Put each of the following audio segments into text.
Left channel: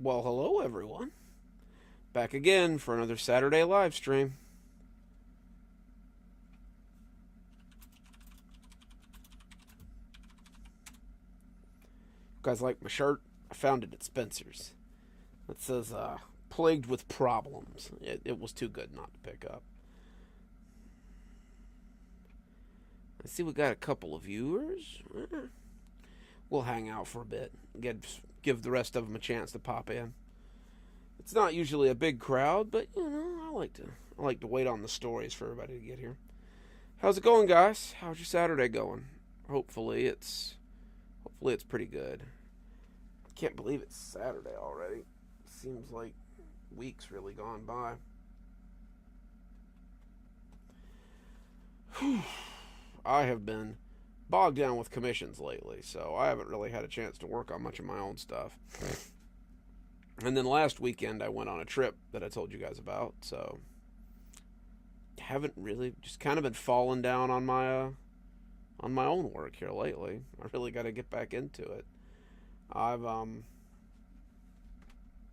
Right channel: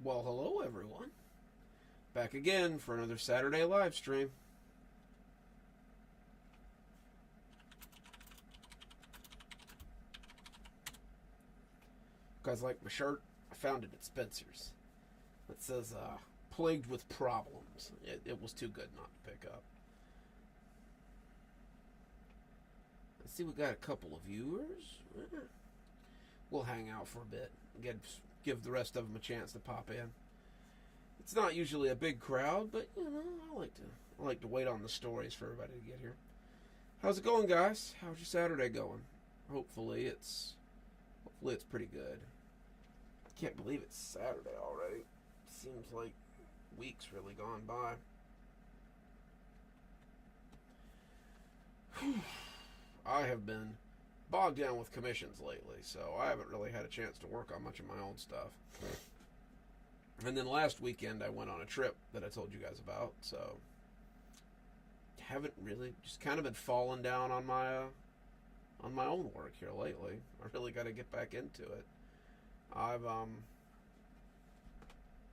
Well, hello everyone. Back again for another Saturday live stream. You guys like my shirt? I found it at Spencer's. It says, plagued with problems. It was too good not to pick up. I see we got a couple of viewers. We'll hang out for a bit. Give the rest of them a chance to pop in. It's not usually a big crowd, but I like to wait on the stories for everybody to get here. How's it going, guys? How's your Saturday going? Hopefully it's pretty good. I can't believe it's Saturday already. Seems like weeks really gone by. I have been bogged down with commissions lately, so I haven't really had a chance to work on much of my own stuff. And then last weekend I went on a trip that I told you guys about, so haven't really just kind of been falling down on my own work here lately. I really got to get back into it. I've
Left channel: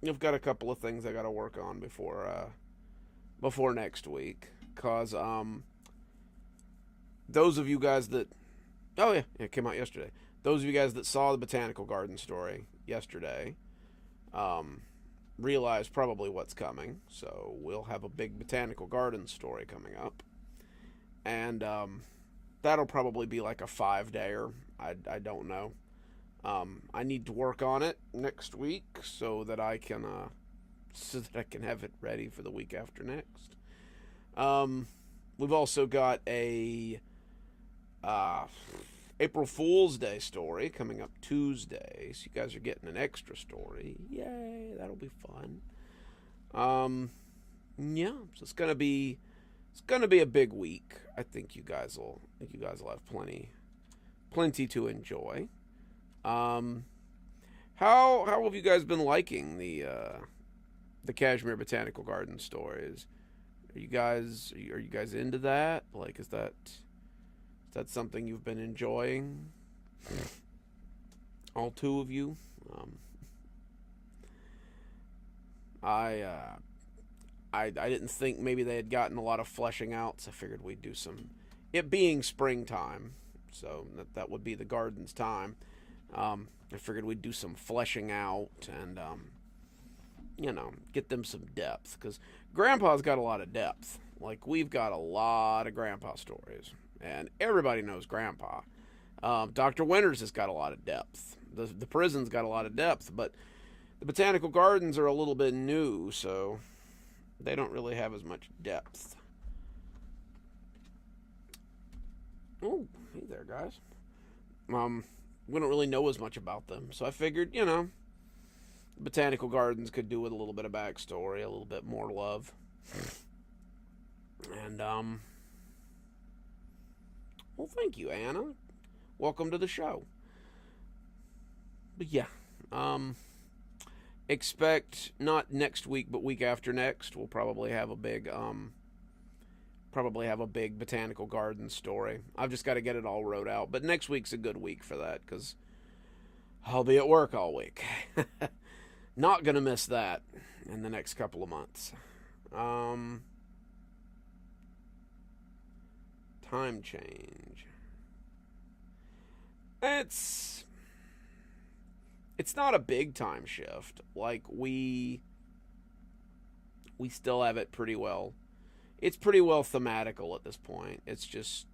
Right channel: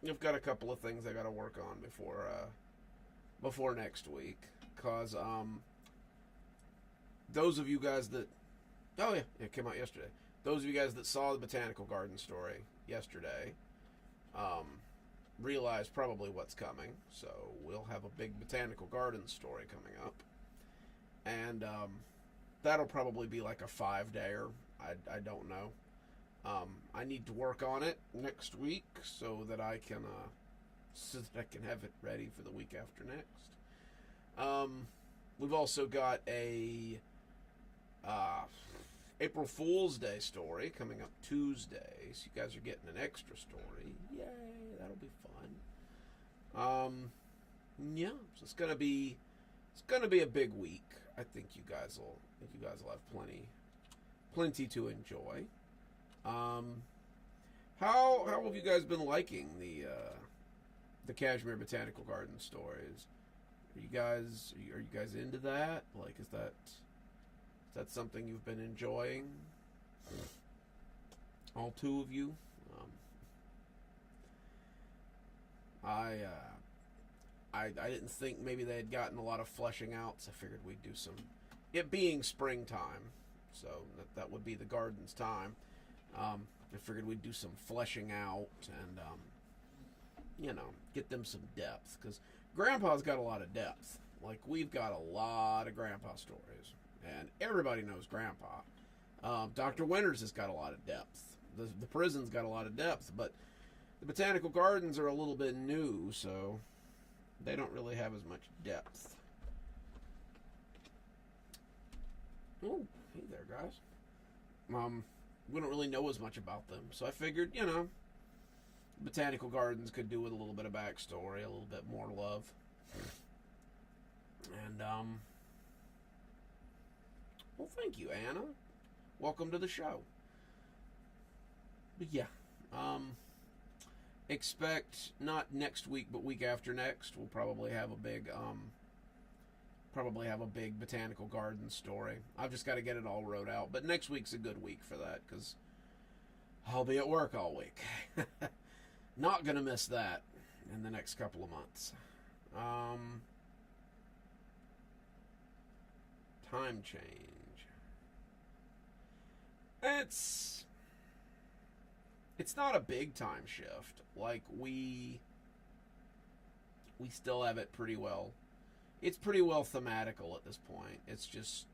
I've got a couple of things I got to work on before next week, cause those of you guys that oh yeah, it came out yesterday. Those of you guys that saw the Botanical Garden story yesterday, um, realize probably what's coming. So we'll have a big Botanical Garden story coming up, and that'll probably be like a 5-dayer. I don't know. I need to work on it next week so that I can have it ready for the week after next. We've also got a uh, April Fool's Day story coming up Tuesday, so you guys are getting an extra story. Yay, that'll be fun. Yeah, so it's gonna be a big week. I think you guys will have plenty to enjoy. Um, how have you guys been liking the Kashmir Botanical Garden stories? Are you guys into that? Like, is that something you've been enjoying? All two of you. Um, I I didn't think maybe they had gotten a lot of fleshing out, so I figured we'd do some. It being springtime, so that would be the garden's time. I figured we'd do some fleshing out and get them some depth because Grandpa's got a lot of depth. Like we've got a lot of Grandpa stories, and everybody knows Grandpa. Dr. Winters has got a lot of depth. The prison's got a lot of depth, but the botanical gardens are a little bit new, so they don't really have as much depth. Oh, hey there, guys. We don't really know as much about them, so I figured, botanical gardens could do with a little bit of backstory, a little bit more love, and well, thank you, Anna. Welcome to the show. But yeah, um, expect not next week, but week after next. We'll probably have a big botanical garden story. I've just got to get it all wrote out. But next week's a good week for that because I'll be at work all week. Not gonna miss that in the next couple of months. Um, Time change. It's it's not a big time shift. Like we still have it pretty well. It's pretty well thematical at this point. It's just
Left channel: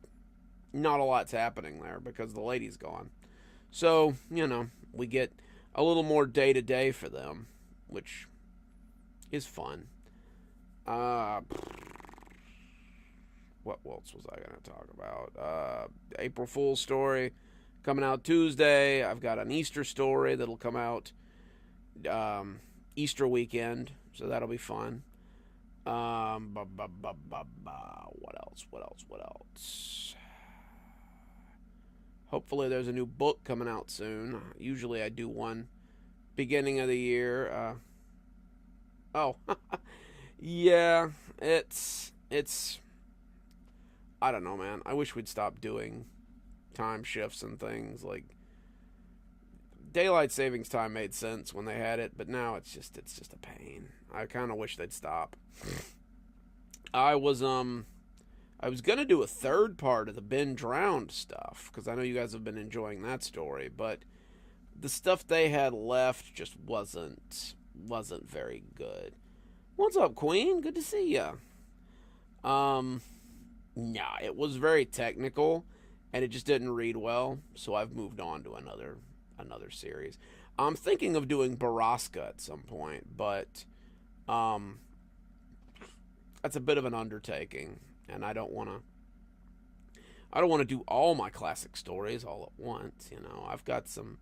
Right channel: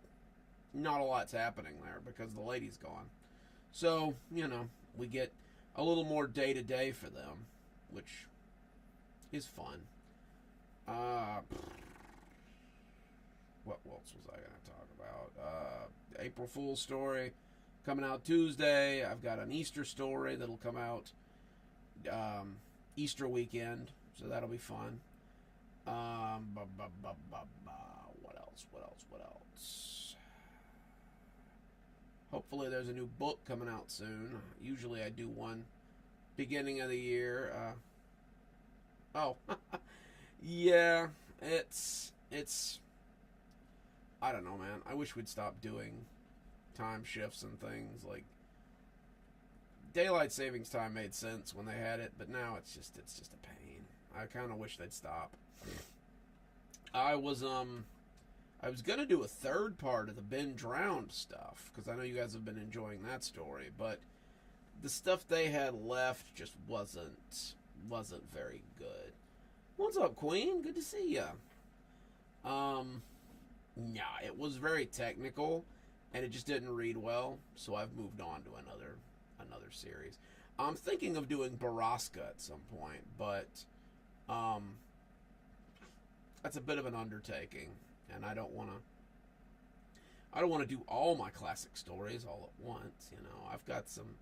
not a lot's happening there because the lady's gone. So, we get a little more day to day for them, which is fun. Uh, what else was I going to talk about? April Fool's story coming out Tuesday. I've got an Easter story that'll come out Easter weekend, so that'll be fun. What else? What else? What else? Hopefully, there's a new book coming out soon. Usually, I do one beginning of the year. Oh, yeah, it's. I don't know, man. I wish we'd stop doing time shifts and things. Like daylight savings time made sense when they had it, but now it's just a pain. I kind of wish they'd stop. I was gonna do a third part of the Ben Drowned stuff because I know you guys have been enjoying that story, but the stuff they had left just wasn't very good. What's up, Queen? Good to see ya. Nah, it was very technical, and it just didn't read well, so I've moved on to another series. I'm thinking of doing Baraska at some point, but that's a bit of an undertaking, and I don't want to do all my classic stories all at once. You know, I've got some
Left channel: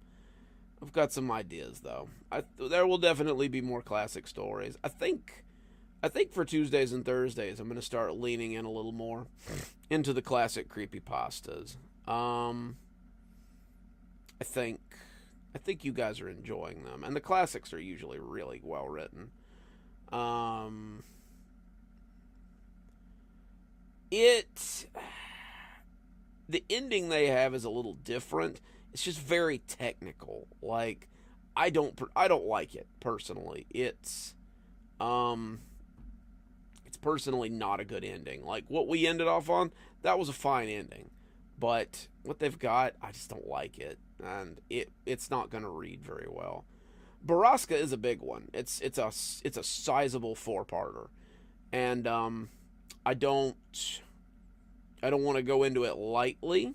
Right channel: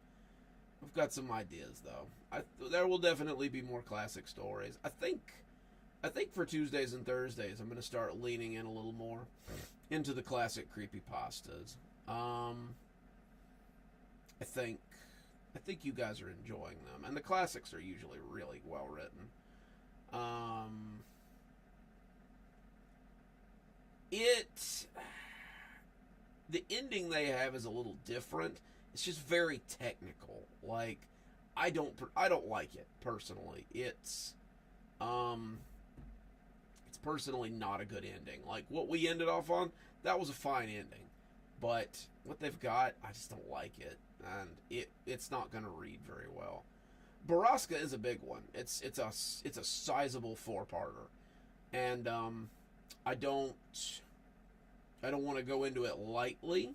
ideas though. There will definitely be more classic stories. I think for Tuesdays and Thursdays, I'm going to start leaning in a little more into the classic creepypastas. I think you guys are enjoying them, and the classics are usually really well written. The ending they have is a little different. It's just very technical. Like, I don't like it personally. It's personally not a good ending. Like what we ended off on, that was a fine ending, but what they've got, I just don't like it, and it's not going to read very well. Baraska is a big one. It's a sizable 4-parter, and I don't want to go into it lightly.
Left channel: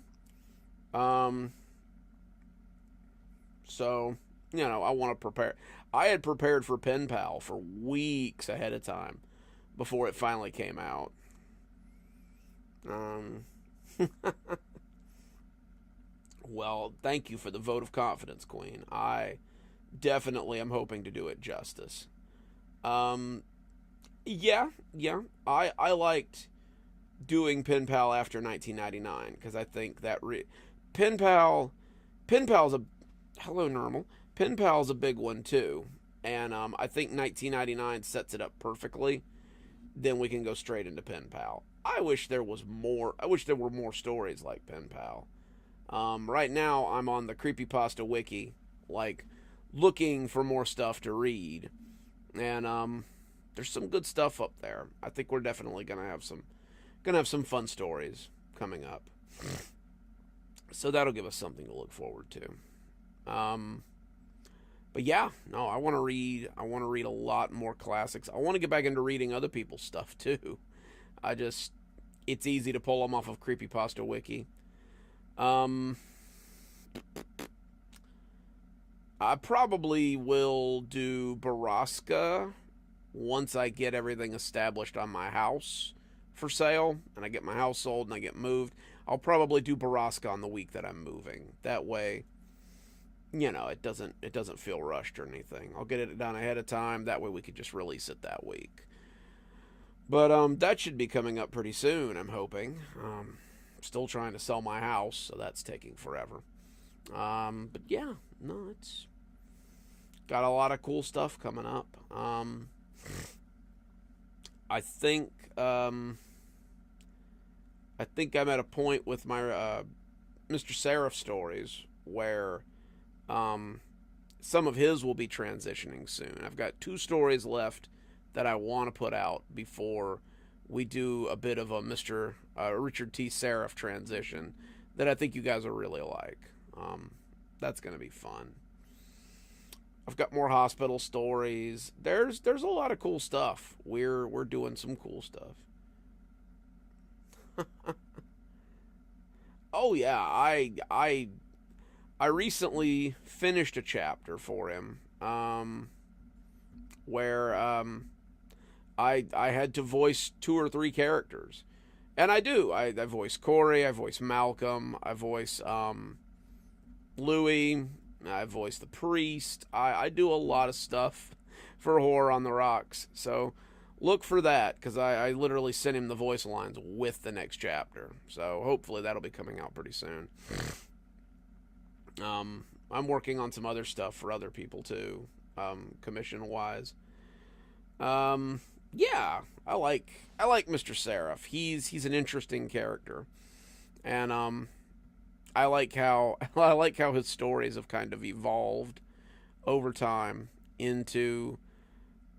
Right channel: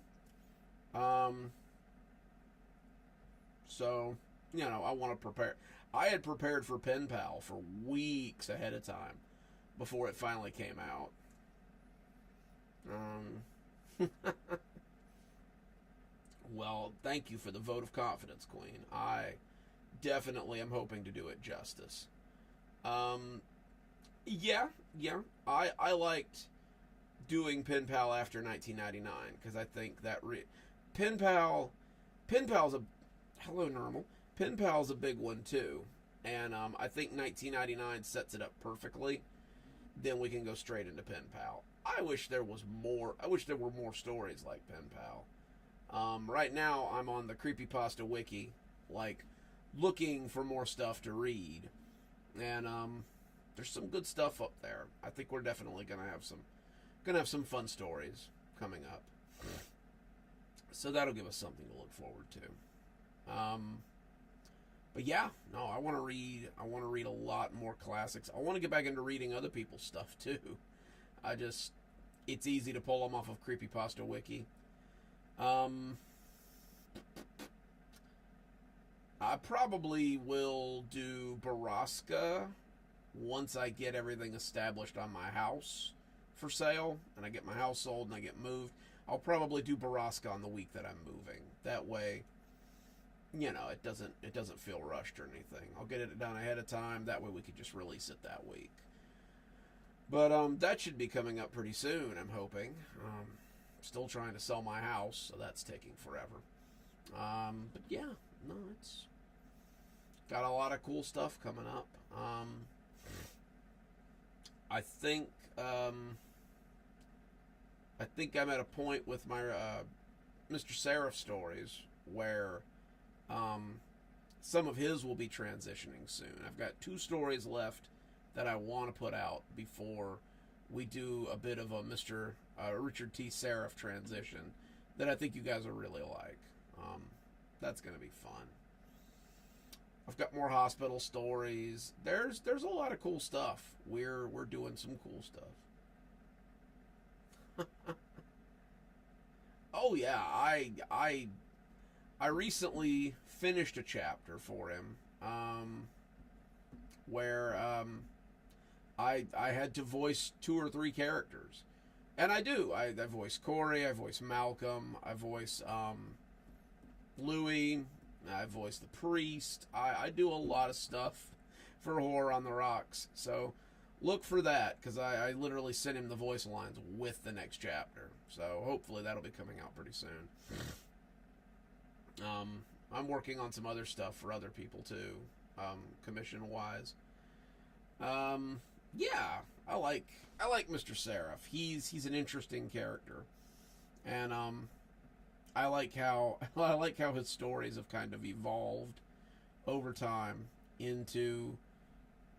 So, you know, I want to prepare. I had prepared for Pen Pal for weeks ahead of time before it finally came out. Well, thank you for the vote of confidence, Queen. I definitely am hoping to do it justice. Yeah. I liked doing Pen Pal after 1999 because I think that Pen Pal's a hello normal. Pen Pal's a big one too, and I think 1999 sets it up perfectly. Then we can go straight into Pen Pal. I wish there were more stories like Pen Pal. Right now, I'm on the Creepypasta Wiki, like, looking for more stuff to read. And, there's some good stuff up there. I think we're definitely gonna have some fun stories coming up. So that'll give us something to look forward to. But yeah, no, I want to read a lot more classics. I want to get back into reading other people's stuff too. It's easy to pull them off of Creepypasta Wiki. I probably will do Baraska once I get everything established on my house for sale, and I get my house sold and I get moved. I'll probably do Baraska on the week that I'm moving. That way, you know, it doesn't feel rushed or anything. I'll get it done ahead of time. That way we could just release it that week. But that should be coming up pretty soon, I'm hoping. Still trying to sell my house, so that's taking forever. But yeah, no, it's got a lot of cool stuff coming up. I think I'm at a point with my Mr. Seraph stories where some of his will be transitioning soon. I've got 2 stories left that I want to put out before we do a bit of a Mr. Richard T. Seraph transition that I think you guys will really like. That's going to be fun. I've got more hospital stories. There's a lot of cool stuff. We're doing some cool stuff. Oh yeah, I recently finished a chapter for him where I had to voice 2 or 3 characters. And I do. I voice Corey, I voice Malcolm, I voice Louis, I voice the priest. I do a lot of stuff for Horror on the Rocks. So look for that, because I literally sent him the voice lines with the next chapter. So hopefully that'll be coming out pretty soon. I'm working on some other stuff for other people too, commission-wise. Yeah, I like Mr. Seraph. He's an interesting character, and I like how I like how his stories have kind of evolved over time into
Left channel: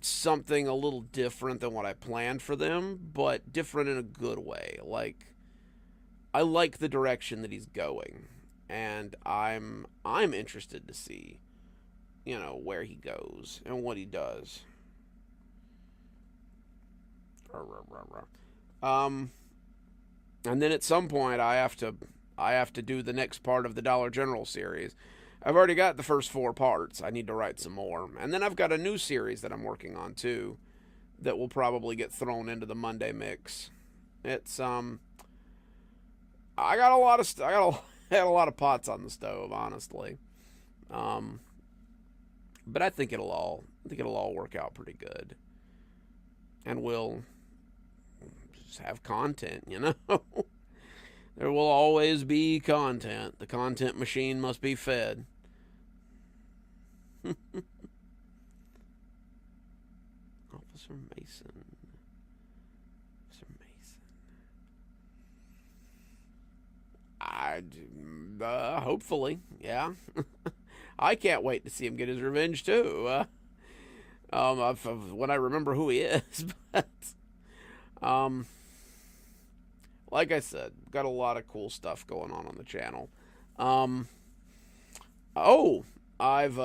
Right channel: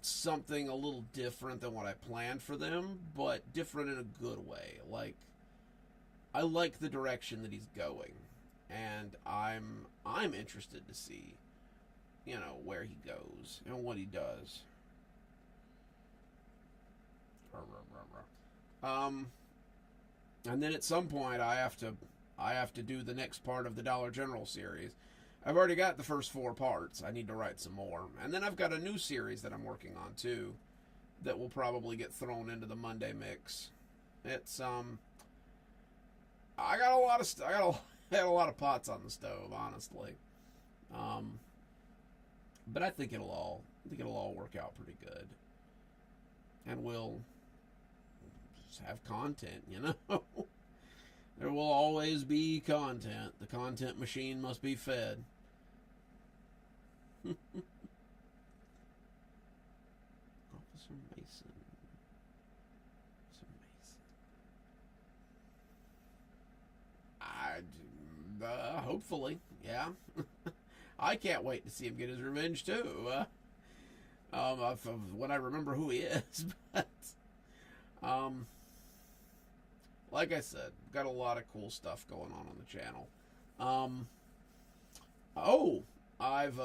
something a little different than what I planned for them, but different in a good way. Like, I like the direction that he's going, and I'm interested to see, where he goes and what he does. Um, and then at some point I have to do the next part of the Dollar General series. I've already got the first 4 parts. I need to write some more. And then I've got a new series that I'm working on too that will probably get thrown into the Monday mix. It's I got a lot of I had a lot of pots on the stove, honestly. Um but I think it'll all work out pretty good. And we'll just have content. There will always be content. The content machine must be fed. Officer Mason. Officer Mason. Hopefully, yeah. I can't wait to see him get his revenge too. When I remember who he is, but like I said, got a lot of cool stuff going on the channel. Oh, I've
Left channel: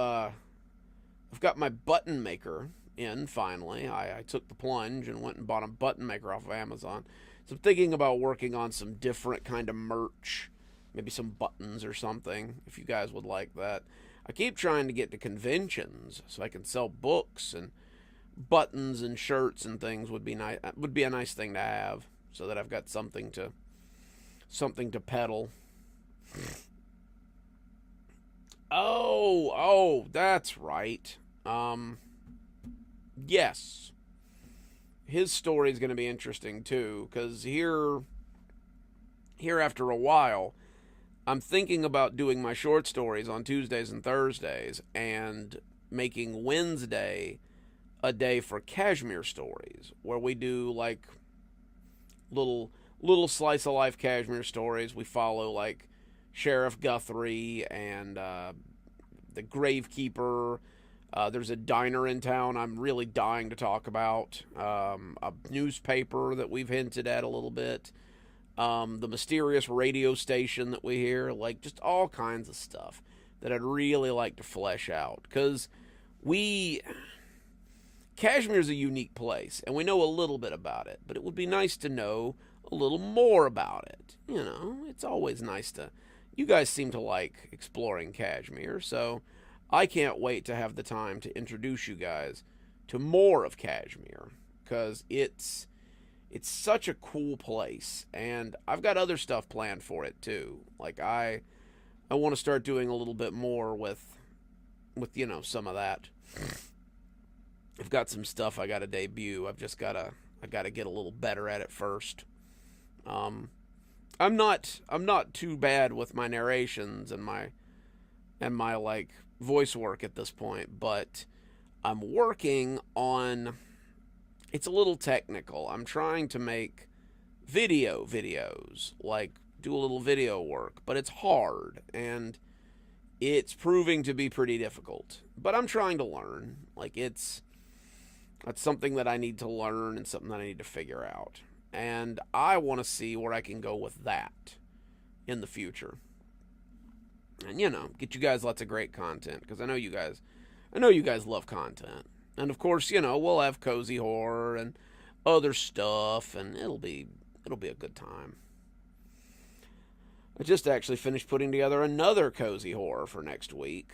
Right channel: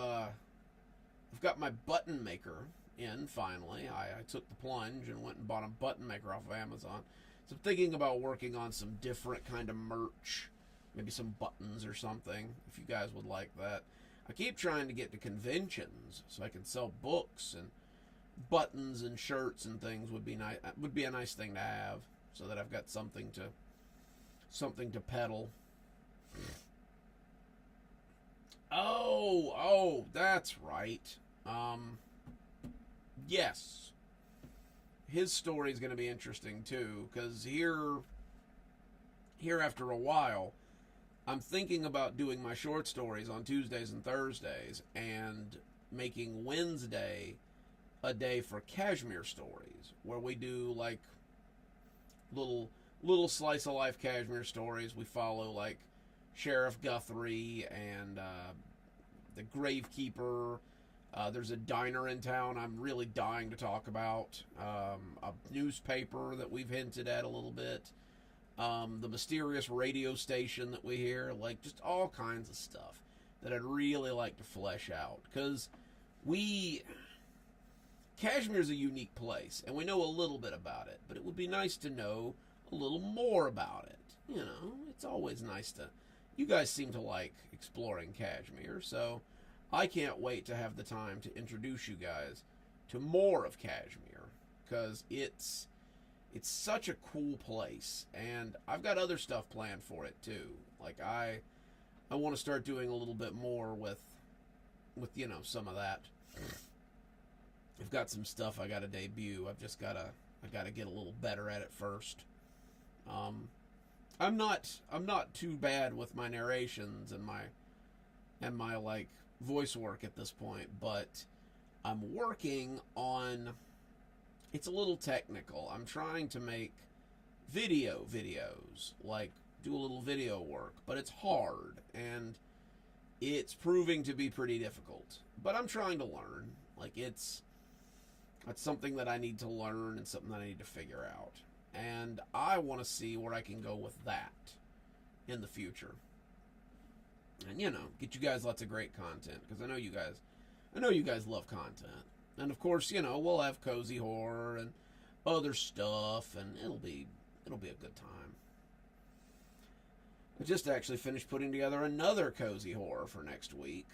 got my button maker in finally. I took the plunge and went and bought a button maker off of Amazon. So I'm thinking about working on some different kind of merch, maybe some buttons or something, if you guys would like that. I keep trying to get to conventions so I can sell books, and buttons and shirts and things would be nice. Would be a nice thing to have, so that I've got something to peddle. Oh, that's right. Yes. His story is going to be interesting too, because here after a while, I'm thinking about doing my short stories on Tuesdays and Thursdays and making Wednesday a day for Kashmir stories, where we do like little slice of life Kashmir stories. We follow like Sheriff Guthrie and the Gravekeeper. There's a diner in town I'm really dying to talk about. A newspaper that we've hinted at a little bit. The mysterious radio station that we hear. Like, just all kinds of stuff that I'd really like to flesh out. Because Kashmir's a unique place, and we know a little bit about it. But it would be nice to know a little more about it. It's always nice to... You guys seem to like exploring Kashmir, so I can't wait to have the time to introduce you guys to more of Kashmir, because it's such a cool place, and I've got other stuff planned for it too. Like I want to start doing a little bit more with some of that. I've got some stuff I got to debut. I got to get a little better at it first. I'm not too bad with my narrations and my like voice work at this point, but I'm working on... It's a little technical. I'm trying to make videos, like do a little video work, but it's hard, and it's proving to be pretty difficult. But I'm trying to learn. Like, that's something that I need to learn and something that I need to figure out. And I want to see where I can go with that in the future. And, get you guys lots of great content, because I know you guys love content. And of course, we'll have cozy horror and other stuff, and it'll be a good time. I just actually finished putting together another cozy horror for next week.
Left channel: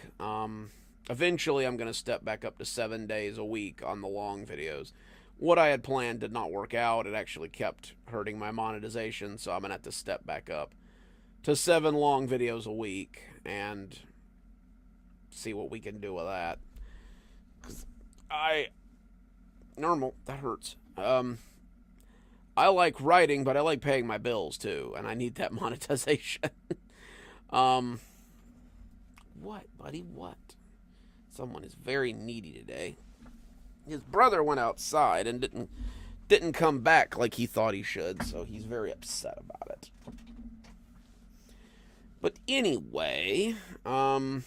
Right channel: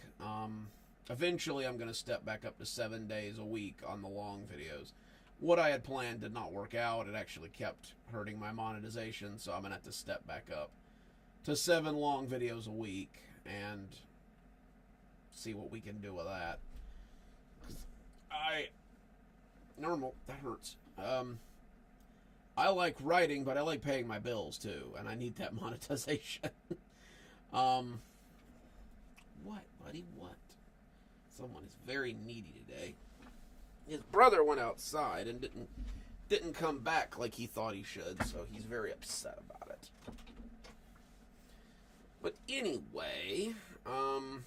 Eventually, I'm going to step back up to 7 days a week on the long videos. What I had planned did not work out. It actually kept hurting my monetization, so I'm going to have to step back up to 7 long videos a week and see what we can do with that. That hurts. I like writing, but I like paying my bills too, and I need that monetization. What, buddy? What? Someone is very needy today. His brother went outside and didn't come back like he thought he should, so he's very upset about it. But anyway, so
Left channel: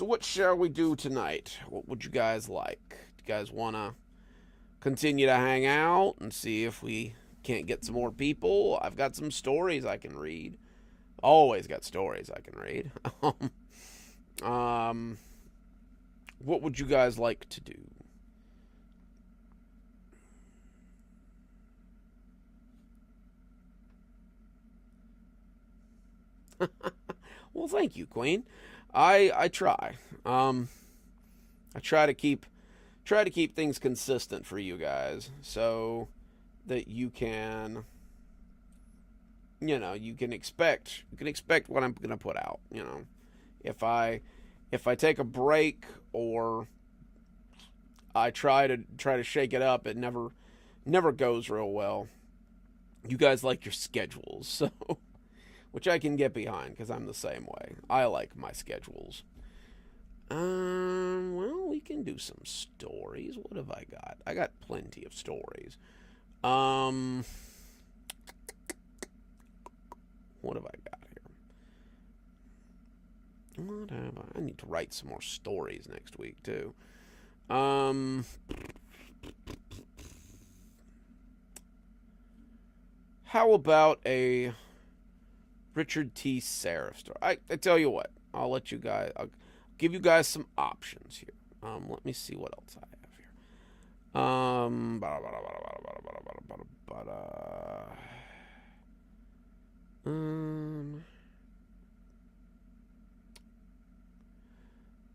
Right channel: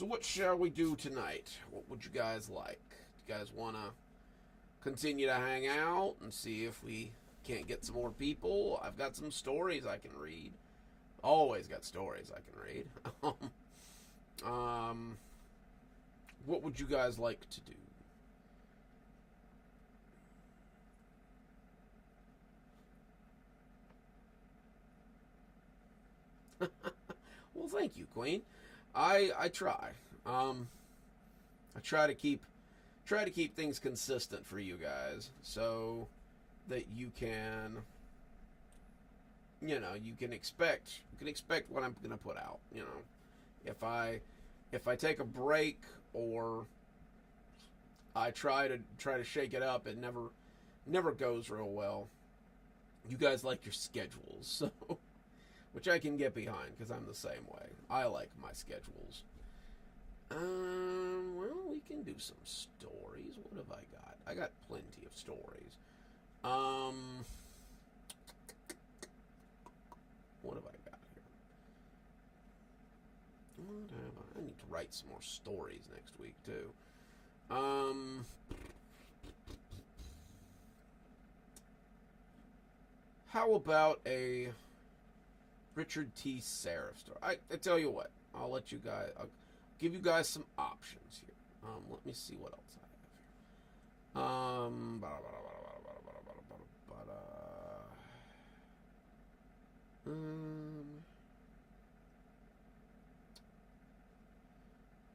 what shall we do tonight? What would you guys like? Do you guys want to continue to hang out and see if we can't get some more people? I've got some stories I can read. Always got stories I can read. What would you guys like to do? Well, thank you, Queen. I try. I try to keep things consistent for you guys so that you can expect what I'm going to put out, If I take a break or I try to shake it up, it never goes real well. You guys like your schedules, so which I can get behind because I'm the same way. I like my schedules. Well, we can do some stories. What have I got? I got plenty of stories. What have I got here? What have I need to write some more stories next week too. How about a Richard T. Seraph story? I tell you what, I'll give you guys some options here. Let me see what else I have here.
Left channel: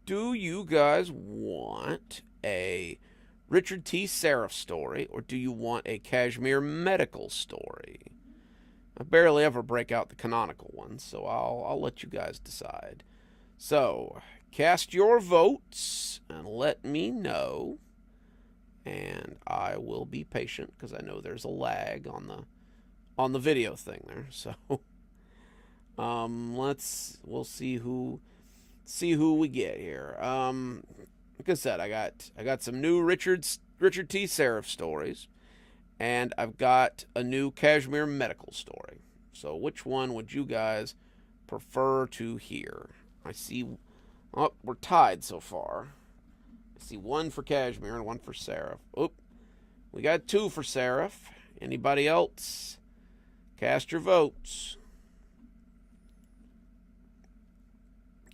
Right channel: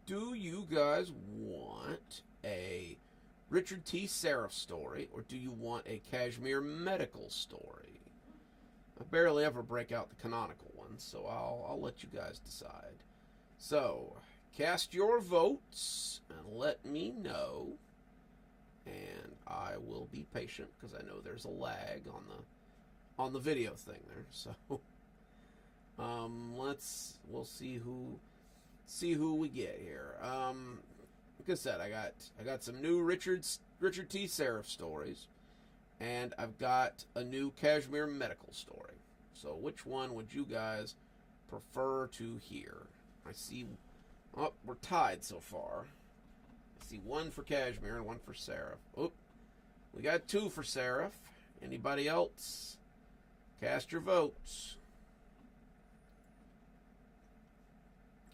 Do you guys want a Richard T. Seraph story, or do you want a Kashmir medical story? I barely ever break out the canonical ones, so I'll let you guys decide. So, cast your votes and let me know, and I will be patient because I know there's a lag on the video thing there. So, we'll see who we get here. Like I said, I got some new Richard T. Seraph stories. And I've got a new Kashmir medical story. So which one would you guys prefer to hear? I see... Oh, we're tied so far. I see one for Kashmir and one for Seraph. Oh, we got two for Seraph. Anybody else? Cast your votes.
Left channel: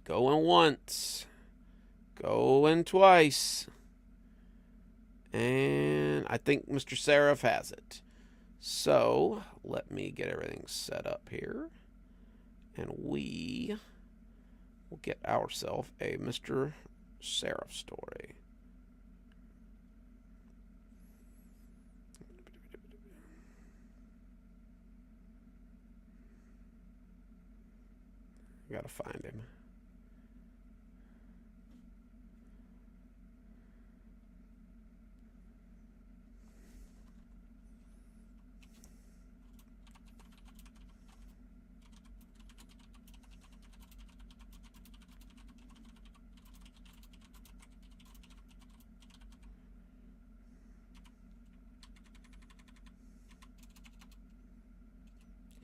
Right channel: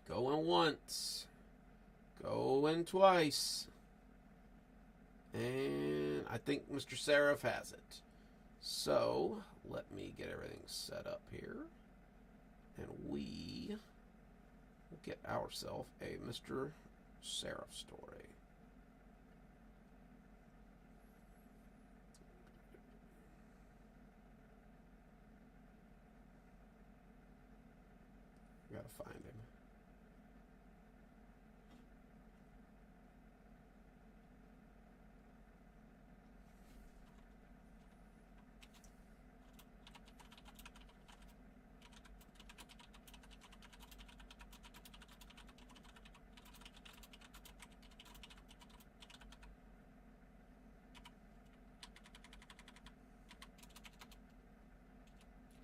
Going once. Going twice. And I think Mr. Seraph has it. So, let me get everything set up here. And we will get ourselves a Mr. Seraph story. I gotta find him.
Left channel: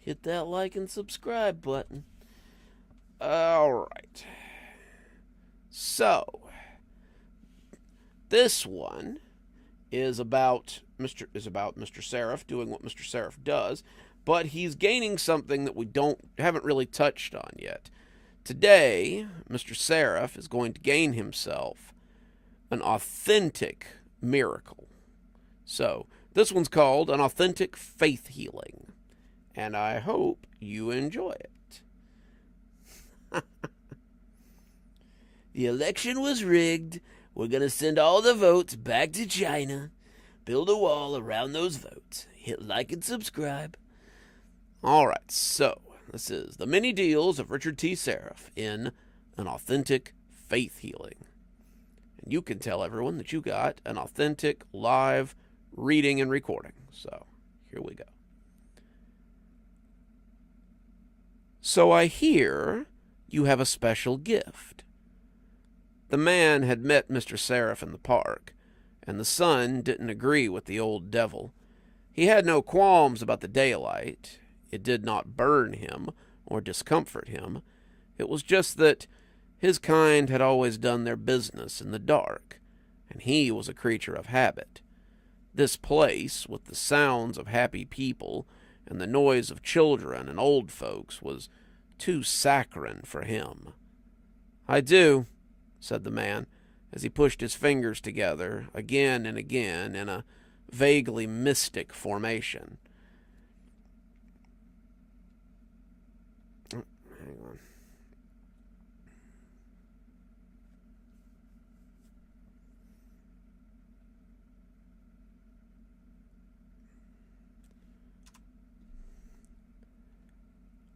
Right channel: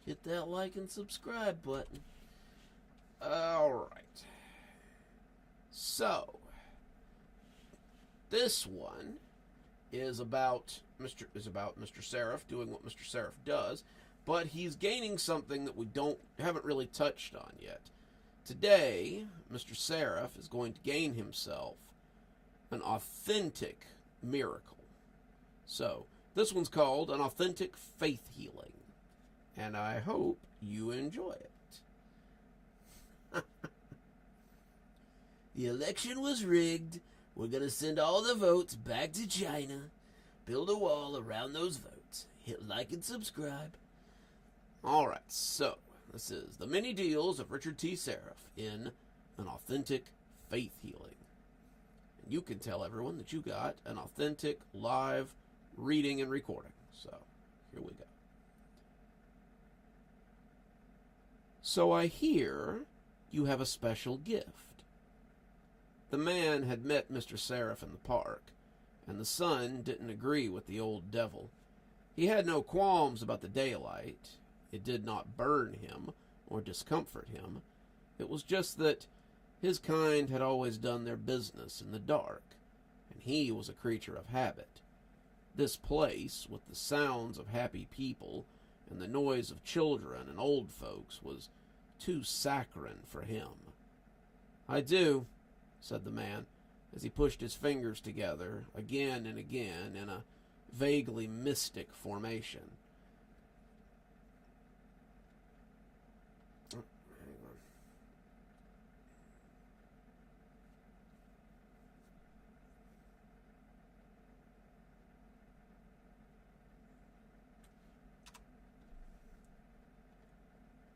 Hit that like and subscribe button. Alright. So, this one is about Mr. Seraph doing what Mr. Seraph does, but he's gaining something that we haven't really touched on yet. Today, Mr. Seraph is going to gain himself an authentic miracle. So, this one's called an authentic faith healing. And I hope you enjoy it. The election was rigged. We're going to send all the votes back to China. Build a wall around those votes. Hit like and subscribe. Alright, so this is the many deals of Richard T. Seraph in an authentic faith healing. And you can tell everyone that you got an authentic live reading and recording. So, here we go. So I hear you have a special gift. The man had met Mr. Seraph in the park, and the sun didn't agree with the old devil. He had no qualms about the daylight. It did not burn him or discomfort him. It was just that his kind had always done their business in the dark, and he was a creature of habit. This place, with the sounds of happy people and the noise of children and old folks, was too saccharine for him. "I do," said the man, as he pushed his fingers together again and again in a vaguely mystic formation. Hang on.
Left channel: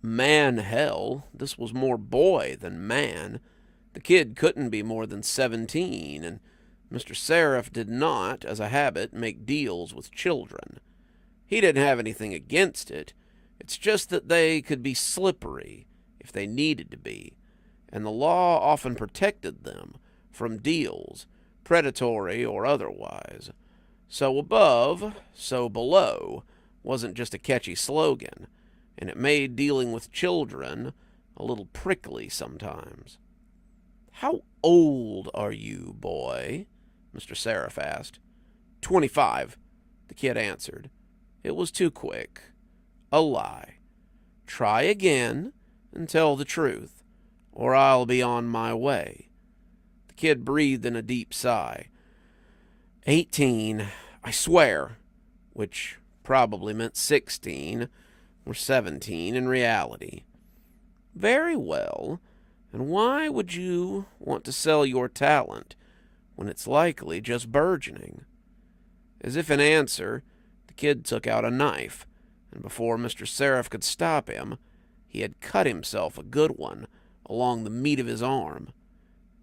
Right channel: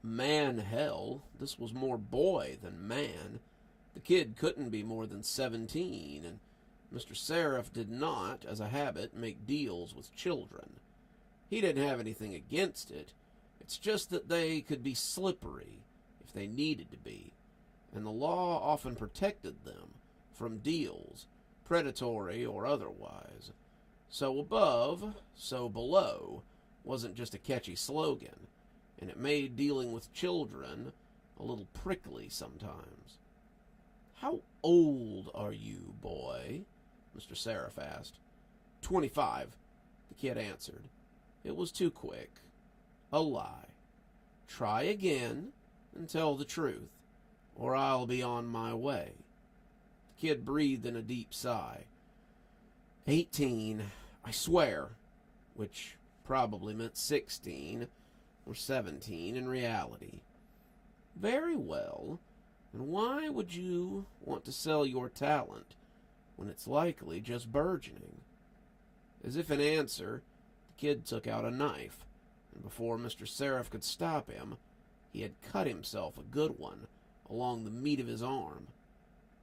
Man hell, this was more boy than man. The kid couldn't be more than 17, and Mr. Seraph did not, as a habit, make deals with children. He didn't have anything against it. It's just that they could be slippery if they needed to be, and the law often protected them from deals, predatory or otherwise. So above, so below wasn't just a catchy slogan, and it made dealing with children a little prickly sometimes. "How old are you, boy?" Mr. Seraph asked. 25, the kid answered. It was too quick. A lie. "Try again and tell the truth, or I'll be on my way." The kid breathed in a deep sigh. 18, I swear, which probably meant 16 or 17 in reality. "Very well. And why would you want to sell your talent when it's likely just burgeoning?" As if in answer, the kid took out a knife, and before Mr. Seraph could stop him, he had cut himself a good one along the meat of his arm.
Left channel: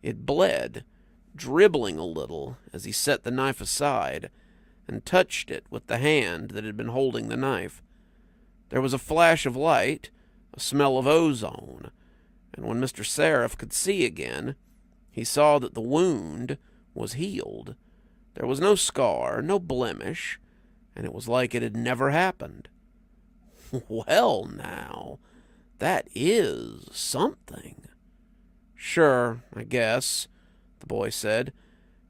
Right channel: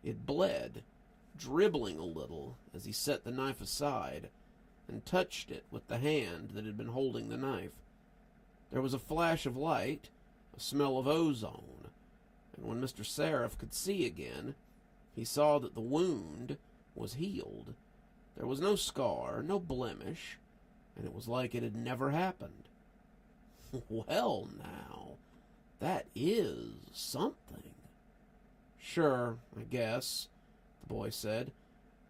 It bled, dribbling a little as he set the knife aside and touched it with the hand that had been holding the knife. There was a flash of light, a smell of ozone, and when Mr. Seraph could see again, he saw that the wound was healed. There was no scar, no blemish, and it was like it had never happened. "Well, now, that is something." "Sure, I guess," the boy said.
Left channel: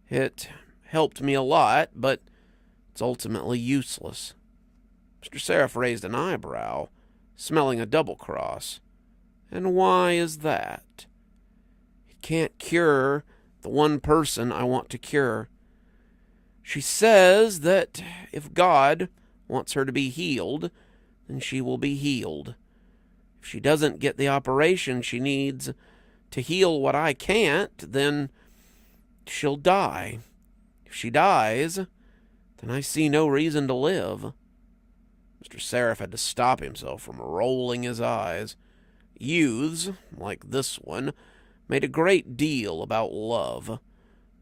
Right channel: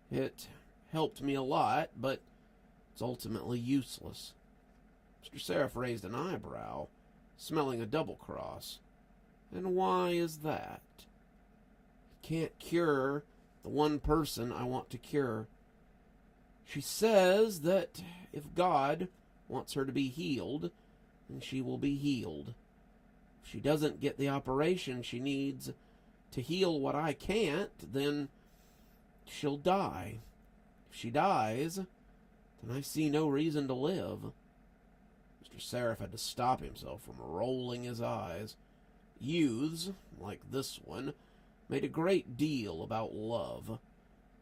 "It helped me a lot, but it's ultimately useless." Mr. Seraph raised an eyebrow, smelling a double cross. "And why is that?" "It can't cure the one person I want to cure. She says that if God wants her to be healed, then she will be healed. If she doesn't get the operation she needs to heal what I can't, then she'll die. If she dies, then I see no reason to live." Mr. Seraph had to stop himself from rolling his eyes. Youths, like this one, made a great deal about love.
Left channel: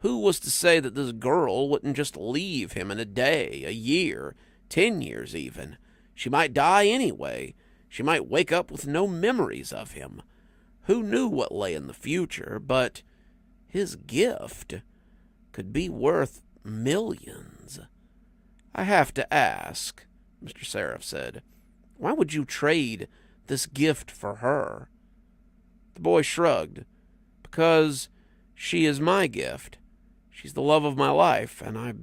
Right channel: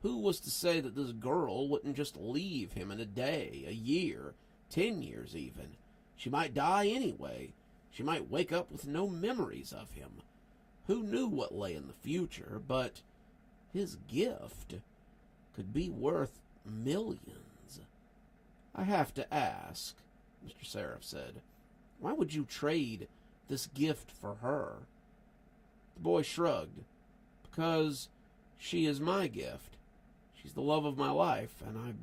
Who was to say that this girl wouldn't just leave him in a day, a year, 10 years even? She might die anyway. She might wake up with no memories of him. Who knew what lay in the future, but his gift could be worth millions. "I have to ask," Mr. Seraph said, "why would you trade this gift for her?" The boy shrugged. "Because she is my gift. She's the love of my life, and I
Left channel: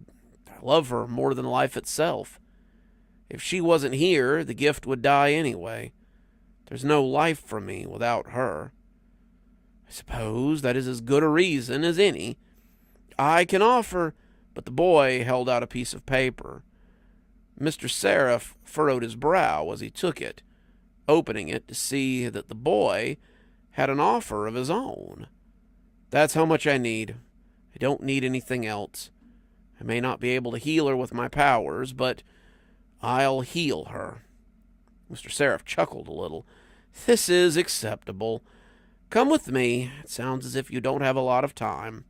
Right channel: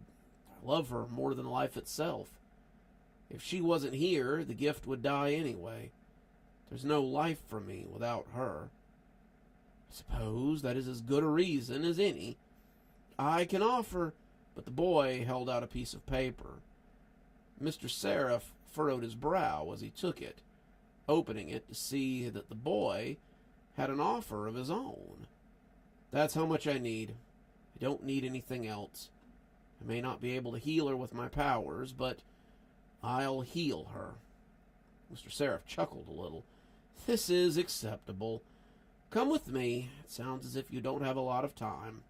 love her more than life itself. If she wasn't here, the gift would die anyway. There's no life for me without her. I suppose that is as good a reason as any. I can offer—" But the boy held out a piece of paper. Mr. Seraph furrowed his brow as he took it, opening it to see that the boy had an offer of his own. "That's how much I need. I don't need anything else. I may not be able to heal her with my powers, but I'll heal her." Mr. Seraph chuckled a little. "This is acceptable. Come with me. It sounds as if you don't have a lot of time."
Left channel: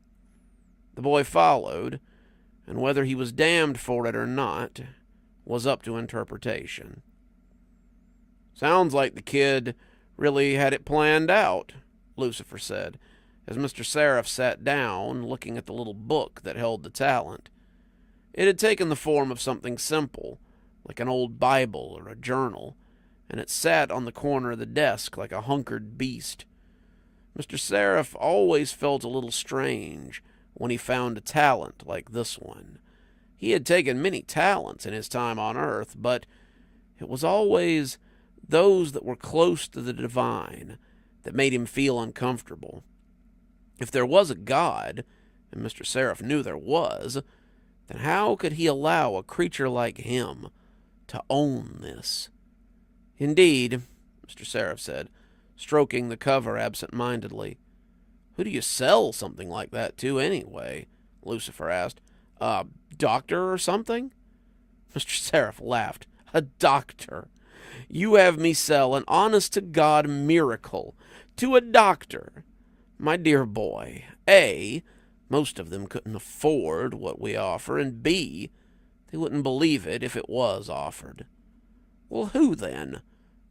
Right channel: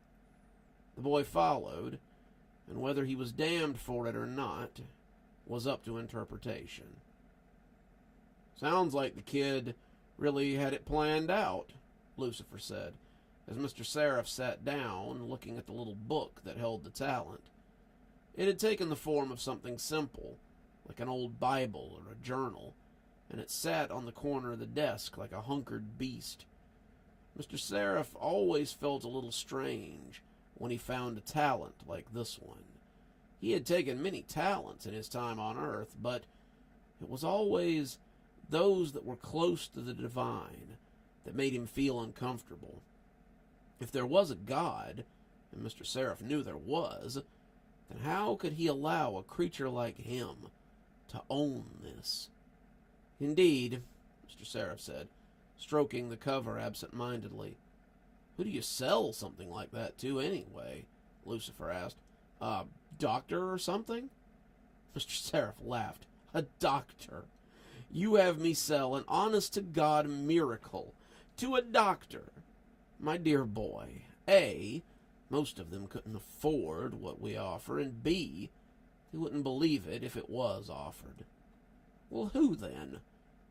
The boy followed, and whether he was damned for it or not was up to interpretation. "Sounds like the kid really had it planned out," Lucifer said, as Mr. Seraph sat down, looking at the little book that held the talent. It had taken the form of something simple, like an old Bible or a journal, and it sat on the corner of the desk like a hunkered beast. Mr. Seraph always felt a little strange when he found a talent like this one. He had taken many talents in his time on earth, but it was always those that were close to the divine that made him feel uncomfortable. If there was a God, and Mr. Seraph knew there was, then how could he allow a creature like him to own this? Indeed, Mr. Seraph said, stroking the cover absent-mindedly. Who do you sell something like that to, anyway? Lucifer asked. A doctor or something? Mr. Seraph laughed. A doctor? You have me sell an honest-to-God miracle to a doctor? My dear boy, A, most of them couldn't afford what we offer, and B, they wouldn't believe it if it was offered. Well, who then?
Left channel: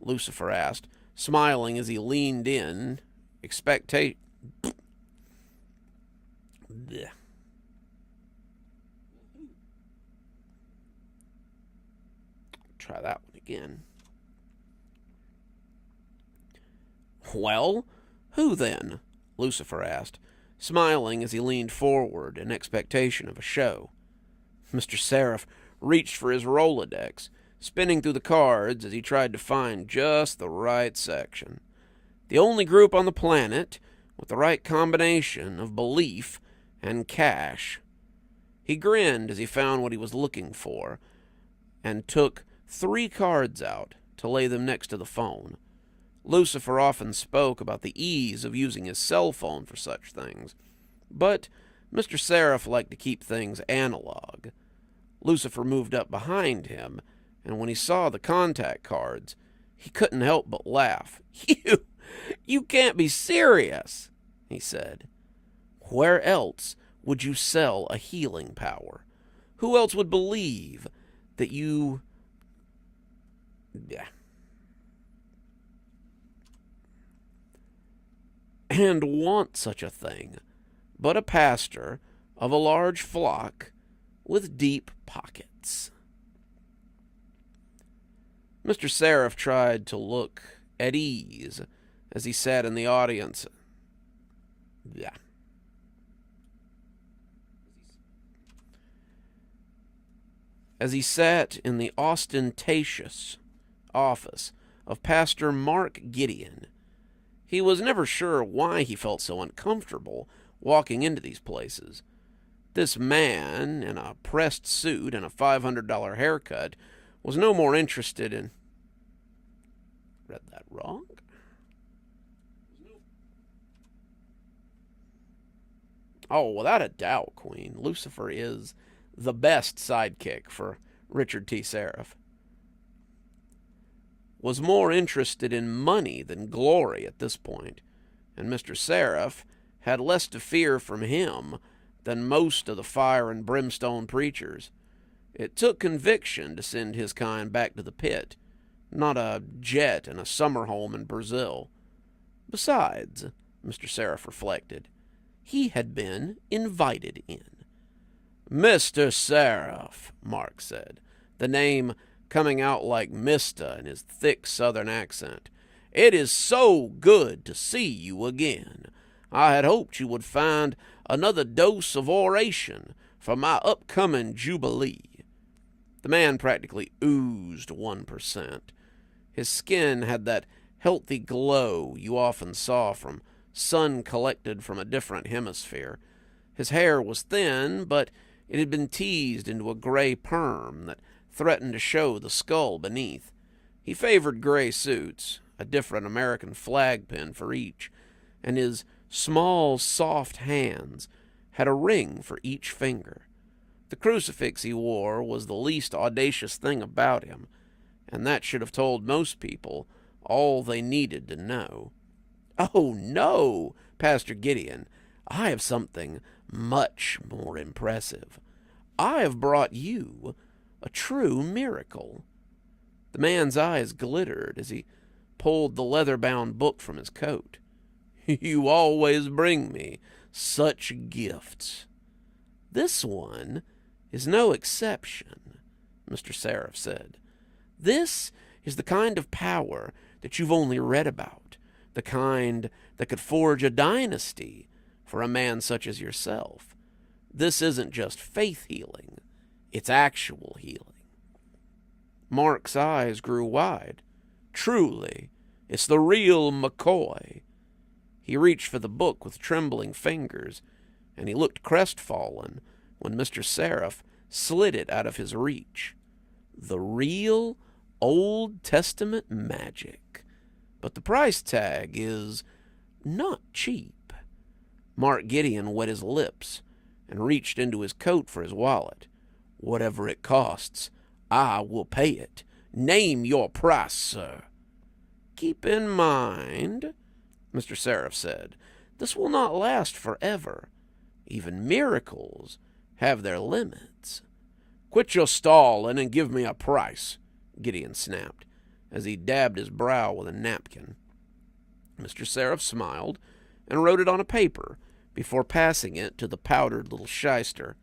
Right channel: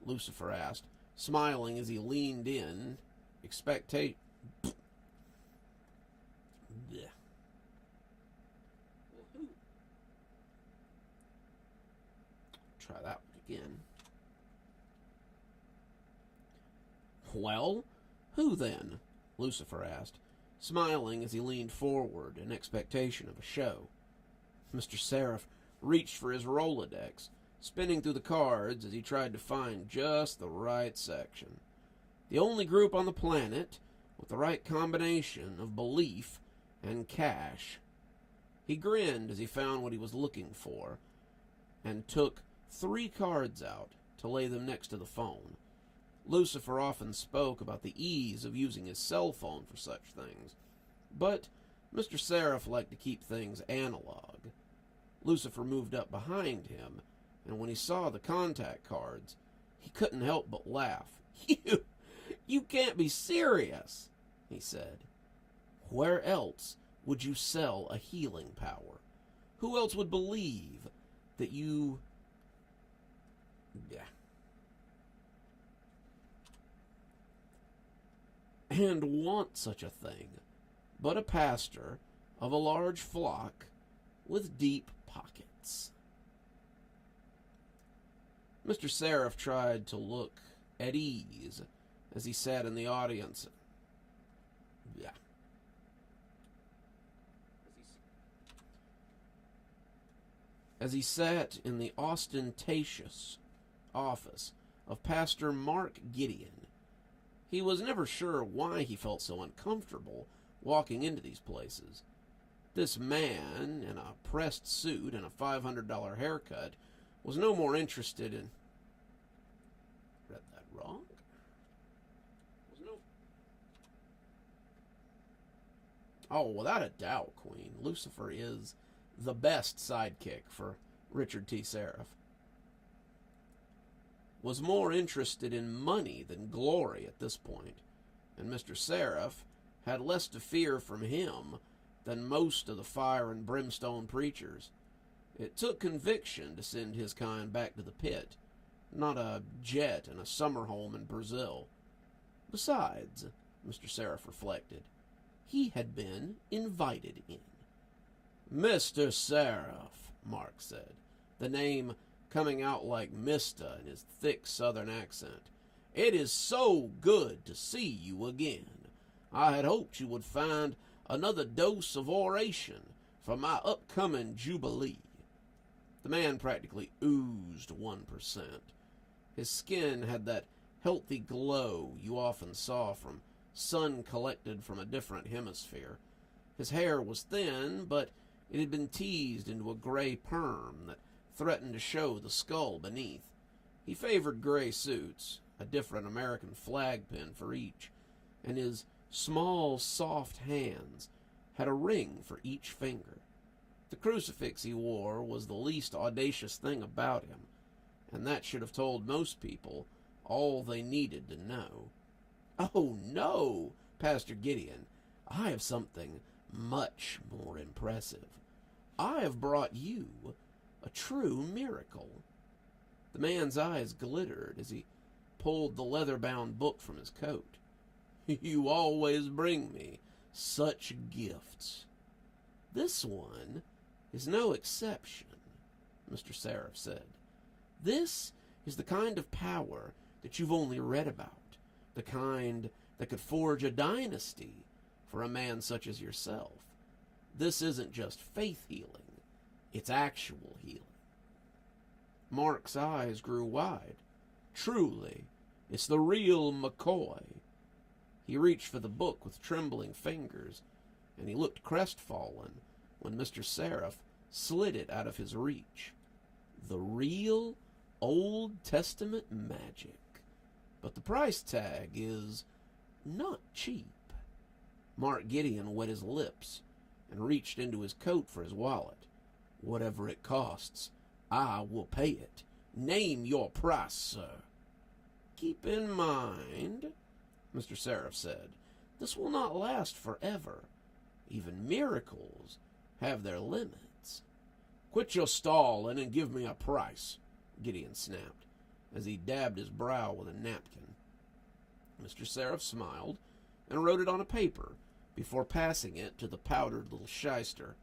Lucifer asked, smiling as he leaned in, Try that one again. Well, who then? Lucifer asked, smiling as he leaned forward in expectation of a show. Mr. Seraph reached for his Rolodex, spinning through the cards as he tried to find just the right section. The only group on the planet with the right combination of belief and cash. He grinned as he found what he was looking for, and took 3 cards out to lay them next to the phone. Lucifer often spoke about the ease of using his cell phone for such things, but Mr. Seraph liked to keep things analog. Lucifer moved up behind him, and when he saw the contact cards, he couldn't help but laugh. You can't be serious, he said. Where else would you sell a healing power? Who else would believe that you... and want such a thing, but a pastor of a large flock with deep pockets? Mr. Seraph tried to look at ease as he sat in the audience. As he sat in the ostentatious office of Pastor Mark Gideon. He was never sure why he felt so uncomfortable walking into these places. This man, in a pressed suit and a $500 haircut, was no more interested in... Read that wrong? Oh, without a doubt, Queen, Lucifer is the best sidekick for Richard T. Seraph. Was more interested in money than glory at this point, and Mr. Seraph had less to fear from him than most of the fire and brimstone preachers. It took conviction to send his kind back to the pit, not a jet and a summer home in Brazil. Besides, Mr. Seraph reflected, he had been invited in. Mr. Seraph, Mark said, the name coming out like Mista in his thick southern accent. It is so good to see you again. I had hoped you would find another dose of oration for my upcoming jubilee. The man practically oozed 1%. His skin had that healthy glow you often saw from sun collected from a different hemisphere. His hair was thin, but it had been teased into a gray perm that threatened to show the skull beneath. He favored gray suits, a different American flag pin for each, and his small, soft hands had a ring for each finger. The crucifix he wore was the least audacious thing about him, and that should have told most people all they needed to know. Oh, no, Pastor Gideon, I have something much more impressive. I have brought you a true miracle. The man's eyes glittered as he pulled the leather-bound book from his coat. You always bring me such gifts. This one is no exception, Mr. Seraph said. This is the kind of power that you've only read about, the kind that could forge a dynasty for a man such as yourself. This isn't just faith healing, it's actual healing. Mark's eyes grew wide. Truly, it's the real McCoy. He reached for the book with trembling fingers, and he looked crestfallen when Mr. Seraph slid it out of his reach. The real Old Testament magic. But the price tag is not cheap. Mark Gideon wet his lips and reached into his coat for his wallet. Whatever it costs, I will pay it. Name your price, sir. Keep in mind, Mr. Seraph said, this will not last forever. Even miracles have their limits. Quit your stalling and give me a price, Gideon snapped, as he dabbed his brow with a napkin. Mr. Seraph smiled and wrote it on a paper before passing it to the powdered little shyster.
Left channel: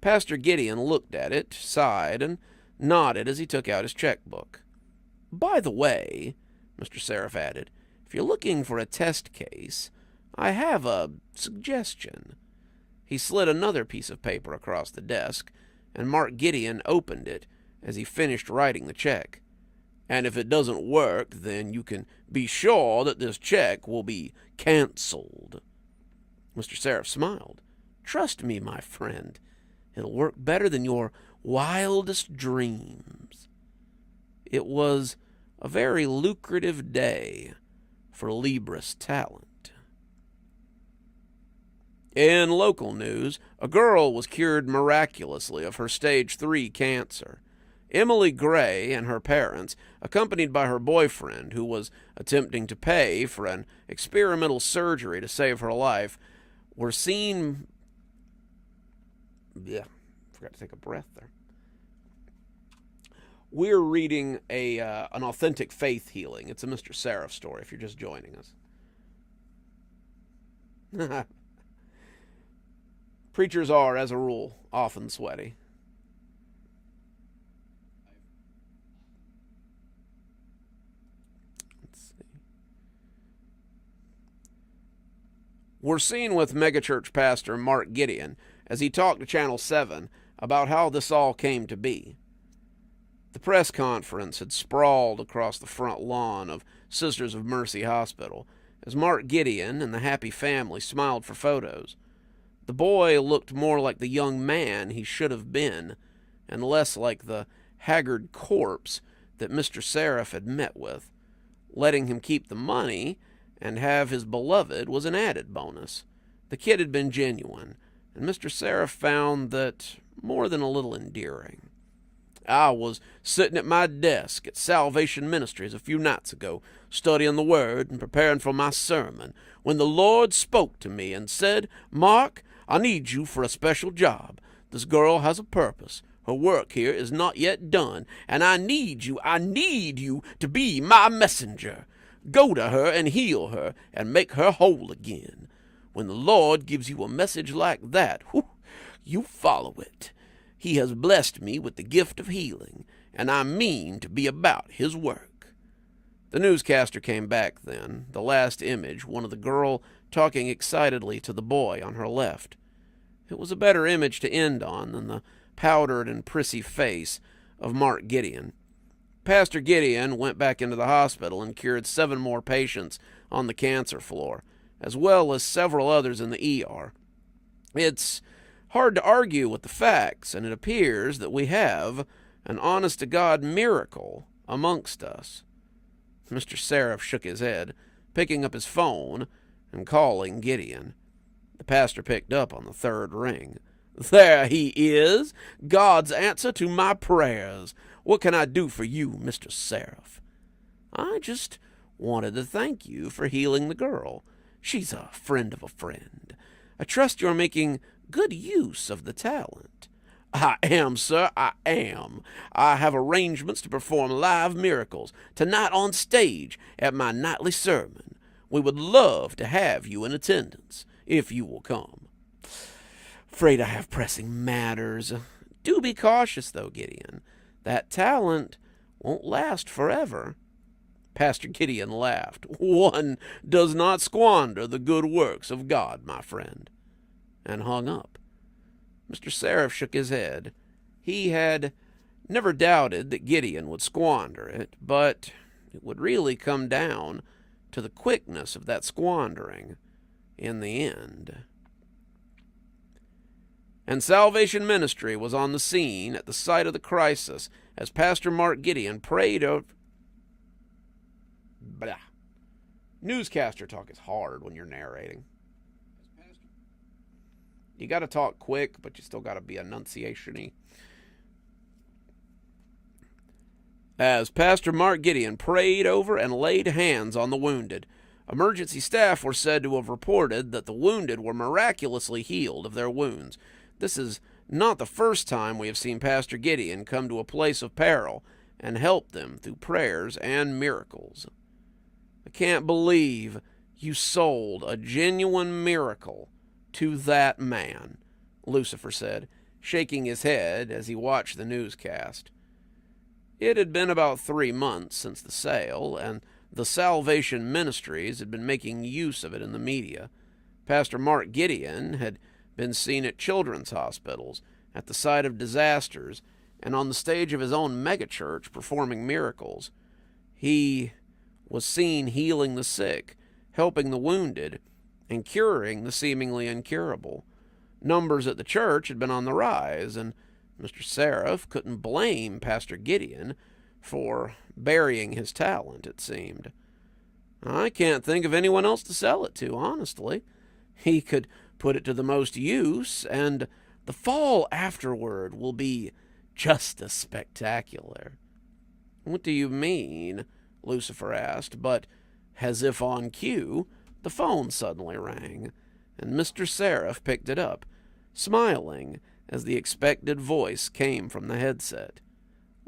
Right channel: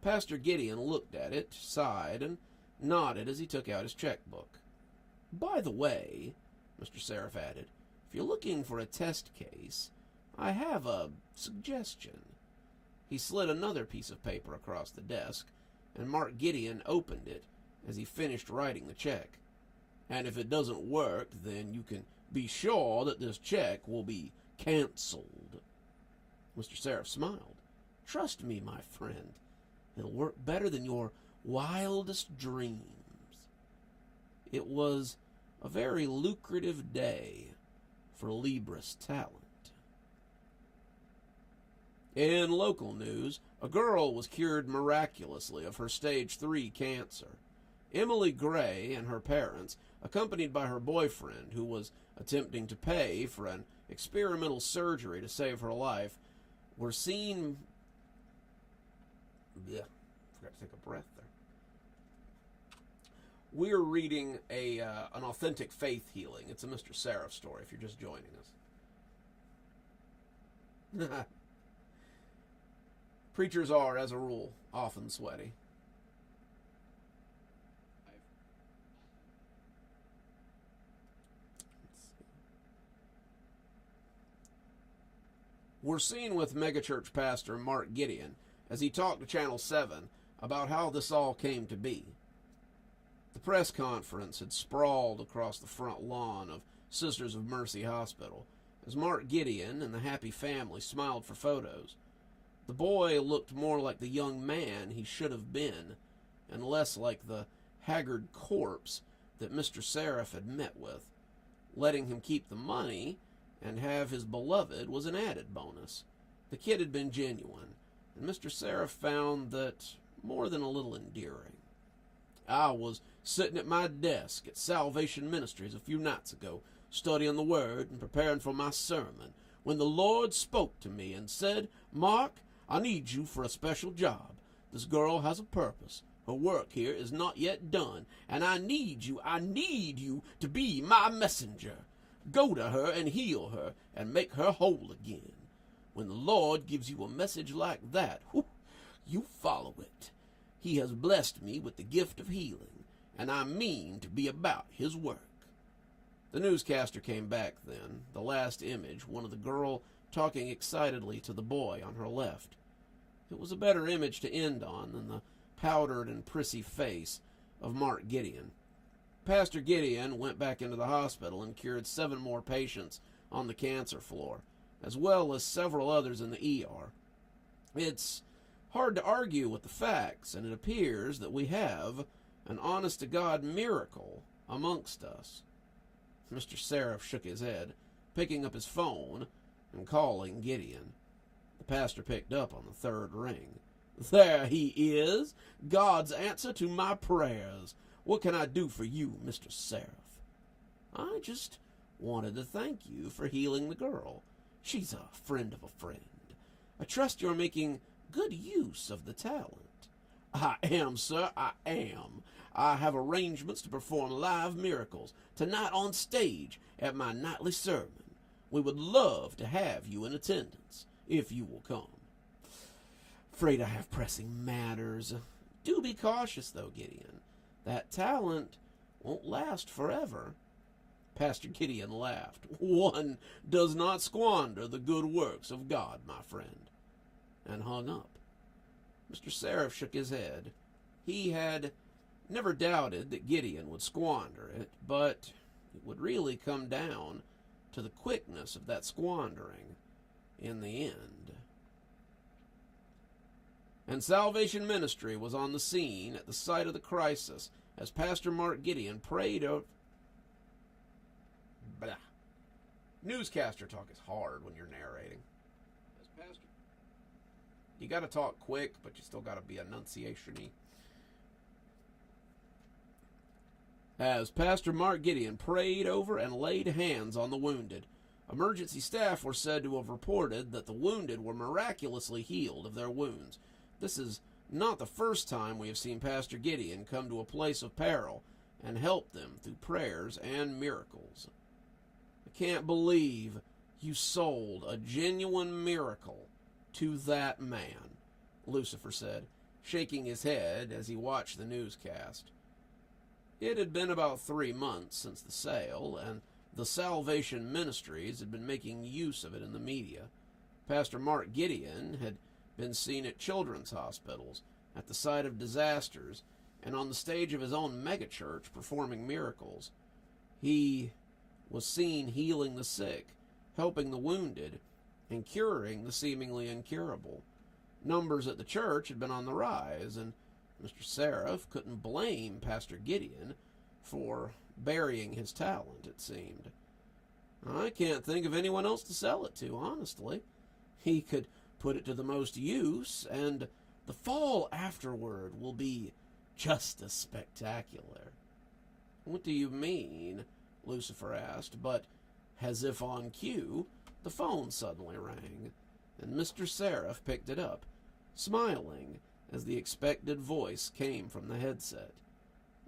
Pastor Gideon looked at it, sighed, and nodded as he took out his checkbook. By the way, Mr. Seraph added, if you're looking for a test case, I have a suggestion. He slid another piece of paper across the desk, and Mark Gideon opened it as he finished writing the check. And if it doesn't work, then you can be sure that this check will be canceled. Mr. Seraph smiled. Trust me, my friend. It'll work better than your wildest dreams. It was a very lucrative day for Libris talent. In local news, a girl was cured miraculously of her stage 3 cancer. Emily Gray and her parents, accompanied by her boyfriend, who was attempting to pay for an experimental surgery to save her life, were seen... forgot to take a breath there. We're reading an authentic faith healing. It's a Mr. Seraph story, if you're just joining us. Preachers are, as a rule, often sweaty. We're seen with megachurch pastor Mark Gideon as he talked to Channel 7 about how this all came to be. The press conference had sprawled across the front lawn of Sisters of Mercy Hospital as Mark Gideon and the happy family smiled for photos. The boy looked more like the young man he should have been, and less like the haggard corpse that Mr. Seraph had met with. Letting him keep the money and have his beloved was an added bonus. The kid had been genuine, and Mr. Seraph found that more than a little endearing. I was sitting at my desk at Salvation Ministries a few nights ago, studying the Word and preparing for my sermon, when the Lord spoke to me and said, Mark, I need you for a special job. This girl has a purpose. Her work here is not yet done, and I need you to be my messenger. Go to her and heal her and make her whole again. When the Lord gives you a message like that, you follow it. He has blessed me with the gift of healing, and I mean to be about his work. The newscaster came back then, the last image, one of the girl talking excitedly to the boy on her left. It was a better image to end on than the powdered and prissy face of Mark Gideon. Pastor Gideon went back into the hospital and cured 7 more patients on the cancer floor, as well as several others in the ER. It's hard to argue with the facts, and it appears that we have an honest-to-God miracle amongst us. Mr. Seraph shook his head, picking up his phone and calling Gideon. The pastor picked up on the 3rd ring. There he is, God's answer to my prayers. What can I do for you, Mr. Seraph? I just wanted to thank you for healing the girl. She's a friend of a friend. I trust you're making good use of the talent. I am, sir, I am. I have arrangements to perform live miracles tonight on stage at my nightly sermon. We would love to have you in attendance, if you will come. Afraid I have pressing matters. Do be cautious, though, Gideon. That talent won't last forever." Pastor Gideon laughed. "One does not squander the good works of God, my friend," and hung up. Mr. Seraph shook his head. He had never doubted that Gideon would squander it, but it would really come down to the quickness of that squandering in the end. And Salvation Ministry was on the scene at the site of the crisis as Pastor Mark Gideon prayed over... Blah. Newscaster talk is hard when you're narrating. You got to talk quick, but you still got to be enunciation-y. As Pastor Mark Gideon prayed over and laid hands on the wounded, emergency staff were said to have reported that the wounded were miraculously healed of their wounds. This is not the first time we have seen Pastor Gideon come to a place of peril and help them through prayers and miracles. "I can't believe you sold a genuine miracle to that man," Lucifer said, shaking his head as he watched the newscast. It had been about 3 months since the sale, and the Salvation Ministries had been making use of it in the media. Pastor Mark Gideon had been seen at children's hospitals, at the site of disasters, and on the stage of his own megachurch performing miracles. He was seen healing the sick, helping the wounded, and curing the seemingly incurable. Numbers at the church had been on the rise, and Mr. Seraph couldn't blame Pastor Gideon for burying his talent, it seemed. "I can't think of anyone else to sell it to, honestly. He could put it to the most use, and the fall afterward will be just as spectacular." "What do you mean?" Lucifer asked, but as if on cue, the phone suddenly rang, and Mr. Seraph picked it up, smiling as the expected voice came from the headset.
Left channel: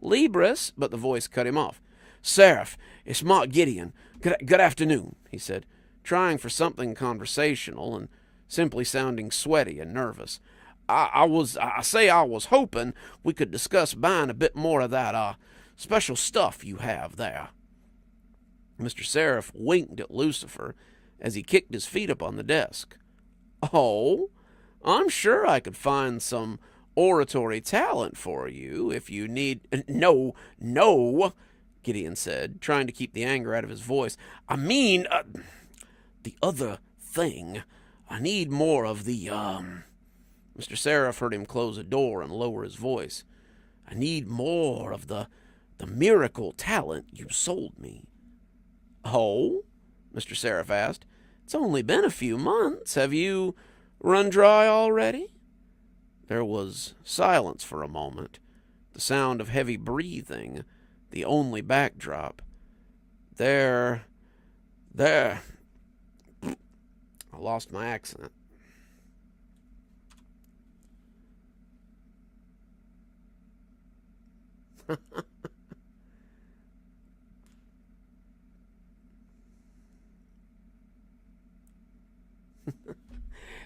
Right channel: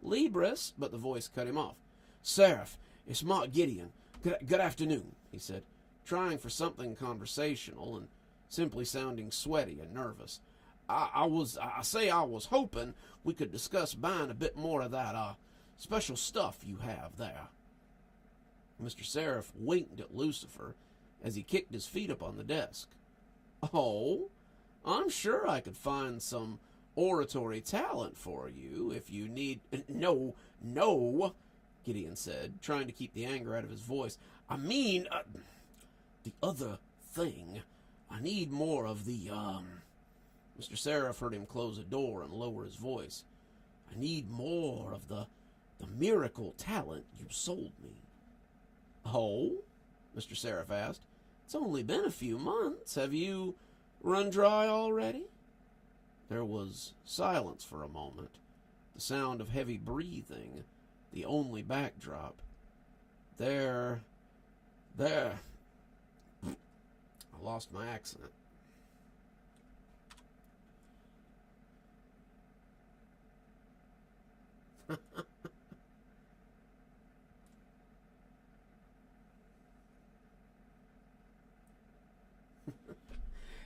"Libris," but the voice cut him off. "Seraph, it's Mark Gideon. Good afternoon," he said, trying for something conversational and simply sounding sweaty and nervous. I was hoping we could discuss buying a bit more of that, special stuff you have there." Mr. Seraph winked at Lucifer as he kicked his feet up on the desk. "Oh, I'm sure I could find some oratory talent for you if you need..." No, Gideon said, trying to keep the anger out of his voice. "I mean, the other thing. I need more of the, Mr. Seraph heard him close a door and lower his voice. "I need more of the miracle talent you sold me." "Oh?" Mr. Seraph asked. "It's only been a few months. Have you run dry already?" There was silence for a moment, the sound of heavy breathing, the only backdrop. There. I lost my accent.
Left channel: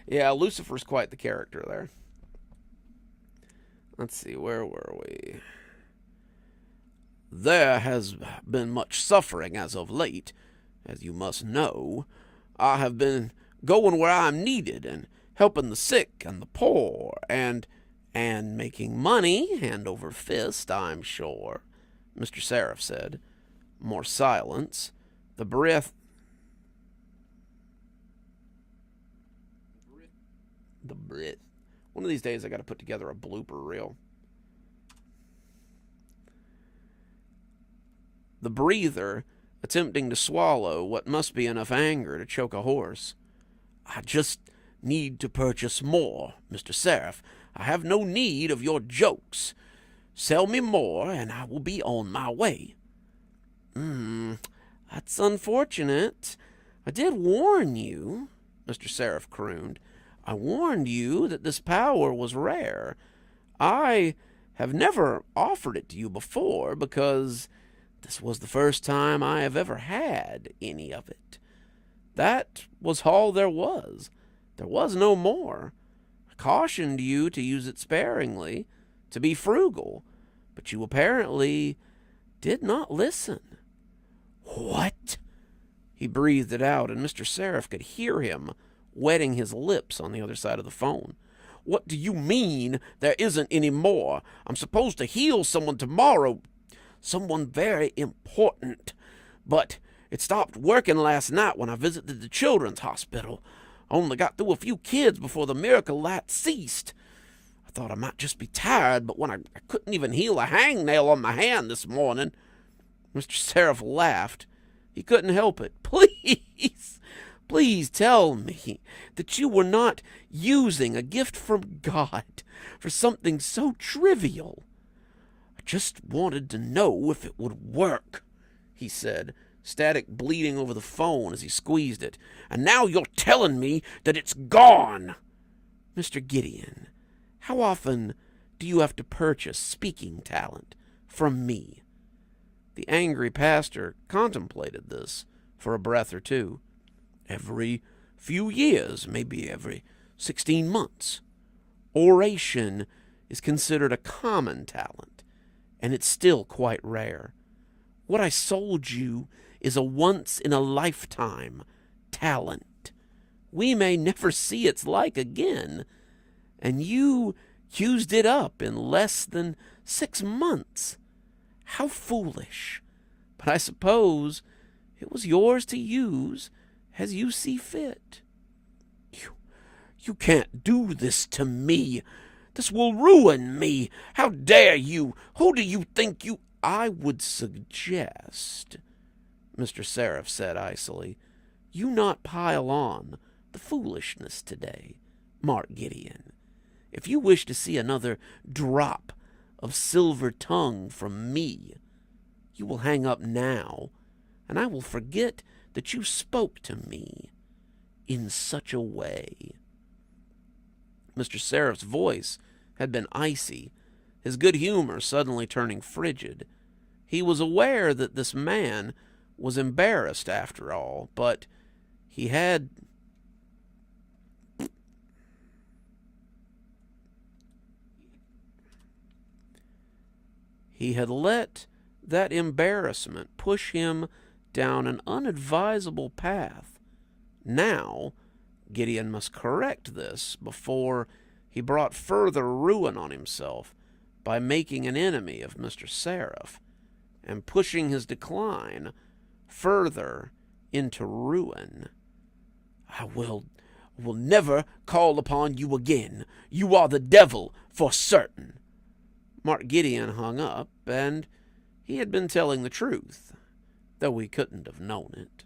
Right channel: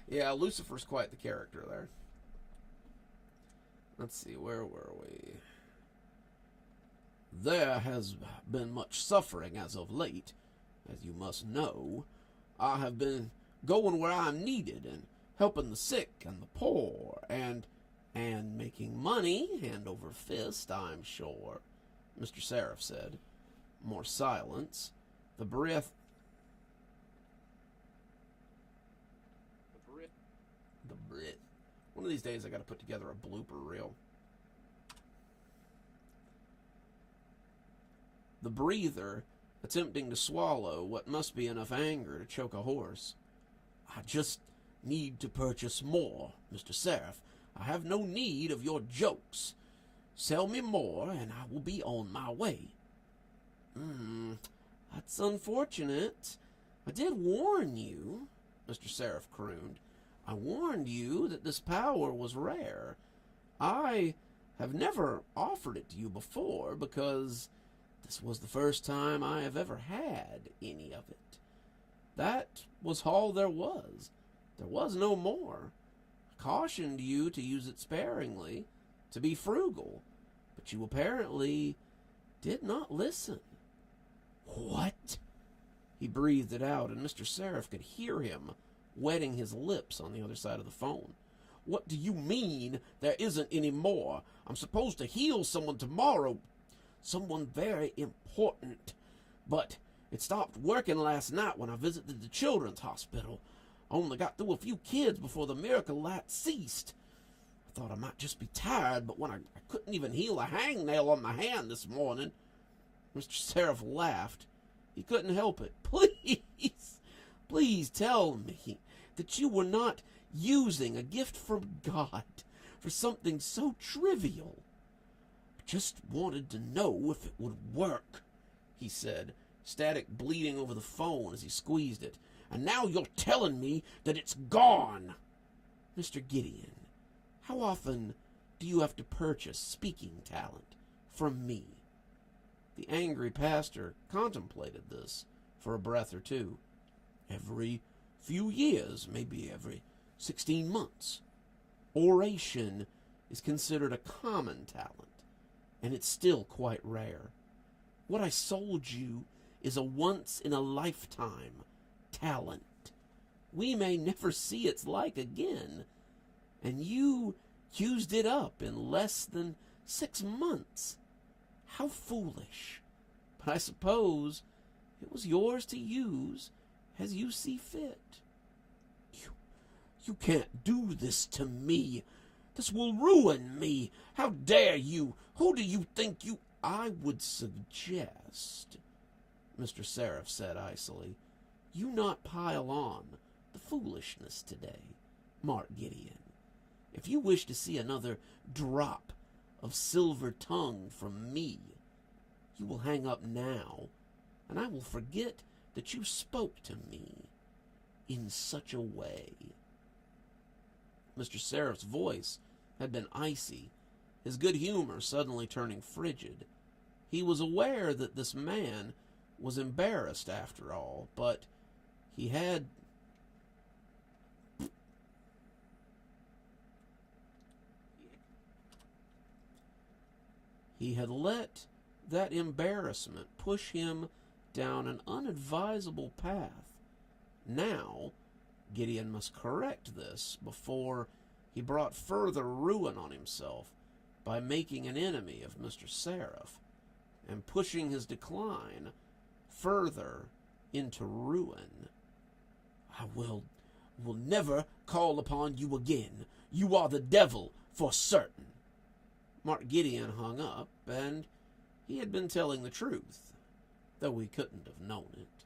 Yeah, Lucifer's quite the character there. Let's see, where were we? "There has been much suffering as of late, as you must know. I have been going where I'm needed and helping the sick and the poor and making money hand over fist, I'm sure," Mr. Seraph said. More silence. The breath. One of these days I got to put together a blooper reel. The breather, attempting to swallow what must be enough anger to choke a horse. "I just need to purchase more, Mr. Seraph. I have no need of your jokes. Sell me more, and I will be on my way." That's unfortunate. I did warn you," Mr. Seraph crooned. "I warned you that this power was rare. I have never offered it to you before because this was the first time I have ever had any of it. That was all there was. There was no more. I cautioned you to use it sparingly, to be frugal, but you apparently did not listen. "What?" He breathed it out, and Mr. Seraph could hear him wetting his lips on the other side of the phone. "What do you mean there isn't any more? I'm supposed to heal someone tomorrow. Someone very important. But it stopped working last night when I visited the children's hospital. I only got through a few kids before the miracle light ceased. I thought I might just be tired, but when I couldn't even heal a hangnail on my hand this morning." Mr. Seraph laughed. He couldn't help it. Please tell me that you were not using a gift from God for something so trivial. I just wanted to know if it would work," he said, static bleeding over the phone as he squeezed it. "And now you're telling me that it's gone." "Mr. Gideon, how often do you have to purchase speaking talent from me?" The angry pastor contemplated this for a breath or two. "Every few years, maybe every 16 months. Oration is considered a common talent, and it's still quite rare. What I sold you is a once-in-a-lifetime talent. We may never see its like again, and you used it up in less than 6 months. How foolish. But I suppose it was yours to use as you see fit." You can't do this to me. This will ruin me. How dare you? Who do you think you—" "I would suggest," Mr. Seraph said icily, "you not pile on the foolishness today, Mark Gideon. If you wish to see another drop of silver tongue from me, you will hang up now, and I will forget that you spoke to me in such a way." Mr. Seraph's voice had been icy, his good humor suddenly turning frigid. He was aware that this man was embarrassed after all, but he had let that embarrassment push him down an unadvisable path. Now, Gideon must correct this before he brought further ruin on himself by making an enemy of Mr. Seraph and pushing his decline further into ruin. I will never call upon you again. You are the devil for certain." Mark Gideon hung up, and he had been telling the truth, though he couldn't have known it.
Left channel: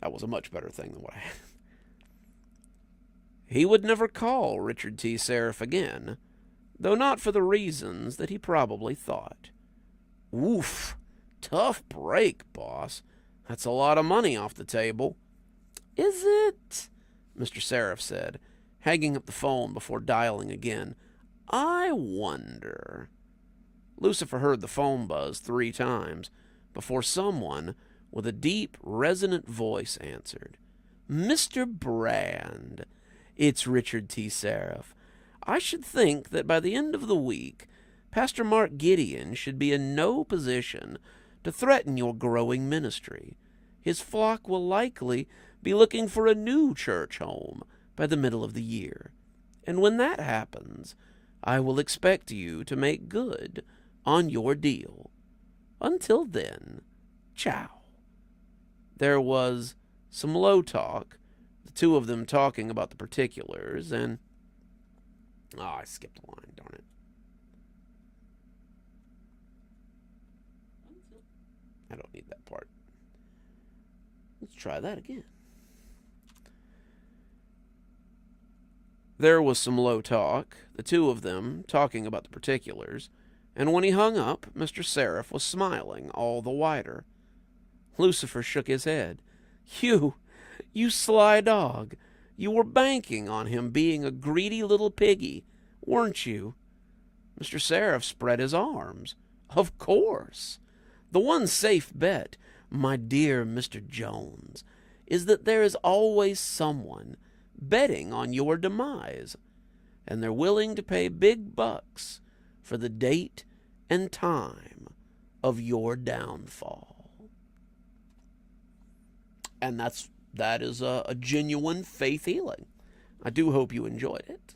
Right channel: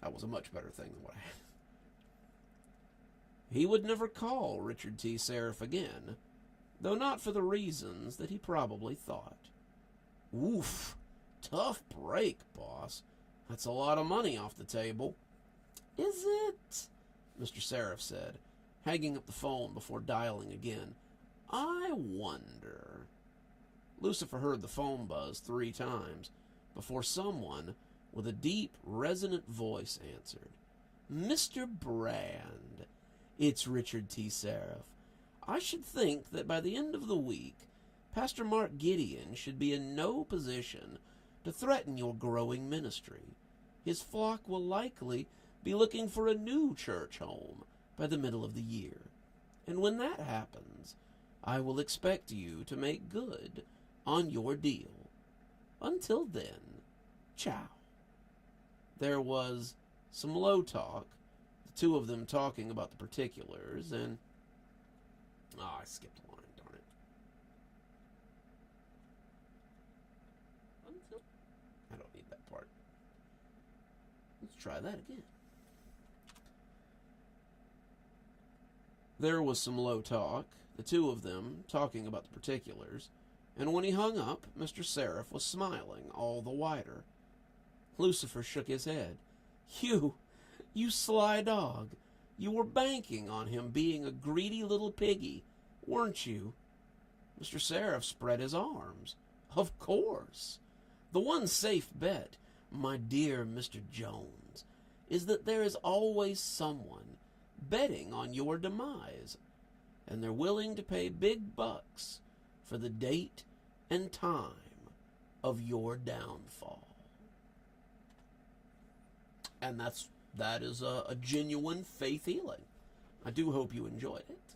That was a much better thing than what I had. He would never call Richard T. Seraph again, though not for the reasons that he probably thought. "Oof, tough break, boss. That's a lot of money off the table." "Is it?" Mr. Seraph said, hanging up the phone before dialing again. "I wonder." Lucifer heard the phone buzz 3 times before someone with a deep, resonant voice answered. "Mr. Brand, it's Richard T. Seraph. I should think that by the end of the week, Pastor Mark Gideon should be in no position to threaten your growing ministry. His flock will likely be looking for a new church home by the middle of the year. And when that happens, I will expect you to make good on your deal. Until then, ciao." There was some low talk, the two of them talking about the particulars, and... I skipped a line, darn it. I don't need that part. Let's try that again. There was some low talk, the two of them talking about the particulars, and when he hung up, Mr. Seraph was smiling all the wider. Lucifer shook his head. You sly dog. You were banking on him being a greedy little piggy, weren't you?" Mr. Seraph spread his arms. "Of course. The one safe bet my dear Mr. Jones, is that there is always someone betting on your demise, and they're willing to pay big bucks for the date and time of your downfall. And that is a genuine faith healing. I do hope you enjoyed it.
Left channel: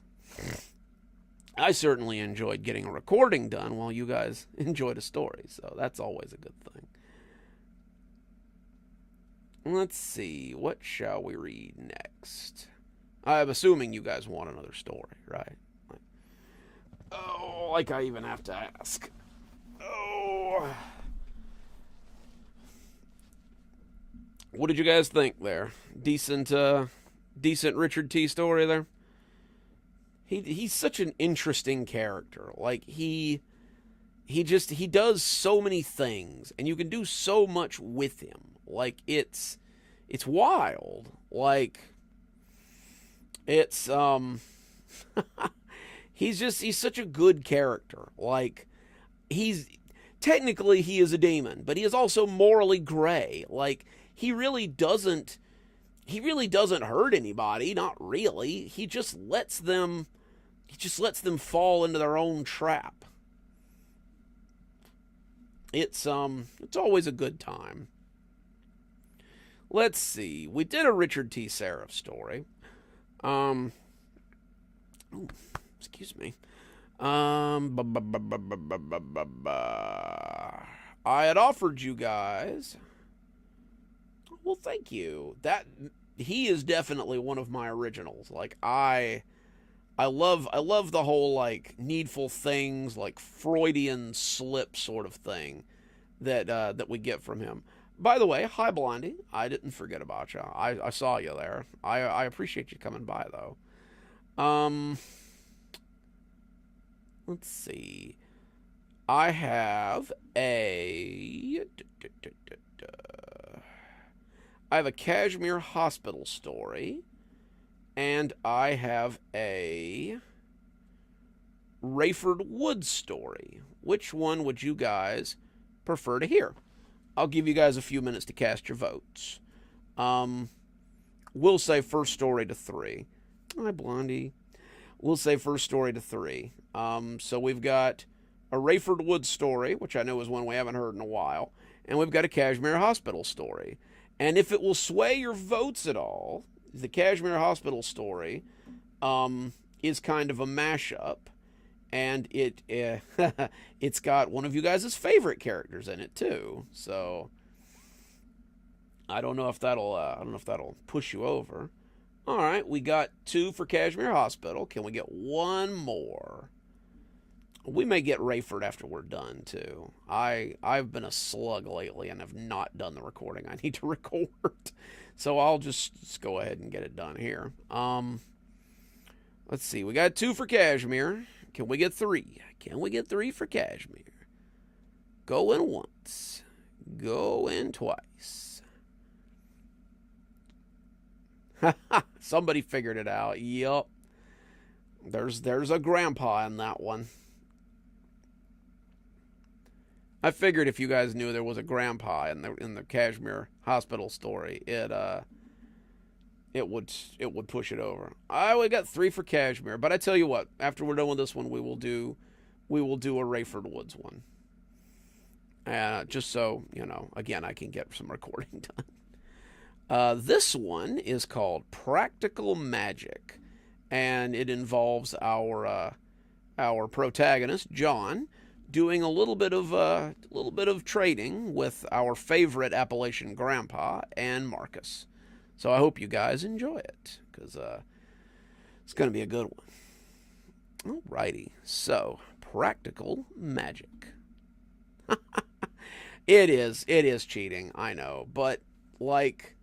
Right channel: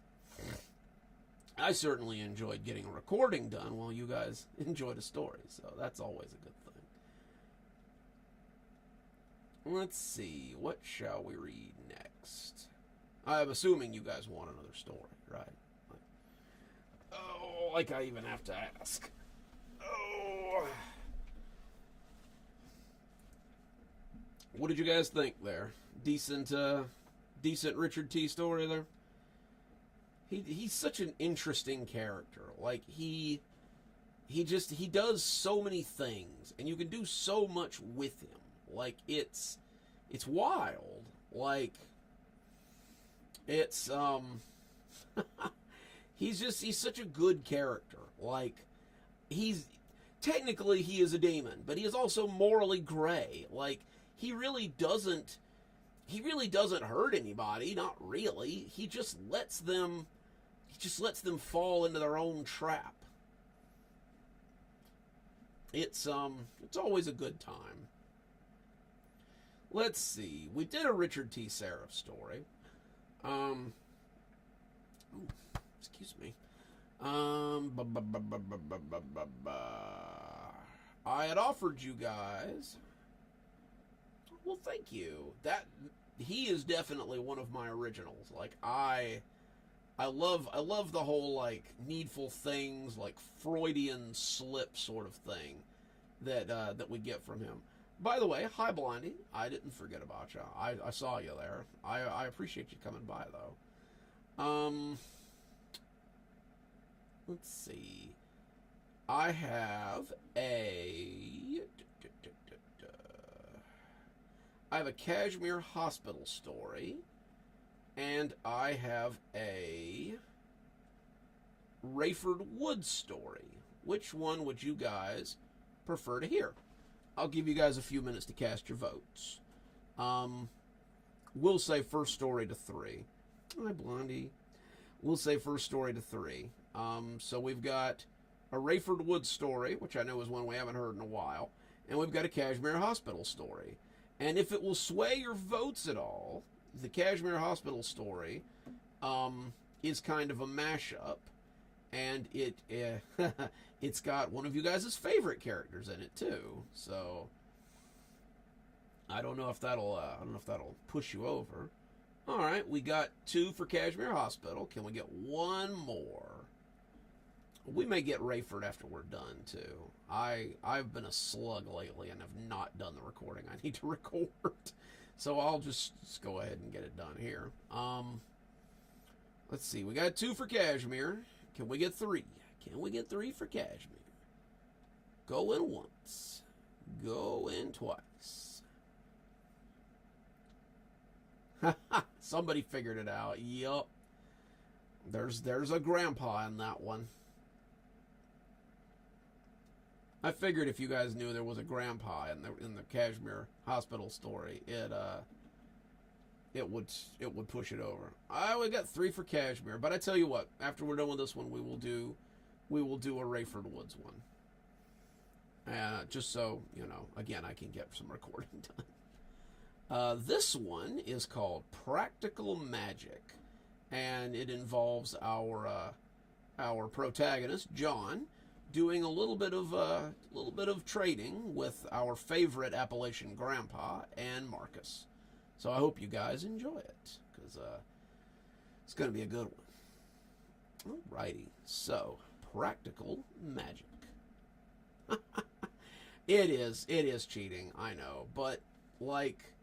I certainly enjoyed getting a recording done while you guys enjoyed a story, so that's always a good thing. Let's see, what shall we read next? I'm assuming you guys want another story, right? Like I even have to ask. What did you guys think there? Decent Richard T. story there? He's such an interesting character. Like, he does so many things, and you can do so much with him. Like, it's wild. Like, it's, he's such a good character. Like, technically he is a demon, but he is also morally gray. Like, he really doesn't hurt anybody, not really. He just lets them fall into their own trap. It's always a good time. Let's see. We did a Richard T. Seraph story. Excuse me. I had offered you guys. Well, thank you. He is definitely one of my originals. Like, I love the whole, like, needful things, like Freudian slip sort of thing that we get from him. By the way, hi Blondie. I didn't forget about you. I saw you there. I appreciate you coming by though. Let's see. I have a Kashmir hospital story, and I have a Rayford Woods story. Which one would you guys prefer to hear? I'll give you guys a few minutes to cast your votes. We'll say first story to 3. Hi, Blondie. We'll say first story to 3. So we've got a Rayford Woods story, which I know is one we haven't heard in a while, and we've got a Kashmir hospital story. And if it will sway your votes at all, the Kashmir hospital story is kind of a mashup, and it's got one of you guys' favorite characters in it too. So I don't know if that'll push you over. All right, we got 2 for Kashmir Hospital. Can we get one more? We may get Rayford after we're done too. I've been a slug lately and have not done the recording I need to record, so I'll just go ahead and get it done here. Let's see. We got 2 for Kashmir. Can we get 3? Can we get 3 for Kashmir? Going once. Going twice. Somebody figured it out. Yup. There's a grandpa in that one. I figured if you guys knew there was a grandpa in the Kashmir hospital story, it would push it over. We got 3 for Kashmir, but I tell you what, after we're done with this one, we will do a Rayford Woods one. Just so, again, I can get some recording done. This one is called Practical Magic, and it involves our protagonist, John, doing a little bit of trading with our favorite Appalachian grandpa and Marcus. So I hope you guys enjoy it, because it's going to be a good one. Alrighty, so Practical Magic. It is cheating, I know, but like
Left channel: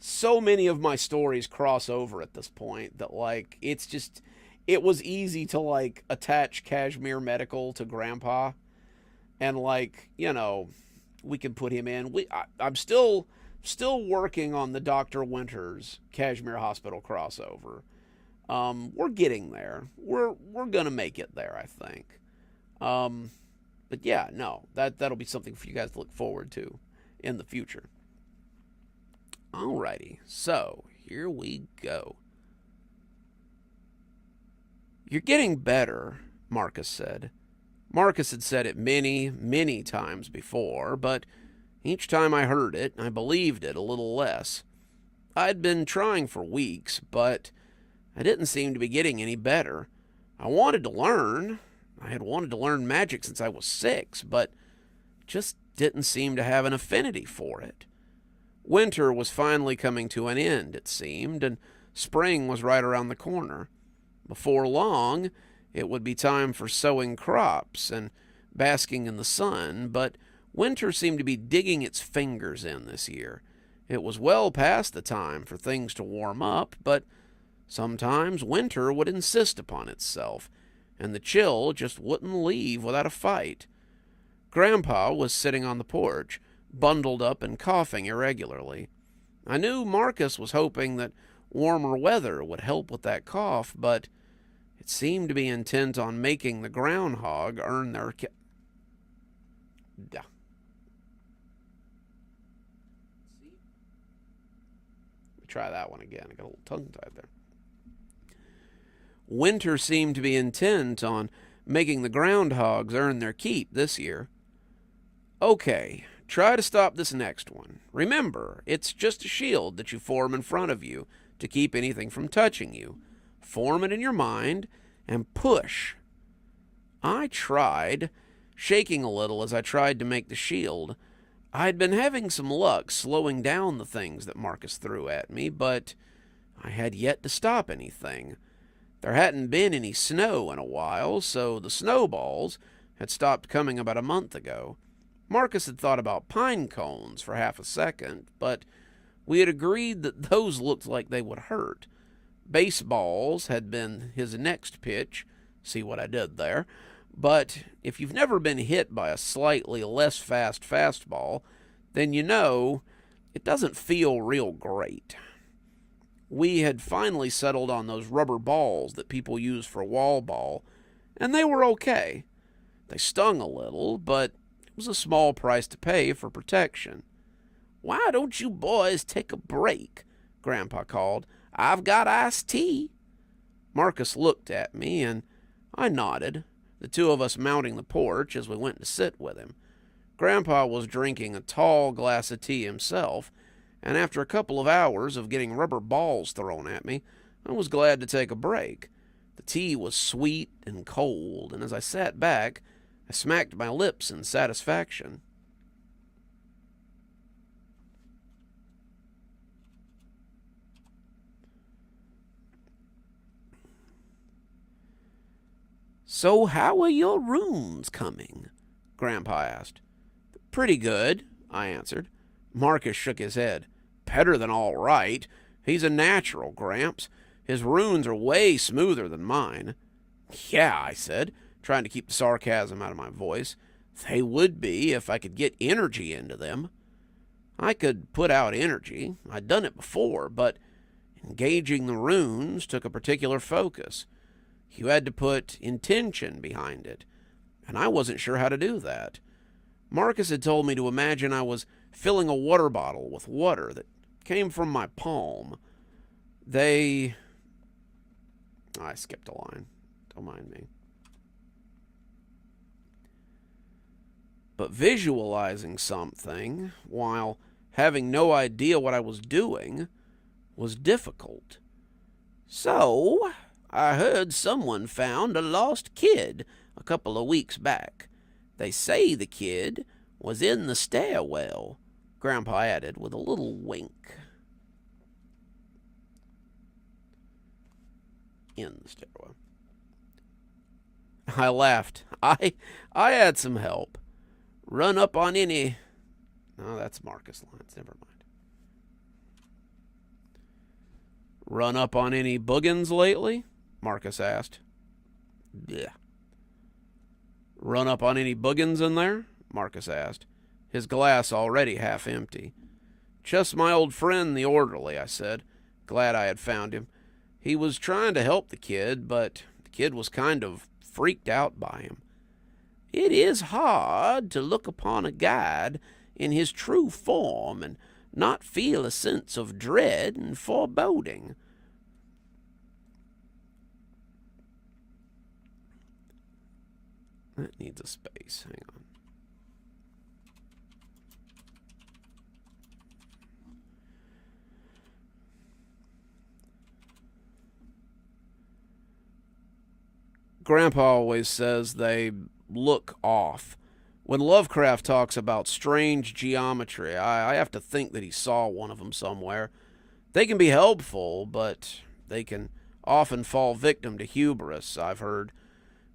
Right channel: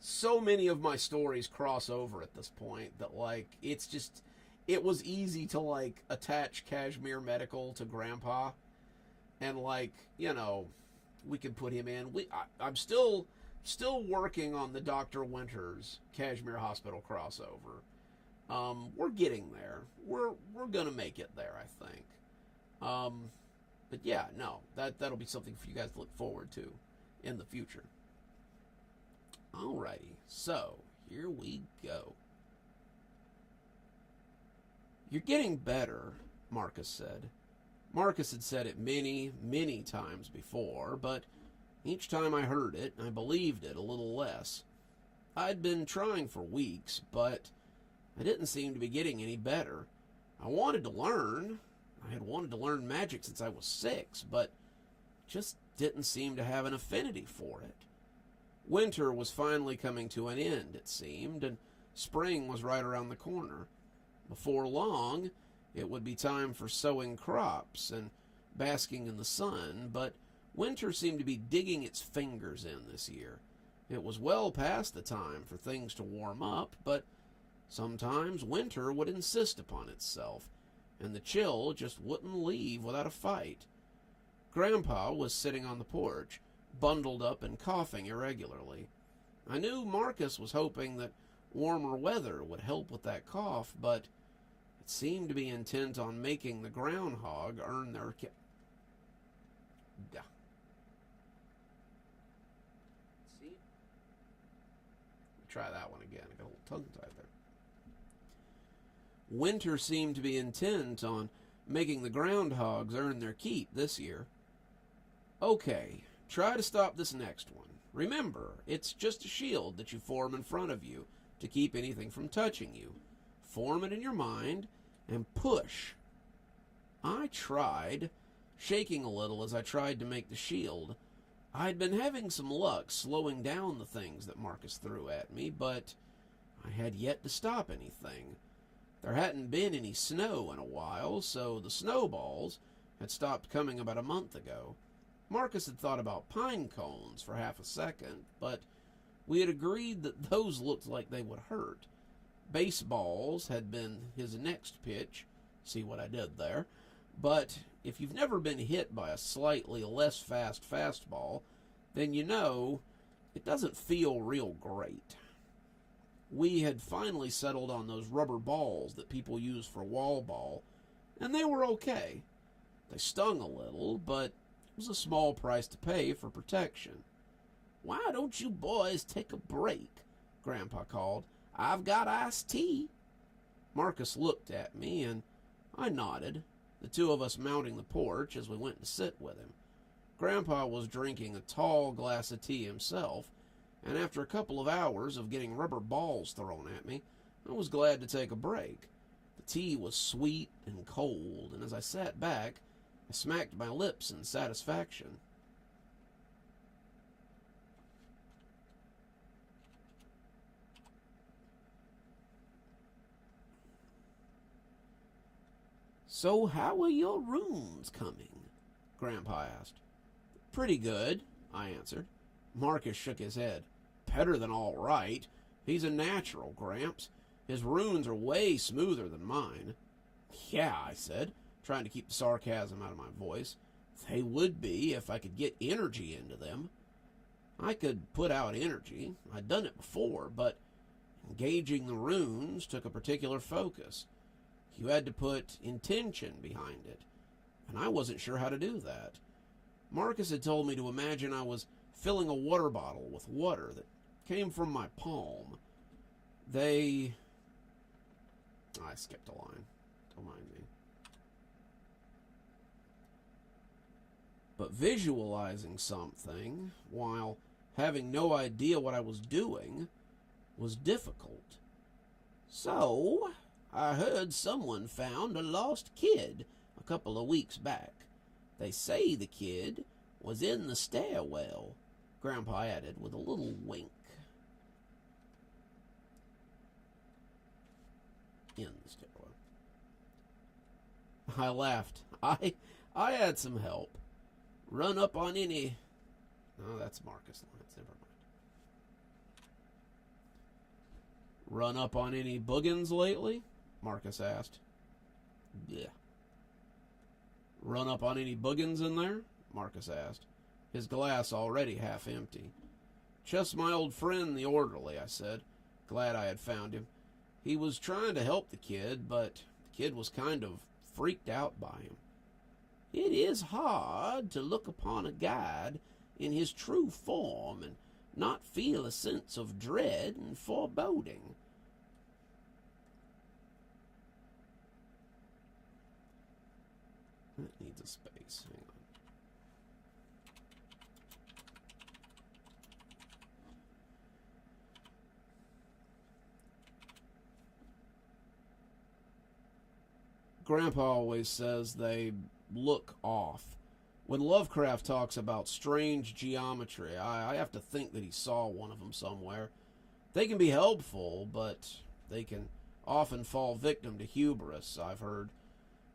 so many of my stories cross over at this point that like it was easy to like attach Kashmir Medical to Grandpa, and like we can put him in. I'm still working on the Dr. Winters Kashmir Hospital crossover. We're getting there. We're gonna make it there, I think. But yeah, no, that'll be something for you guys to look forward to in the future. Alrighty, so here we go. You're getting better, Marcus said. Marcus had said it many, many times before, but each time I heard it, I believed it a little less. I'd been trying for weeks, but I didn't seem to be getting any better. I wanted to learn. I had wanted to learn magic since I was 6, but just didn't seem to have an affinity for it. Winter was finally coming to an end, it seemed, and spring was right around the corner. Before long, it would be time for sowing crops and basking in the sun, but winter seemed to be digging its fingers in this year. It was well past the time for things to warm up, but sometimes winter would insist upon itself, and the chill just wouldn't leave without a fight. Grandpa was sitting on the porch, bundled up and coughing irregularly. I knew Marcus was hoping that warmer weather would help with that cough, but it seemed to be intent on making the groundhog earn their Try that one again. I got a little tongue-tied there. Winter seemed to be intent on making the groundhogs earn their keep this year. Okay, try to stop this next one. Remember, it's just a shield that you form in front of you to keep anything from touching you. Form it in your mind and push. I tried, shaking a little as I tried to make the shield. I'd been having some luck slowing down the things that Marcus threw at me, but I had yet to stop anything. There hadn't been any snow in a while, so the snowballs had stopped coming about a month ago. Marcus had thought about pine cones for half a second, but we had agreed that those looked like they would hurt. Baseballs had been his next pitch. See what I did there? But if you've never been hit by a slightly less fast fastball, then you know it doesn't feel real great. We had finally settled on those rubber balls that people use for wall ball, and they were okay. They stung a little, but it was a small price to pay for protection. "Why don't you boys take a break?" Grandpa called. "I've got iced tea." Marcus looked at me, and I nodded, the two of us mounting the porch as we went to sit with him. Grandpa was drinking a tall glass of tea himself, and after a couple of hours of getting rubber balls thrown at me, I was glad to take a break. The tea was sweet and cold, and as I sat back, I smacked my lips in satisfaction. "So how are your runes coming?" Grandpa asked. "Pretty good," I answered. Marcus shook his head. "Better than all right. He's a natural, Gramps. His runes are way smoother than mine." "Yeah," I said, trying to keep the sarcasm out of my voice. "They would be if I could get energy into them." I could put out energy. I'd done it before, but engaging the runes took a particular focus. You had to put intention behind it, and I wasn't sure how to do that. Marcus had told me to imagine I was filling a water bottle with water that came from my palm. I skipped a line. Don't mind me. But visualizing something while having no idea what I was doing was difficult. "So, I heard someone found a lost kid a couple of weeks back. They say the kid was in the stairwell," Grandpa added with a little wink. In the stairwell. I laughed. I had some help. "Run up on any..." No, that's Marcus lines. Never mind. "Run up on any boogans lately?" Marcus asked. "Yeah." "Run up on any boogans in there?" Marcus asked, his glass already half empty. "Just my old friend, the orderly," I said, glad I had found him. He was trying to help the kid, but the kid was kind of freaked out by him. "It is hard to look upon a guide in his true form and not feel a sense of dread and foreboding. That needs a space. Hang on. Grandpa always says they look off. When Lovecraft talks about strange geometry, I have to think that he saw one of them somewhere. They can be helpful, but they can often fall victim to hubris, I've heard.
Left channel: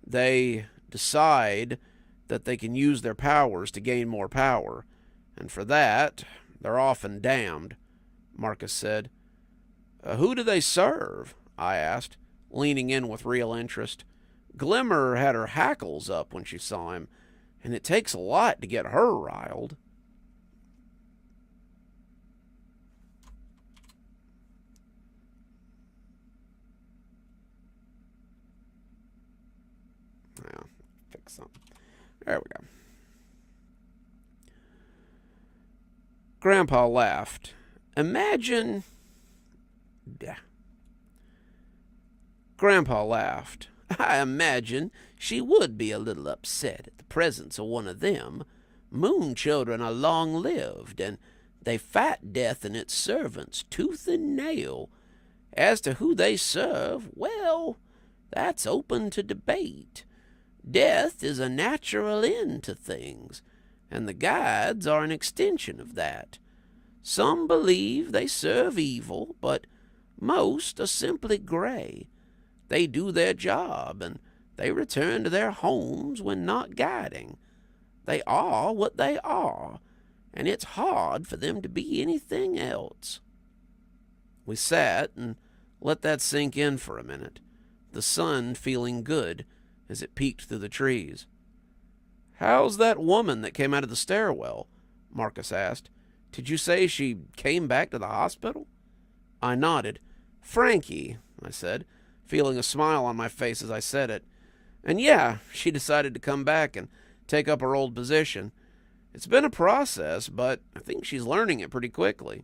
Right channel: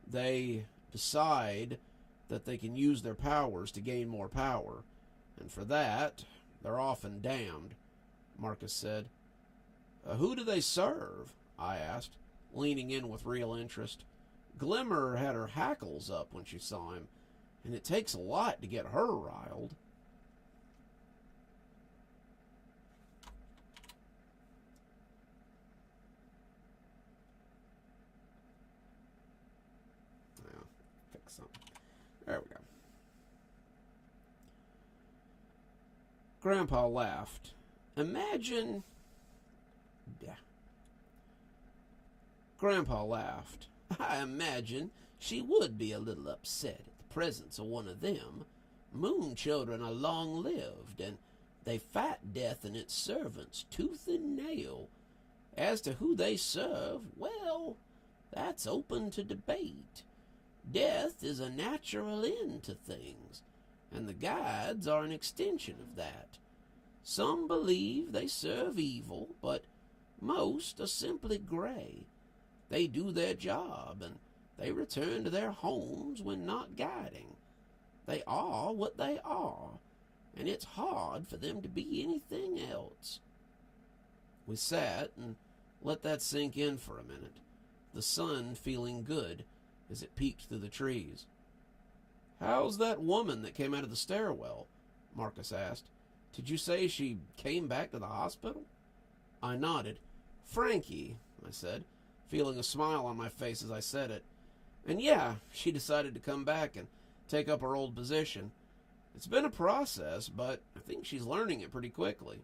They decide that they can use their powers to gain more power, and for that, they're often damned, Marcus said. Who do they serve? I asked, leaning in with real interest. Glimmer had her hackles up when she saw him, and it takes a lot to get her riled. Now, fix something. There we go. Grandpa laughed. Imagine... Grandpa laughed. I imagine she would be a little upset at the presence of one of them. Moon children are long-lived, and they fight death and its servants tooth and nail. As to who they serve, well, that's open to debate. Death is a natural end to things, and the guides are an extension of that. Some believe they serve evil, but most are simply gray. They do their job, and they return to their homes when not guiding. They are what they are, and it's hard for them to be anything else. We sat and let that sink in for a minute, the sun feeling good as it peeked through the trees. How's that woman that came out of the stairwell? Marcus asked. Did you say she came back to the hospital? I nodded. Frankie, I said, feeling a smile on my face as I said it. And yeah, she decided to come back and take up her old position. It's been a process, but I think she's learning it pretty quickly.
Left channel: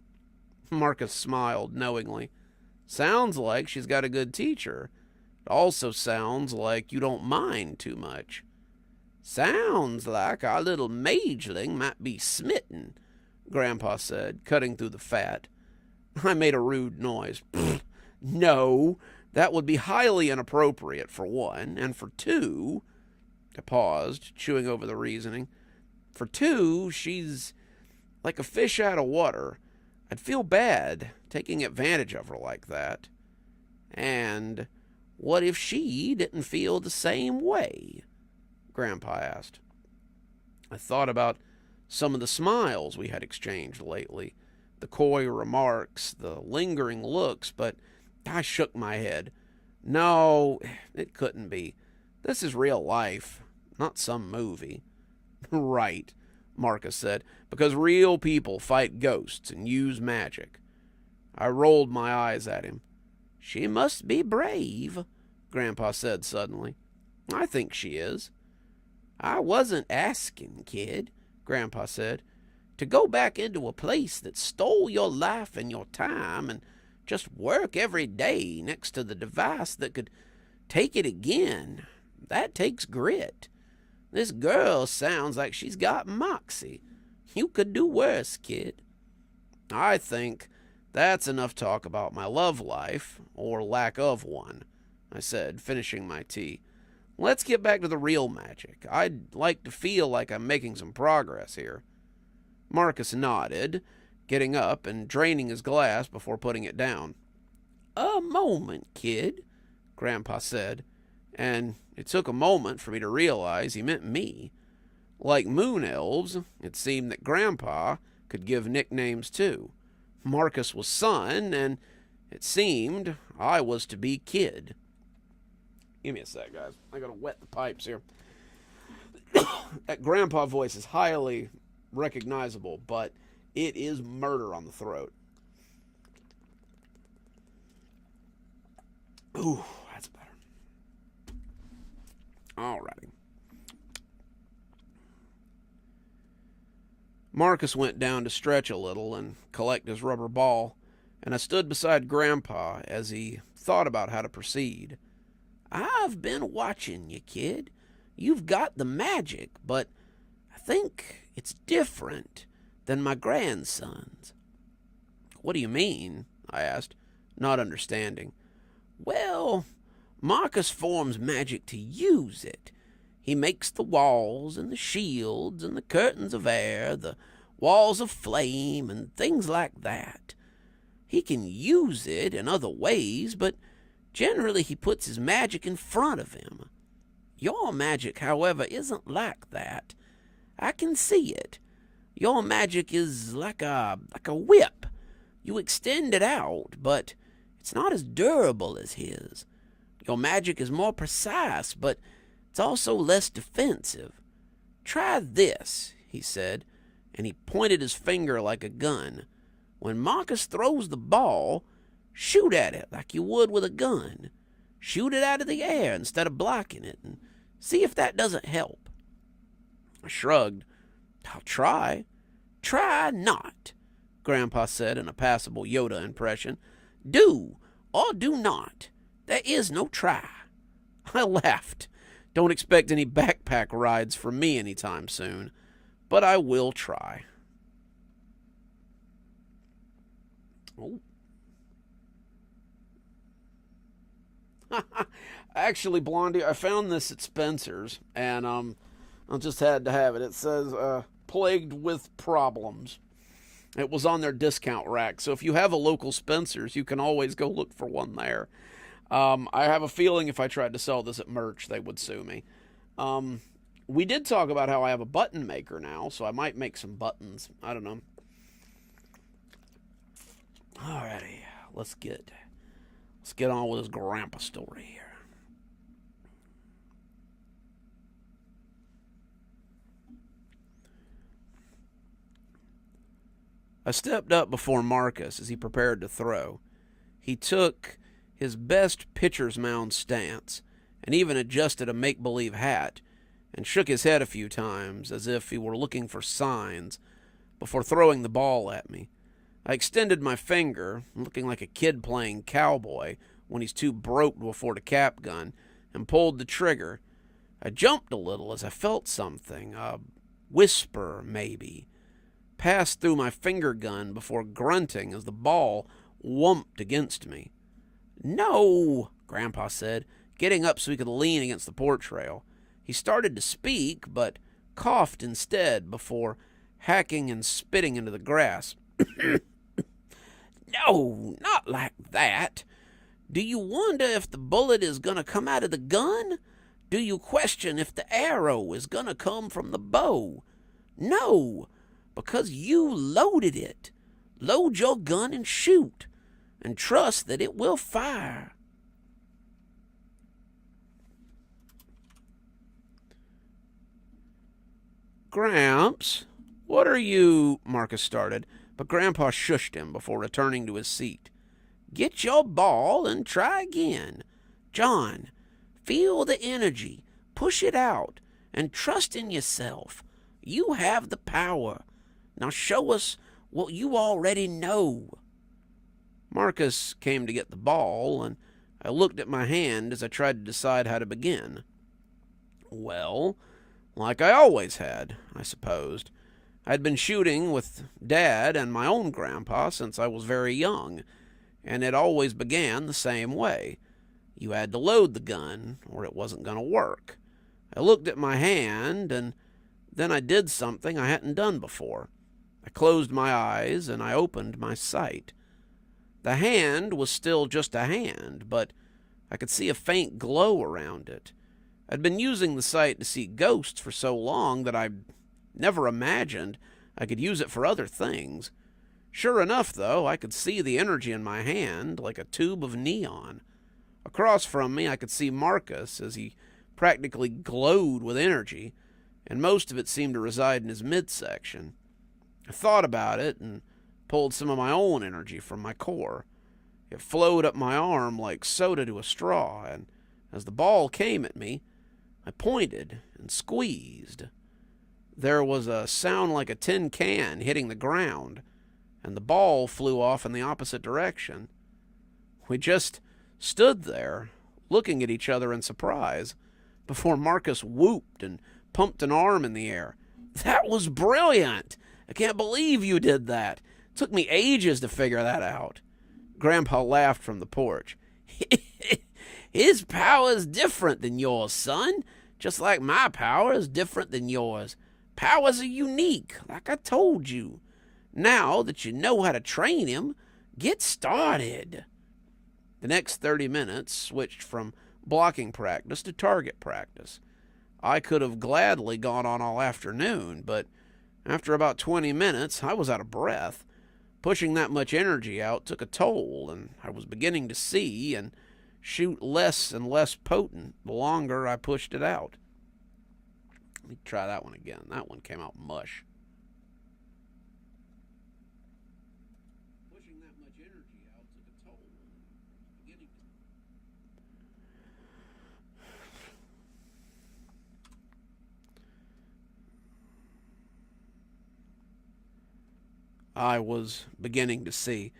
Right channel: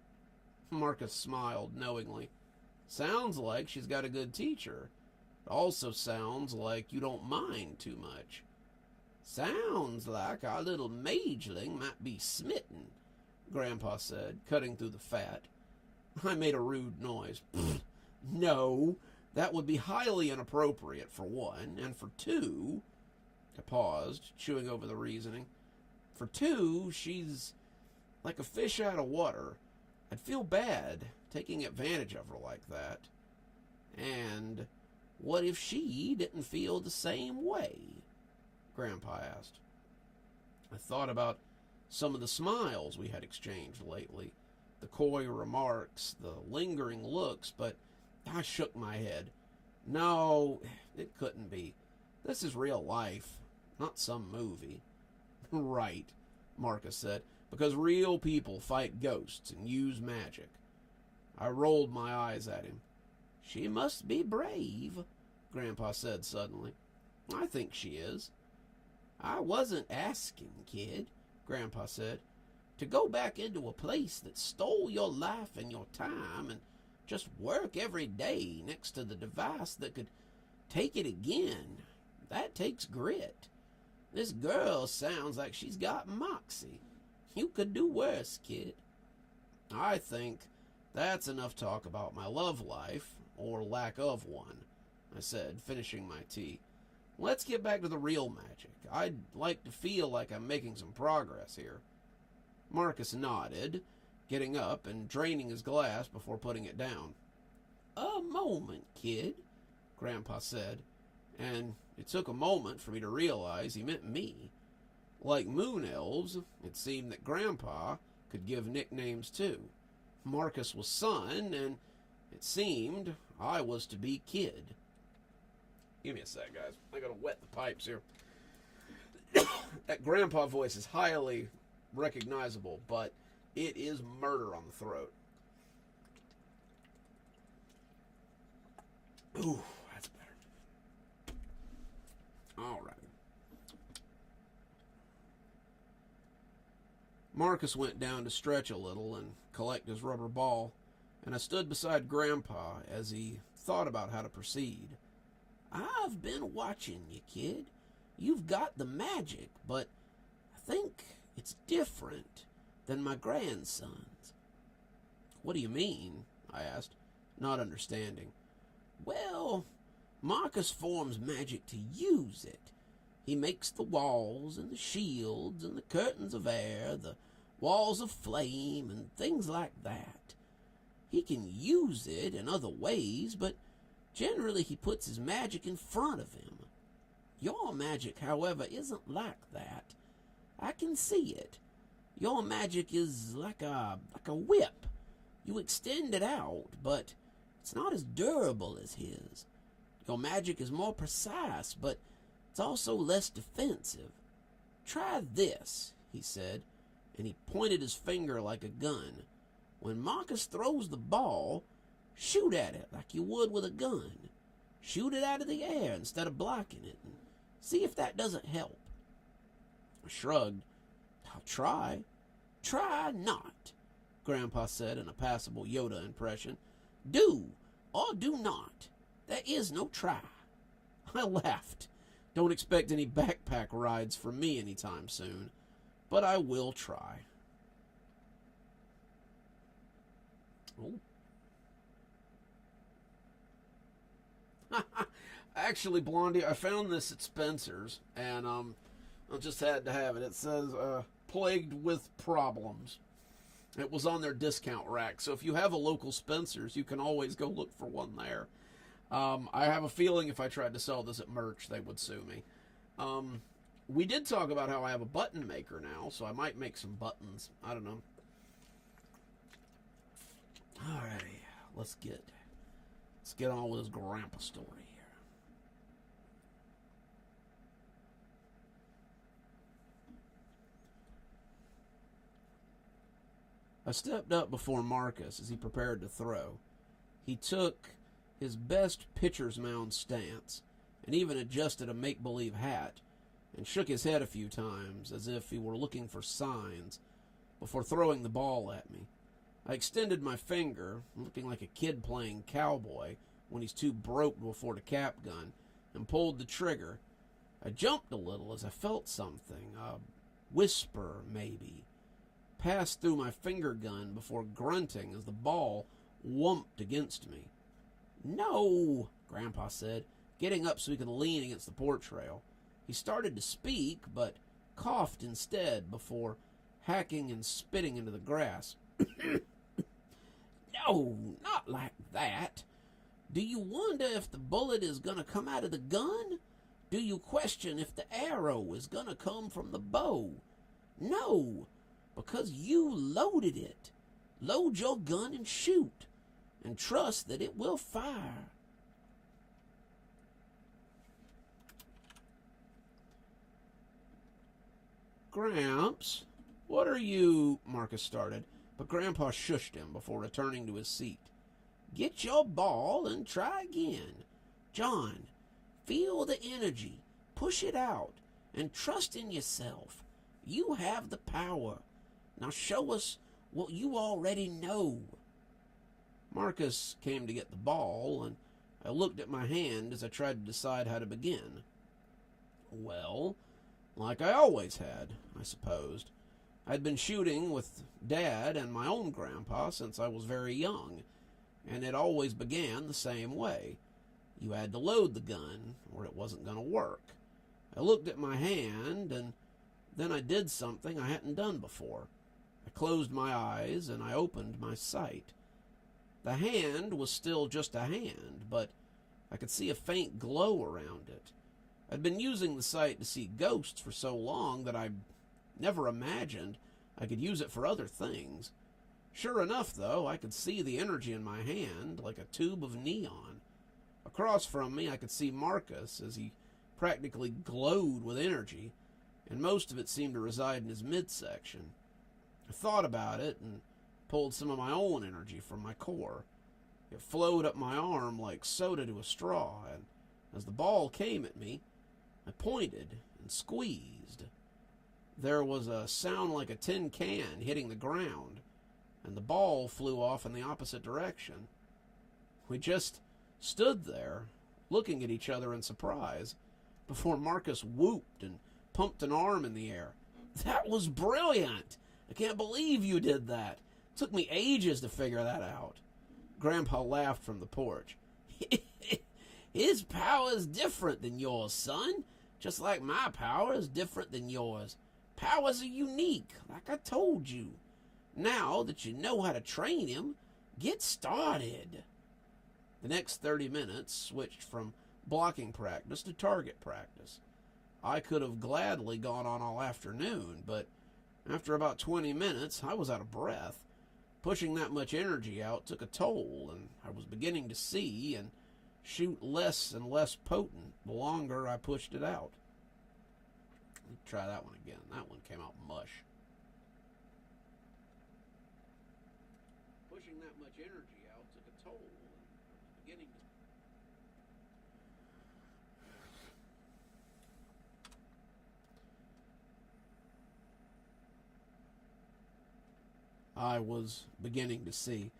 Marcus smiled knowingly. Sounds like she's got a good teacher. It also sounds like you don't mind too much. Sounds like our little mageling might be smitten, Grandpa said, cutting through the fat. I made a rude noise. No, that would be highly inappropriate, for one, and for two... I paused, chewing over the reasoning. For two, she's like a fish out of water. I'd feel bad taking advantage of her like that. And what if she didn't feel the same way? Grandpa asked. I thought about some of the smiles we had exchanged lately, the coy remarks, the lingering looks, but I shook my head. No, it couldn't be. This is real life, not some movie. Right, Marcus said, because real people fight ghosts and use magic. I rolled my eyes at him. She must be brave, Grandpa said suddenly. I think she is. I wasn't asking, kid, Grandpa said, to go back into a place that stole your life and your time and just work every day next to the device that could take it again. That takes grit. This girl sounds like she's got moxie. You could do worse, kid. I think that's enough talk about my love life, or lack of one, I said, finishing my tea. Let's get back to the real magic. I'd like to feel like I'm making some progress here. Marcus nodded, getting up and draining his glass before putting it down. A moment, kid, Grandpa said, and it took a moment for me to realize he meant me. Like moon elves, it seemed that Grandpa could give nicknames too. Marcus was son, and it seemed I was to be kid. Give me a sec, guys. I gotta wet the pipes here. That Grandpa voice is highly recognizable, but it is murder on the throat. Ooh, that's better. Alrighty. Marcus went down to stretch a little and collect his rubber ball, and I stood beside Grandpa as he thought about how to proceed. "I've been watching you, kid. You've got the magic, but I think it's different than my grandson's." "What do you mean?" I asked, not understanding. "Well, Marcus forms magic to use it. He makes the walls and the shields and the curtains of air, the walls of flame and things like that. He can use it in other ways, but generally he puts his magic in front of him. Your magic, however, isn't like that. I can see it. Your magic is like a whip. You extend it out, but it's not as durable as his. Your magic is more precise, but it's also less defensive. Try this," he said, and he pointed his finger like a gun. "When Marcus throws the ball, shoot at it like you would with a gun. Shoot it out of the air instead of blocking it, and see if that doesn't help." I shrugged. "I'll try." "Try not," Grandpa said in a passable Yoda impression. "Do or do not. There is no try." I laughed. Don't expect any backpack rides from me anytime soon, but I will try. Oh. Actually, Blondie, I found this at Spencer's, and I just had to have it. It says, "plagued with problems." It was on their discount rack, so if you have a local Spencer's, you can always go look for one there. I have a feeling if I tried to sell this at merch, they would sue me. We did talk about how I have a button maker now, so I might make some buttons. I don't know. Alrighty, let's get on with this grandpa story here. I stepped up before Marcus as he prepared to throw. He took his best pitcher's mound stance and even adjusted a make-believe hat and shook his head a few times as if he were looking for signs before throwing the ball at me. I extended my finger, looking like a kid playing cowboy when he's too broke to afford a cap gun, and pulled the trigger. I jumped a little as I felt something, a whisper maybe, pass through my finger gun before grunting as the ball whumped against me. "No," Grandpa said, getting up so he could lean against the porch rail. He started to speak, but coughed instead before hacking and spitting into the grass. "No, not like that. Do you wonder if the bullet is going to come out of the gun? Do you question if the arrow is going to come from the bow? No, because you loaded it. Load your gun and shoot, and trust that it will fire." "Gramps, what are you—" Marcus started, but Grandpa shushed him before returning to his seat. "Get your ball and try again. John, feel the energy, push it out, and trust in yourself. You have the power. Now show us what you already know." Marcus came to get the ball, and I looked at my hand as I tried to decide how to begin. Well, like I always had, I supposed. I'd been shooting with Dad and my own grandpa since I was very young, and it always began the same way. You had to load the gun, or it wasn't going to work. I looked at my hand, and then I did something I hadn't done before. I closed my eyes, and I opened my sight. The hand was still just a hand, but I could see a faint glow around it. I'd been using the sight to see ghosts for so long that I never imagined I could use it for other things. Sure enough, though, I could see the energy in my hand like a tube of neon. Across from me, I could see Marcus as he practically glowed with energy, and most of it seemed to reside in his midsection. I thought about it and pulled some of my own energy from my core. It flowed up my arm like soda to a straw, and as the ball came at me, I pointed and squeezed. there was a sound like a tin can hitting the ground, and the ball flew off in the opposite direction. We just stood there, looking at each other in surprise, before Marcus whooped and pumped an arm in the air. "That was brilliant! I can't believe you did that. It took me ages to figure that out." Grandpa laughed from the porch. "His power is different than yours, son, just like my power is different than yours. Powers are unique, like I told you. Now that you know how to train him, get started." The next 30 minutes switched from blocking practice to target practice. I could have gladly gone on all afternoon, but after about 20 minutes, I was out of breath. Pushing that much energy out took a toll, and I was beginning to see and shoot less and less potent the longer I pushed it out. Let me try that one again. That one came out mush. Pushing that much energy out took a toll, and I was beginning to... I was beginning to see,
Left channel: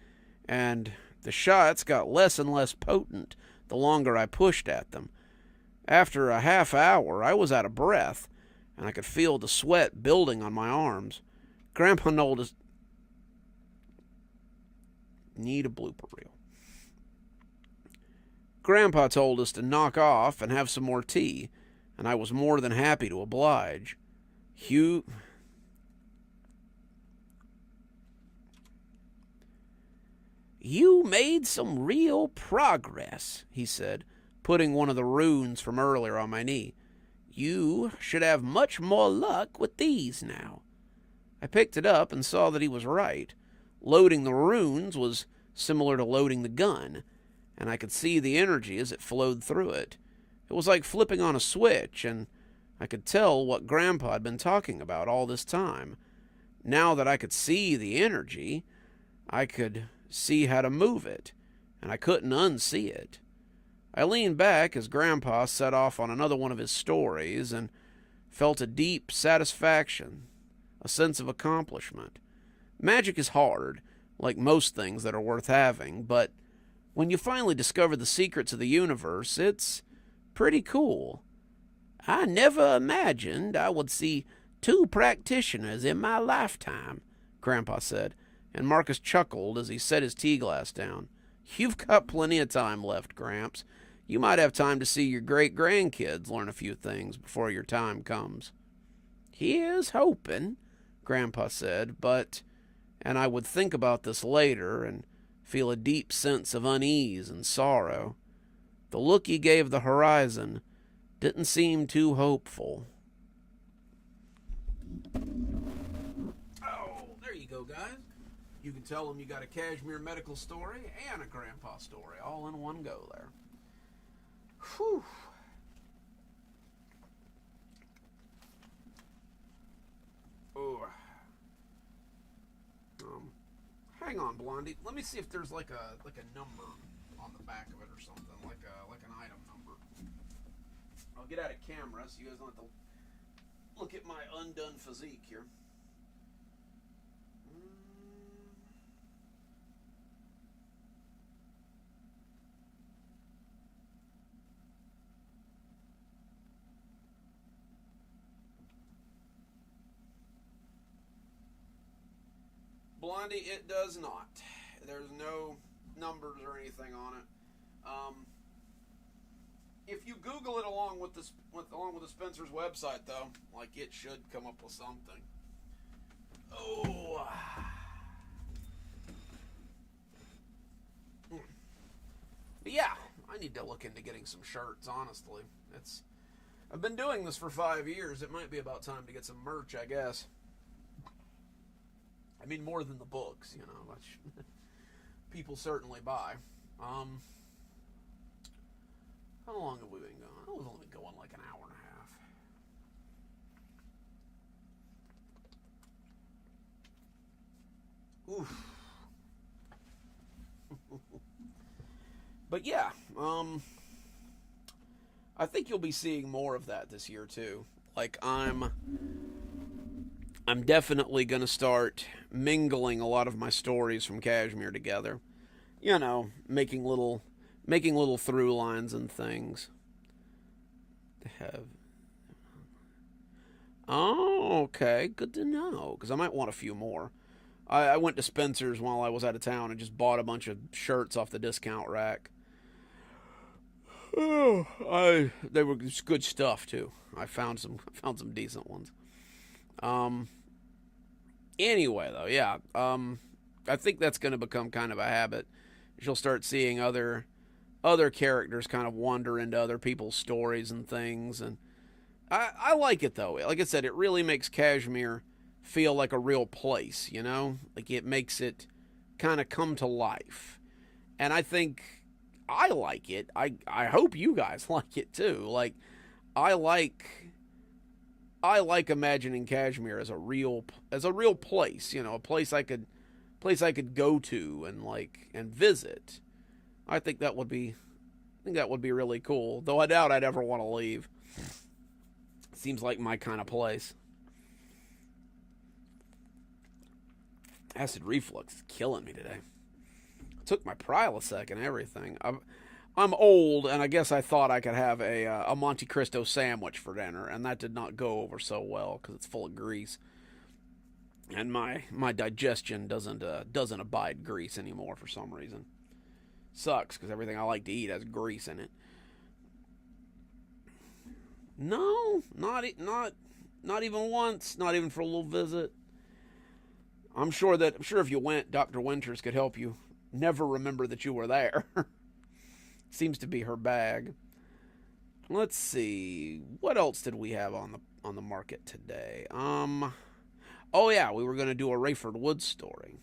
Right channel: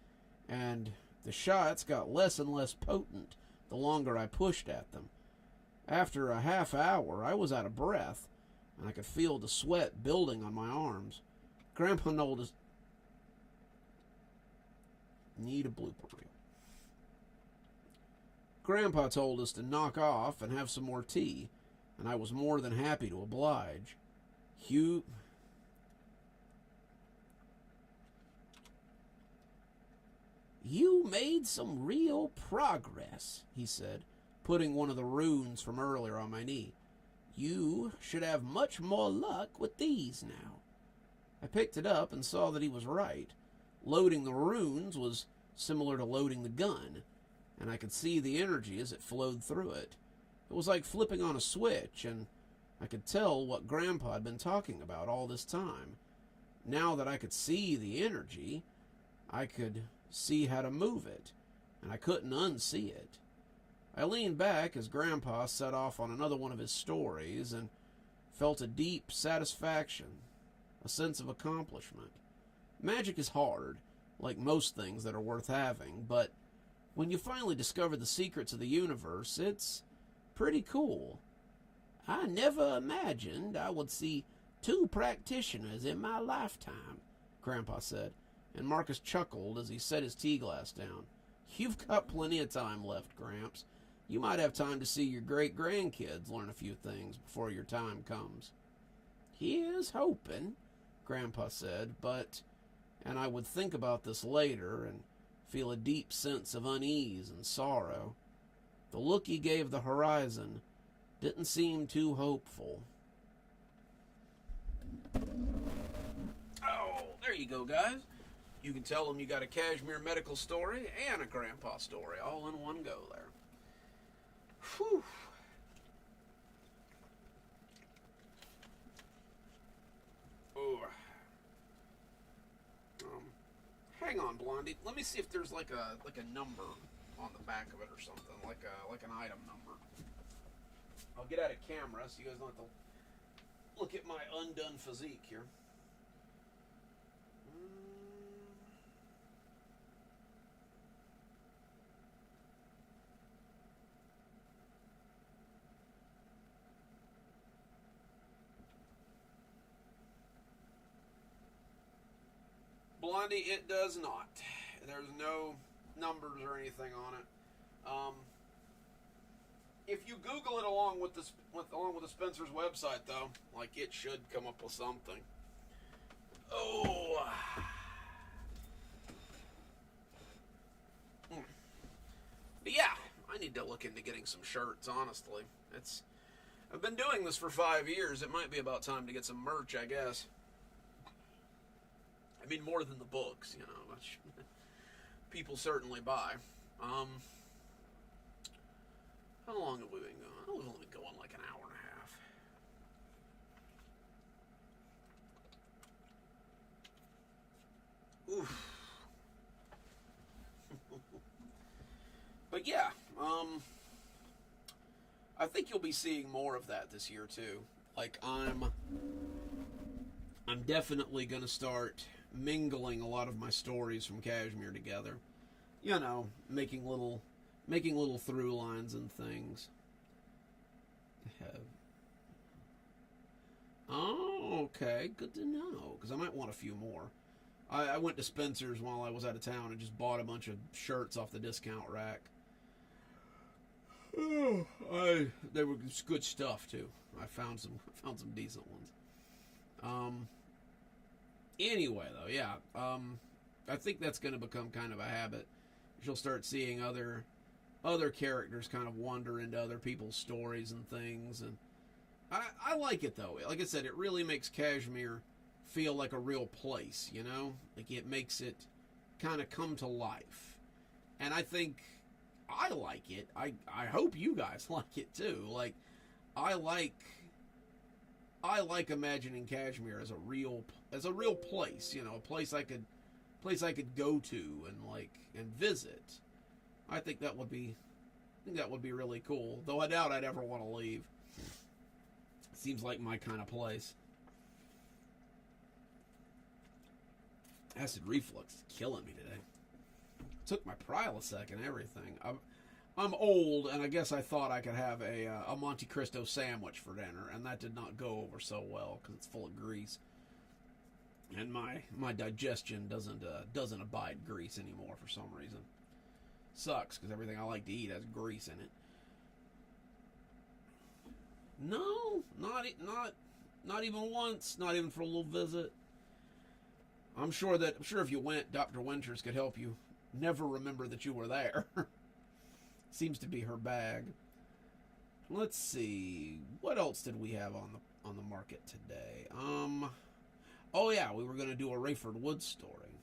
and the shots got less and less potent the longer I pushed at them. After a half hour, I was out of breath, and I could feel the sweat building on my arms. Grandpa noticed... Need a blooper reel. Grandpa told us to knock off and have some more tea, and I was more than happy to oblige. "You made some real progress," he said, putting one of the runes from earlier on my knee. "You should have much more luck with these now." I picked it up and saw that he was right. Loading the runes was similar to loading the gun, and I could see the energy as it flowed through it. It was like flipping on a switch, and I could tell what Grandpa had been talking about all this time. Now that I could see the energy, I could see how to move it, and I couldn't unsee it. I leaned back as Grandpa set off on another one of his stories and felt a deep satisfaction, a sense of accomplishment. Magic is hard, like most things that are worth having, but when you finally discover the secrets of the universe, it's pretty cool. "I never imagined I would see 2 practitioners in my lifetime," Grandpa said, and Marcus chuckled as he set his tea glass down. "You've got plenty of time left, Gramps. You might have time to see your great-grandkids learn a few things before your time comes." "Here's hoping," Grandpa said, and I would think about this later and feel a deep sense of unease and sorrow. The look he gave the horizon didn't seem too hopeful. Oh, there you go, guys. You can tell them you got a Kashmir medical story and a Grandpa story all in one go there. Whew. Oh. Hang on, Blondie. Let me see if there's like a number on the back of it or something, like an item number. I'll get out of camera so you guys don't have to look at my undone physique here. Blondie, it does not. There's no numbers or anything on it. If you Google it along with the Spencer's website, though, like, it should come up with something. Oh. But yeah, I need to look into getting some shirts. Honestly, I've been doing this for 5 years. It might be about time to get some merch, I guess. I mean, more than the books, which people certainly buy. How long have we been going? Oh, we've only been going like an hour and a half. Oof. But yeah, I think you'll be seeing more of that this year too. Like, I'm I'm definitely going to start mingling a lot of my stories from Kashmir together. You know, making little through lines and things. Have Oh, okay, good to know because I might want a few more. I went to Spencer's while I was out of town and just bought a bunch of shirts off the discount rack. Oh, they were good stuff too. I found some decent ones. Um, anyway, though, yeah. I think that's going to become kind of a habit. You'll start seeing other characters kind of wander into other people's stories and things, and I like it though. Like I said, it really makes Kashmir feel like a real place. You know, like it makes it kind of come to life, and I think I like it. I hope you guys like it too. Like I like I like imagining Kashmir as a real place. You know, a place I could go to and and visit. I think that would be really cool. Though I doubt I'd ever want to leave. Seems like my kind of place. Acid reflux is killing me today. Took my Prilosec and everything. I'm old, and I guess I thought I could have a Monte Cristo sandwich for dinner, and that did not go over so well because it's full of grease, and my digestion doesn't abide grease anymore for some reason. Sucks because everything I like to eat has grease in it. No, not even once. Not even for a little visit. I'm sure if you went, Dr. Winters could help you never remember that you were there. Seems to be her bag. Let's see. What else did we have on the market today? Oh yeah, we were going to do a Rayford Woods story.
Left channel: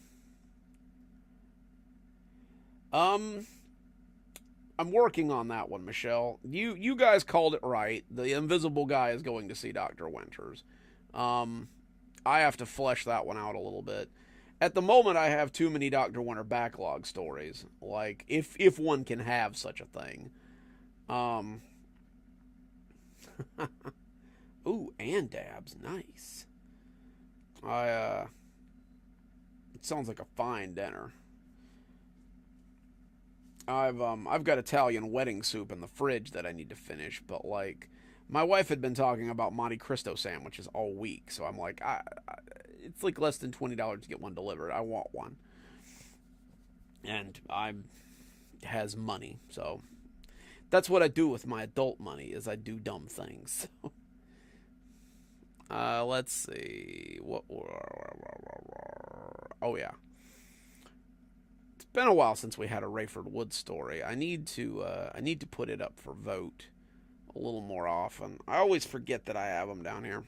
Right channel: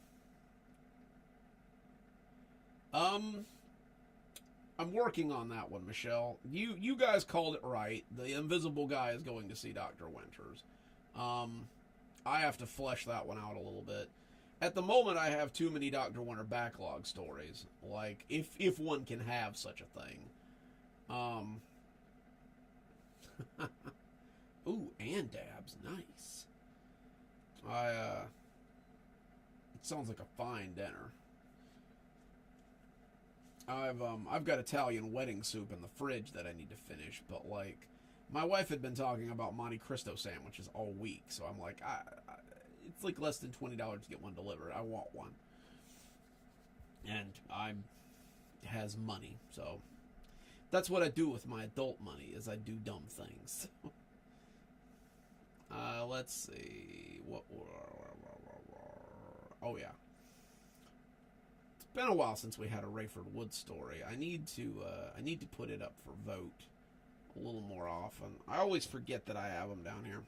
I'm working on that one, Michelle. You guys called it right. The invisible guy is going to see Dr. Winters. I have to flesh that one out a little bit. At the moment, I have too many Dr. Winter backlog stories. Like, if one can have such a thing. Ooh, and dabs. Nice. It sounds like a fine dinner. I've got Italian wedding soup in the fridge that I need to finish, but like my wife had been talking about Monte Cristo sandwiches all week, so I'm like, it's like less than $20 to get one delivered. I want one, and I has money, so that's what I do with my adult money is I do dumb things. Let's see what. Oh yeah. Been a while since we had a Rayford Woods story. I need to put it up for vote a little more often. I always forget that I have them down here.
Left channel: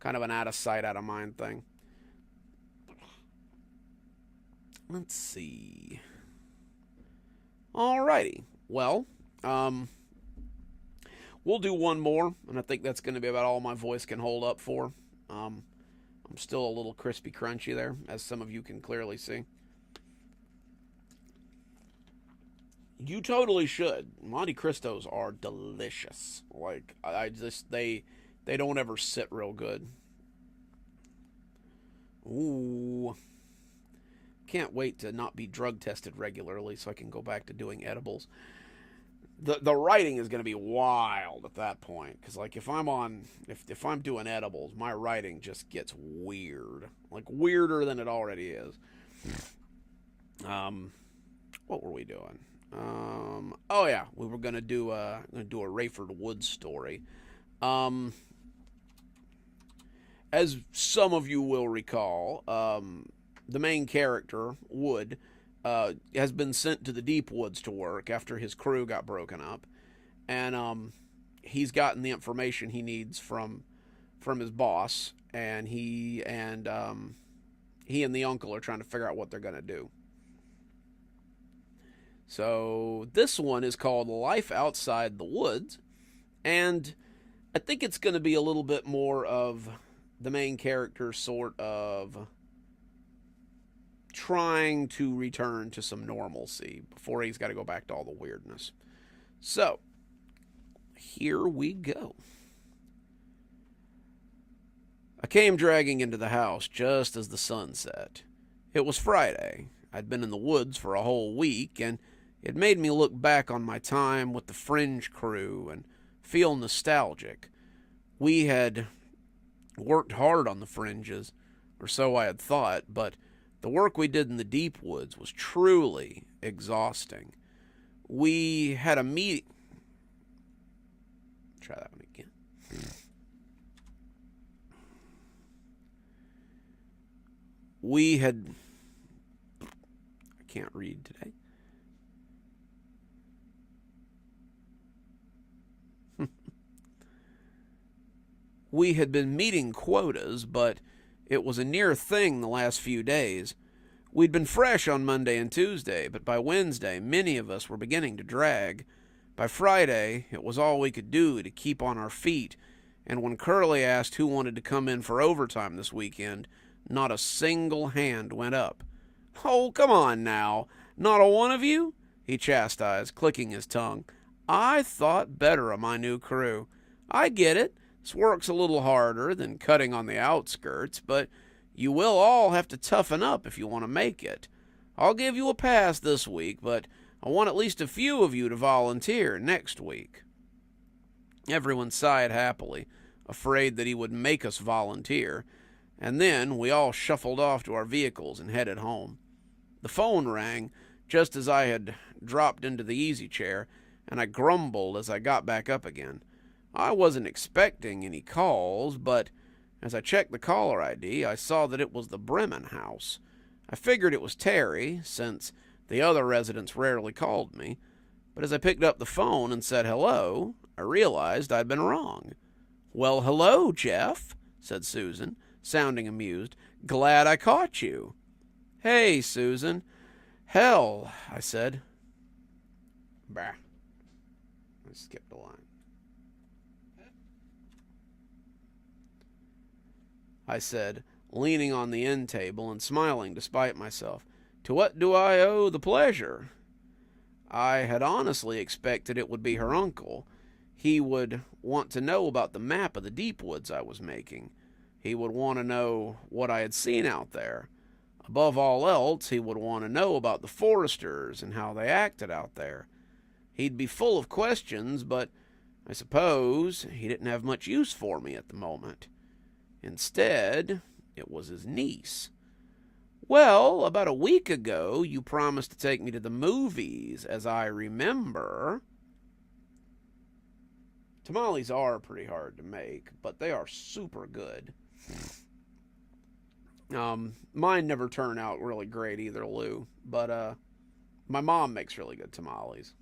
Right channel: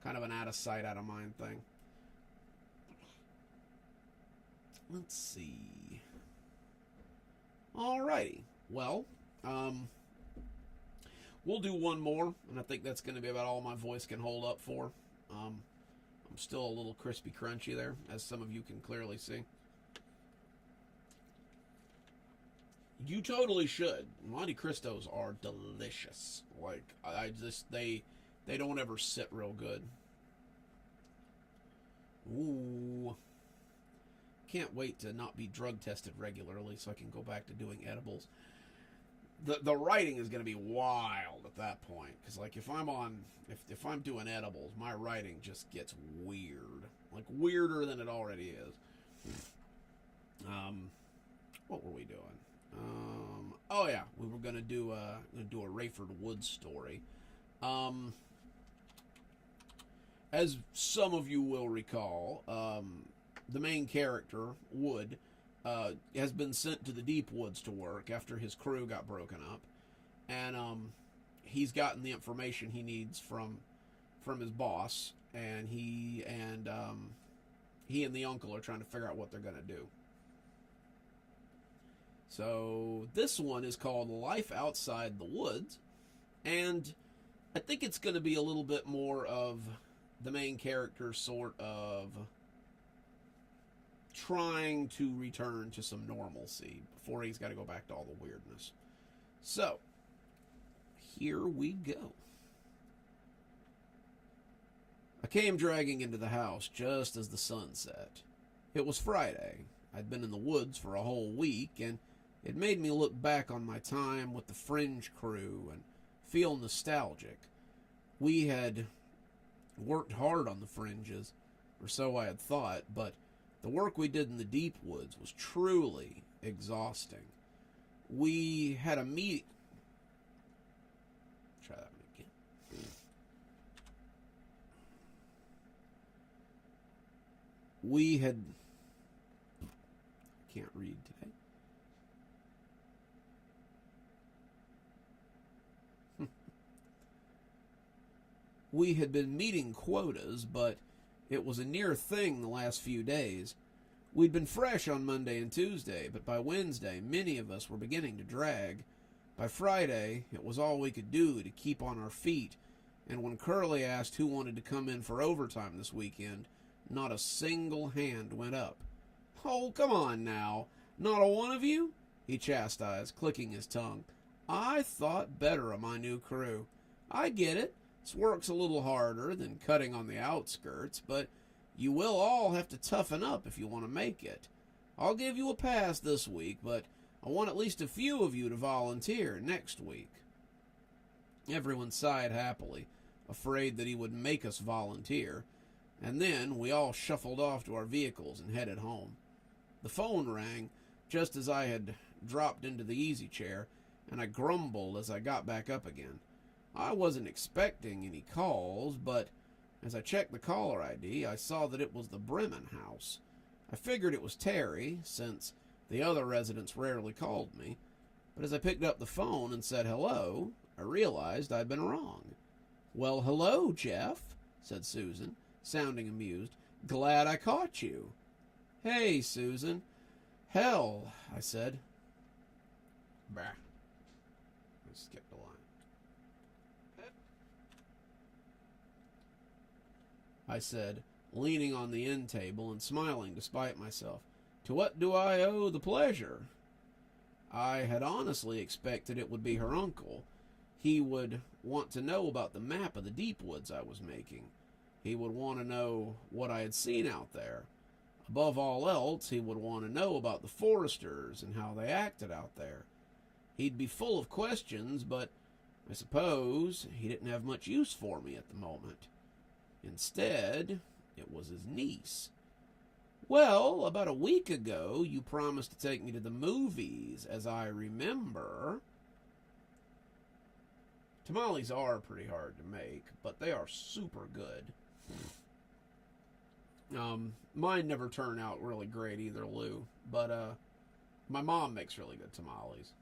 Kind of an out of sight, out of mind thing. Let's see. Alrighty. Well, we'll do one more, and I think that's going to be about all my voice can hold up for. I'm still a little crispy crunchy there, as some of you can clearly see. You totally should. Monte Cristos are delicious. Like they don't ever sit real good. Ooh. Can't wait to not be drug tested regularly so I can go back to doing edibles. The writing is going to be wild at that point cuz like if I'm doing edibles, my writing just gets weird. Like weirder than it already is. What were we doing? Oh yeah, we were gonna do a Rayford Woods story. As some of you will recall, the main character Wood has been sent to the deep woods to work after his crew got broken up, and he's gotten the information he needs from his boss, and he and the uncle are trying to figure out what they're gonna do. So this one is called Life Outside the Woods, and I think it's going to be a little bit more of the main character sort of trying to return to some normalcy before he's got to go back to all the weirdness. So, here we go. came dragging into the house just as the sun set. It was Friday. I'd been in the woods for a whole week, and it made me look back on my time with the Fringe crew and feel nostalgic. We had worked hard on the Fringes, or so I had thought, but the work we did in the deep woods was truly exhausting. We had a meeting. Try that one again. We had. I can't read today. We had been meeting quotas, but it was a near thing the last few days. We'd been fresh on Monday and Tuesday, but by Wednesday, many of us were beginning to drag. By Friday, it was all we could do to keep on our feet, and when Curly asked who wanted to come in for overtime this weekend, not a single hand went up. "Oh, come on now. Not a one of you?" he chastised, clicking his tongue. "I thought better of my new crew. I get it. This work's a little harder than cutting on the outskirts, but you will all have to toughen up if you want to make it. I'll give you a pass this week, but I want at least a few of you to volunteer next week." Everyone sighed happily, afraid that he would make us volunteer, and then we all shuffled off to our vehicles and headed home. The phone rang just as I had dropped into the easy chair, and I grumbled as I got back up again. I wasn't expecting any calls, but as I checked the caller ID, I saw that it was the Bremen house. I figured it was Terry, since the other residents rarely called me, but as I picked up the phone and said hello, I realized I'd been wrong. "Well, hello, Jeff," said Susan, sounding amused. "Glad I caught you." "Hey, Susan." "Hell," I said. Bah. I skipped a line. I said, leaning on the end table and smiling despite myself. "To what do I owe the pleasure?" I had honestly expected it would be her uncle. He would want to know about the map of the deep woods I was making. He would want to know what I had seen out there. Above all else, he would want to know about the foresters and how they acted out there. He'd be full of questions, but I suppose he didn't have much use for me at the moment. Instead, it was his niece. "Well, about a week ago, you promised to take me to the movies, as I remember." Tamales are pretty hard to make, but they are super good. Mine never turn out really great either, Lou. But my mom makes really good tamales.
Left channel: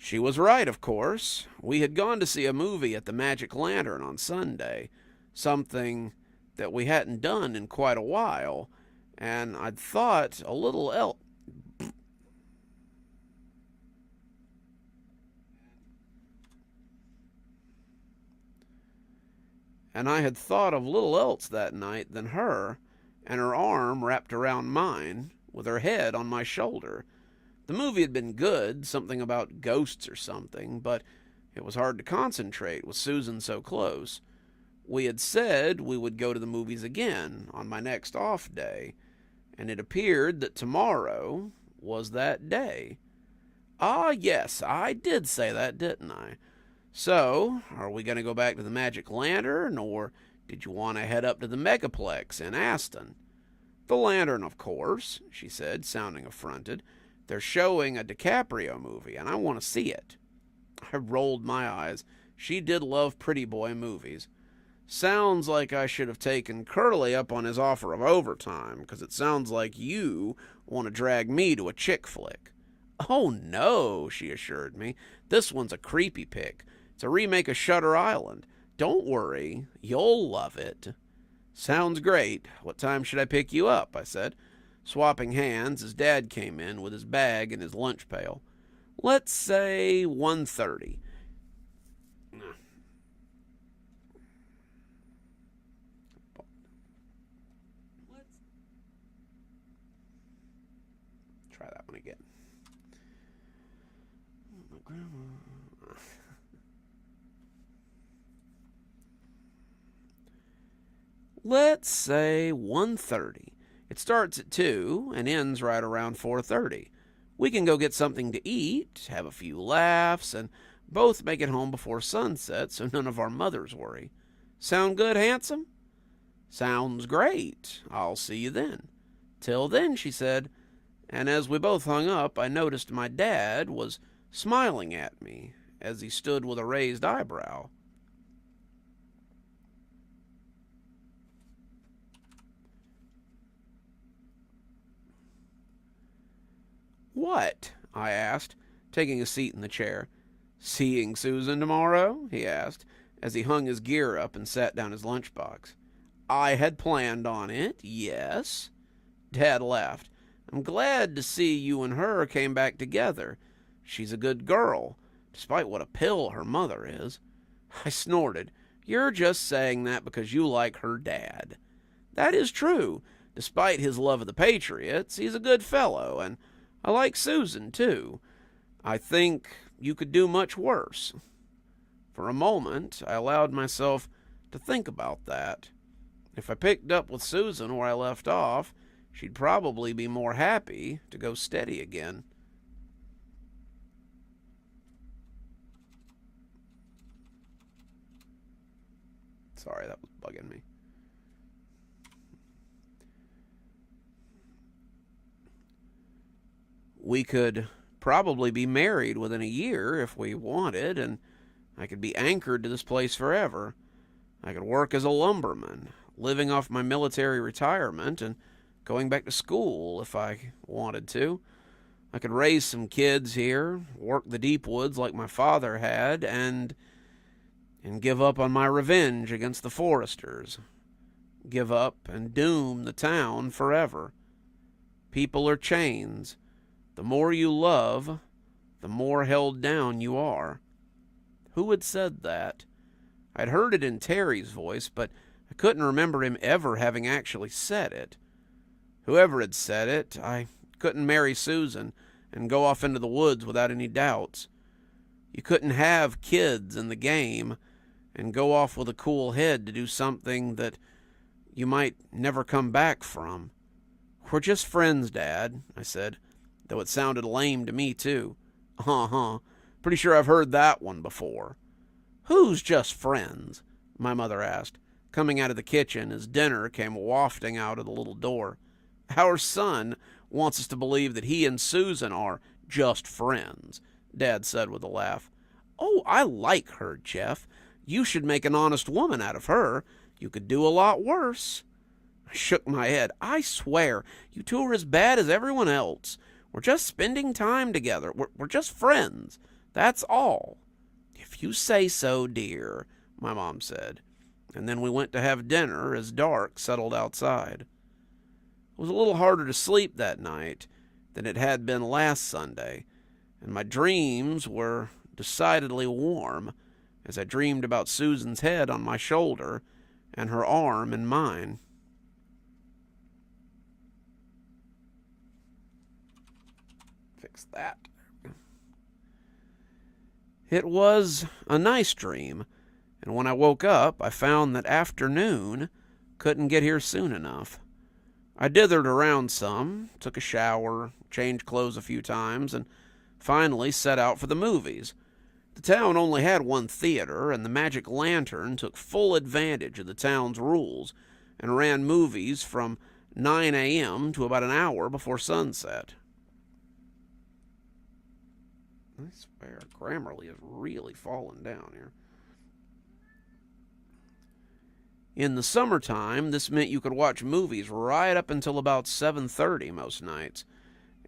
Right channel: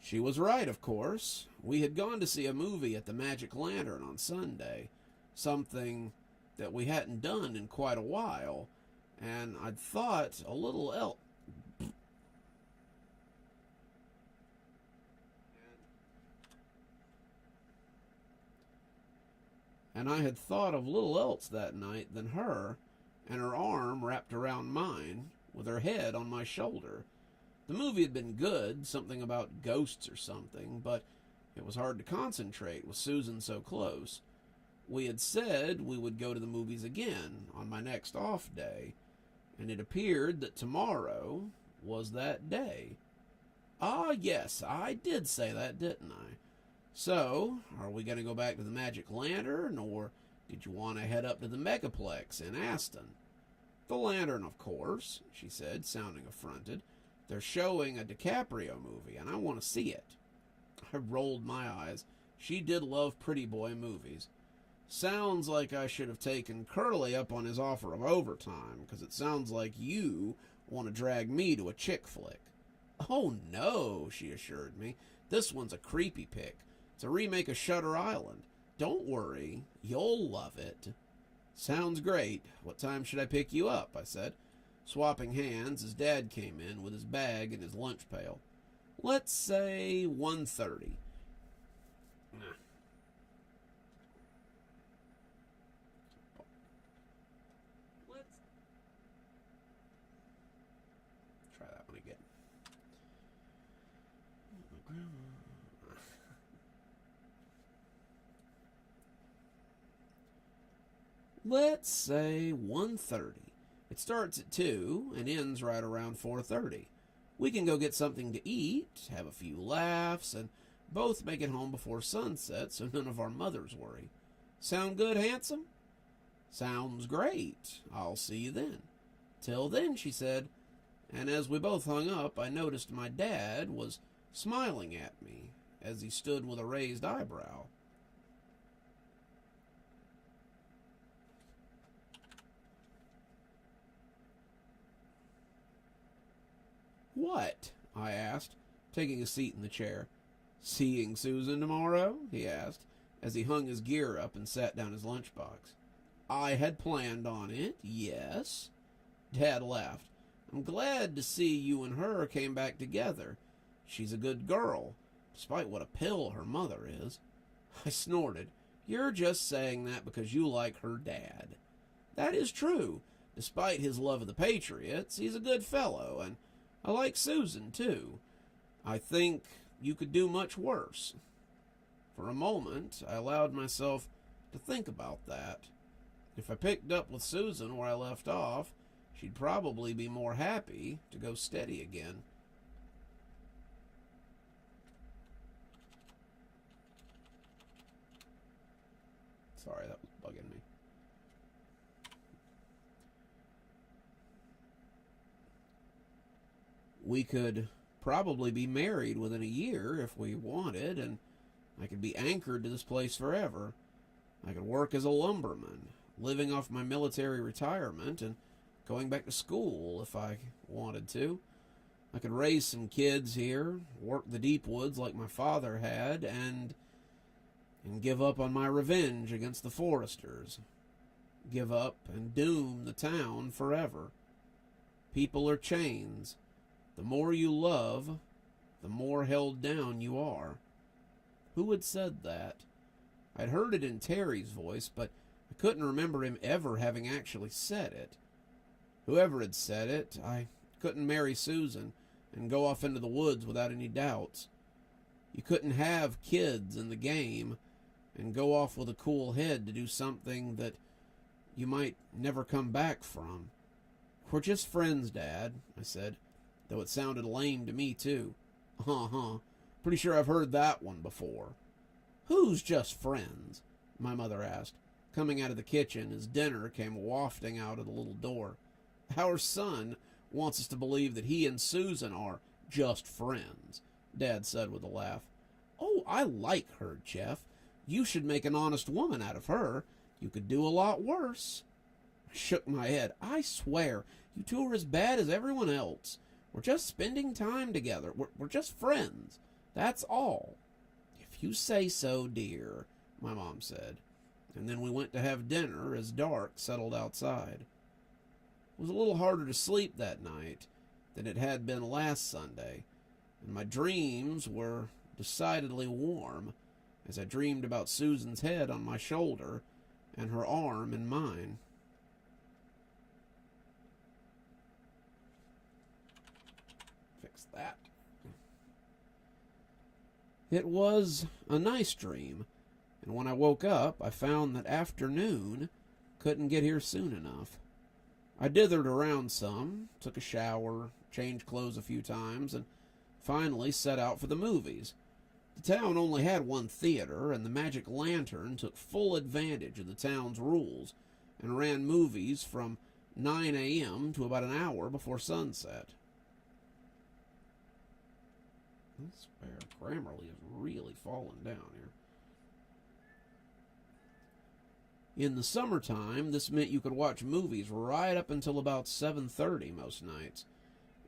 She was right, of course. We had gone to see a movie at the Magic Lantern on Sunday, something that we hadn't done in quite a while, and I'd thought a little else. And I had thought of little else that night than her, and her arm wrapped around mine, with her head on my shoulder. The movie had been good, something about ghosts or something, but it was hard to concentrate with Susan so close. We had said we would go to the movies again on my next off day, and it appeared that tomorrow was that day. Ah, yes, I did say that, didn't I? So, are we going to go back to the Magic Lantern, or did you want to head up to the Megaplex in Aston? "The Lantern, of course," she said, sounding affronted. "They're showing a DiCaprio movie, and I want to see it." I rolled my eyes. She did love pretty boy movies. "Sounds like I should have taken Curly up on his offer of overtime, because it sounds like you want to drag me to a chick flick." "Oh, no," she assured me. "This one's a creepy pick. It's a remake of Shutter Island. Don't worry, you'll love it." "Sounds great. What time should I pick you up?" I said, swapping hands as Dad came in with his bag and his lunch pail. "Let's say 1:30. Let's try that one again. My grandma. Let's say 1:30. It starts at 2 and ends right around 4:30. We can go get something to eat, have a few laughs, and both make it home before sunset so none of our mothers worry. Sound good, handsome? Sounds great. I'll see you then. Till then, she said, and as we both hung up, I noticed my dad was smiling at me as he stood with a raised eyebrow. What? I asked, taking a seat in the chair. Seeing Susan tomorrow? He asked, as he hung his gear up and sat down his lunchbox. I had planned on it, yes. Dad laughed. I'm glad to see you and her came back together. She's a good girl, despite what a pill her mother is. I snorted. You're just saying that because you like her dad. That is true. Despite his love of the Patriots, he's a good fellow, and I like Susan, too. I think you could do much worse. For a moment, I allowed myself to think about that. If I picked up with Susan where I left off, she'd probably be more happy to go steady again. Sorry, that was bugging me. We could probably be married within a year if we wanted, and I could be anchored to this place forever. I could work as a lumberman, living off my military retirement and going back to school if I wanted to. I could raise some kids here, work the deep woods like my father had, and give up on my revenge against the foresters. Give up and doom the town forever. People are chains. The more you love, the more held down you are. Who had said that? I'd heard it in Terry's voice, but I couldn't remember him ever having actually said it. Whoever had said it, I couldn't marry Susan and go off into the woods without any doubts. You couldn't have kids in the game and go off with a cool head to do something that you might never come back from. We're just friends, Dad, I said, though it sounded lame to me, too. Pretty sure I've heard that one before. Who's just friends? My mother asked, coming out of the kitchen as dinner came wafting out of the little door. Our son wants us to believe that he and Susan are just friends, Dad said with a laugh. Oh, I like her, Jeff. You should make an honest woman out of her. You could do a lot worse. I shook my head. I swear, you two are as bad as everyone else. We're just spending time together. We're just friends. That's all. If you say so, dear, my mom said. And then we went to have dinner as dark settled outside. It was a little harder to sleep that night than it had been last Sunday, and my dreams were decidedly warm as I dreamed about Susan's head on my shoulder and her arm in mine. Fix that. It was a nice dream, and when I woke up, I found that afternoon couldn't get here soon enough. I dithered around some, took a shower, changed clothes a few times, and finally set out for the movies. The town only had one theater, and the Magic Lantern took full advantage of the town's rules and ran movies from 9 a.m. to about an hour before sunset. I swear, Grammarly has really fallen down here. In the summertime, this meant you could watch movies right up until about 7:30 most nights,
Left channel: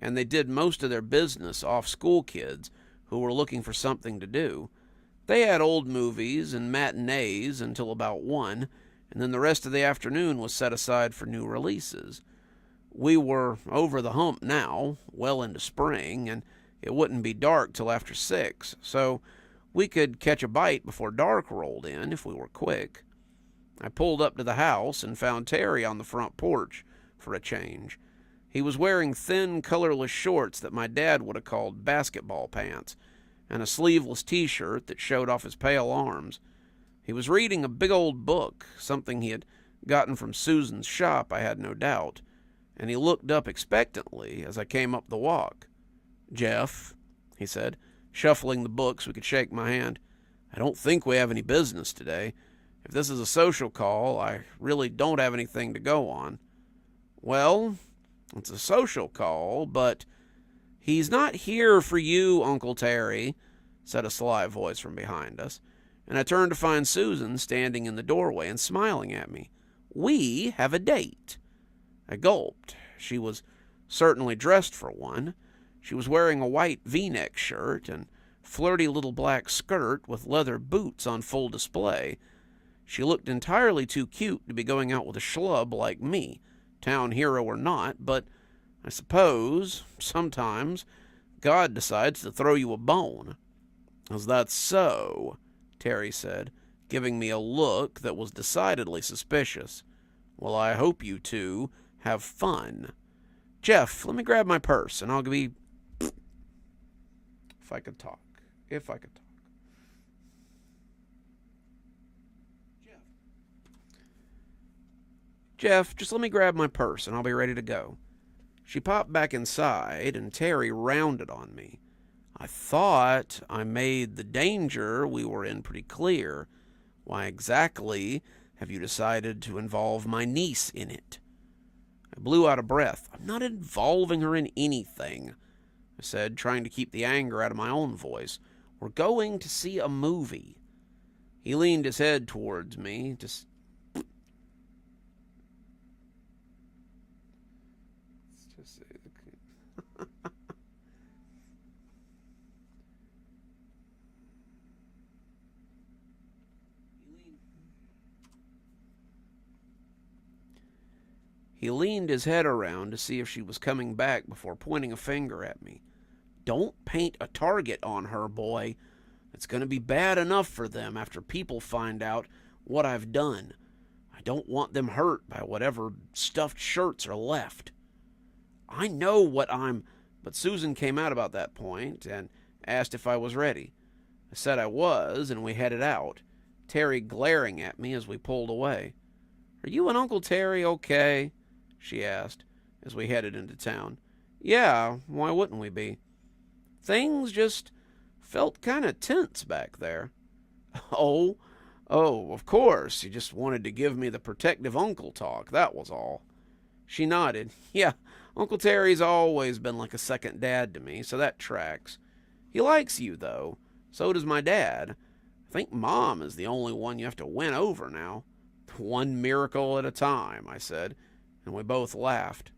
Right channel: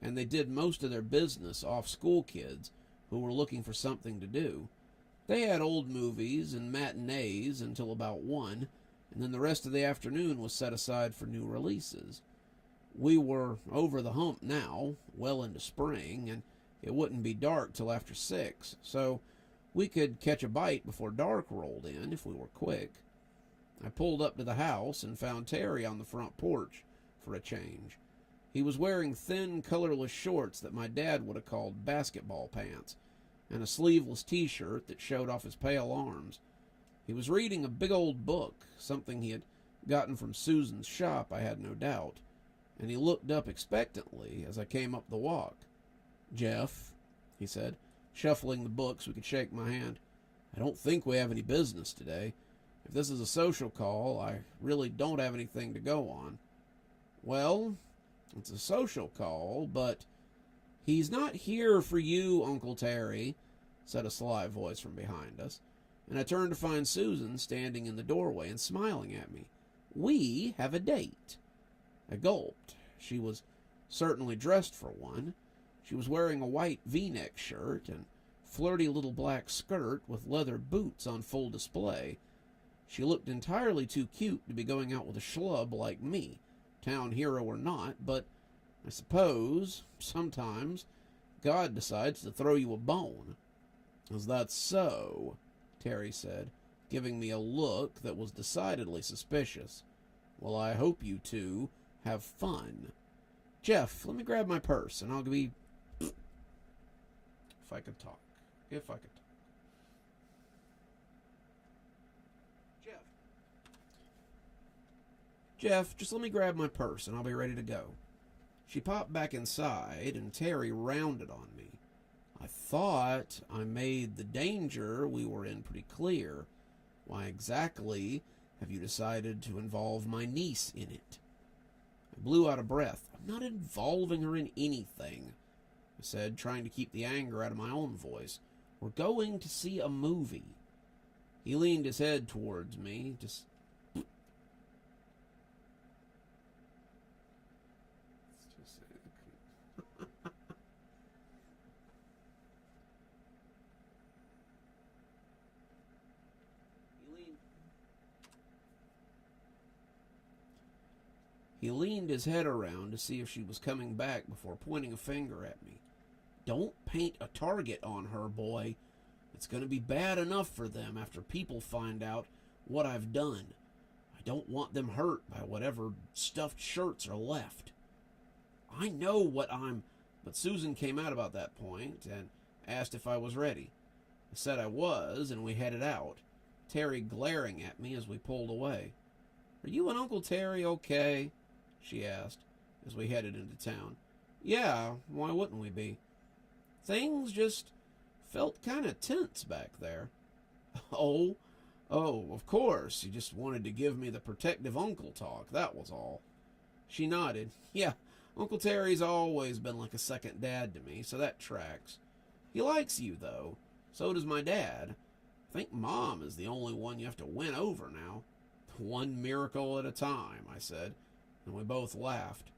and they did most of their business off school kids who were looking for something to do. They had old movies and matinees until about 1, and then the rest of the afternoon was set aside for new releases. We were over the hump now, well into spring, and it wouldn't be dark till after 6, so we could catch a bite before dark rolled in if we were quick. I pulled up to the house and found Terry on the front porch for a change. He was wearing thin, colorless shorts that my dad would have called basketball pants, and a sleeveless t-shirt that showed off his pale arms. He was reading a big old book, something he had gotten from Susan's shop, I had no doubt, and he looked up expectantly as I came up the walk. "Jeff," he said, shuffling the books so he could shake my hand, "I don't think we have any business today. If this is a social call, I really don't have anything to go on." "Well, it's a social call, but he's not here for you, Uncle Terry," said a sly voice from behind us, and I turned to find Susan standing in the doorway and smiling at me. "We have a date." I gulped. She was certainly dressed for one. She was wearing a white V-neck shirt and flirty little black skirt with leather boots on full display. She looked entirely too cute to be going out with a schlub like me, town hero or not, but I suppose, sometimes, God decides to throw you a bone. "Is that so?" Terry said, giving me a look that was decidedly suspicious. "Well, I hope you two have fun. Jeff, let me grab my purse, and I'll be..." If I could talk. If I could talk. Jeff, just let me grab my purse, and I'll be ready to go." She popped back inside, and Terry rounded on me. I thought I made the danger we were in pretty clear. Why exactly have you decided to involve my niece in it? I blew out a breath. "I'm not involving her in anything," I said, trying to keep the anger out of my own voice. "We're going to see a movie." He leaned his head towards me, just... He leaned his head around to see if she was coming back before pointing a finger at me. "Don't paint a target on her, boy. It's going to be bad enough for them after people find out what I've done. I don't want them hurt by whatever stuffed shirts are left." "I know what I'm..." But Susan came out about that point and asked if I was ready. I said I was, and we headed out, Terry glaring at me as we pulled away. "Are you and Uncle Terry okay?" she asked as we headed into town. "Yeah, why wouldn't we be?" "Things just felt kind of tense back there." Oh, of course, you just wanted to give me the protective uncle talk, that was all." She nodded. "Yeah, Uncle Terry's always been like a second dad to me, so that tracks. He likes you, though. So does my dad. I think Mom is the only one you have to win over now." "One miracle at a time," I said, and we both laughed.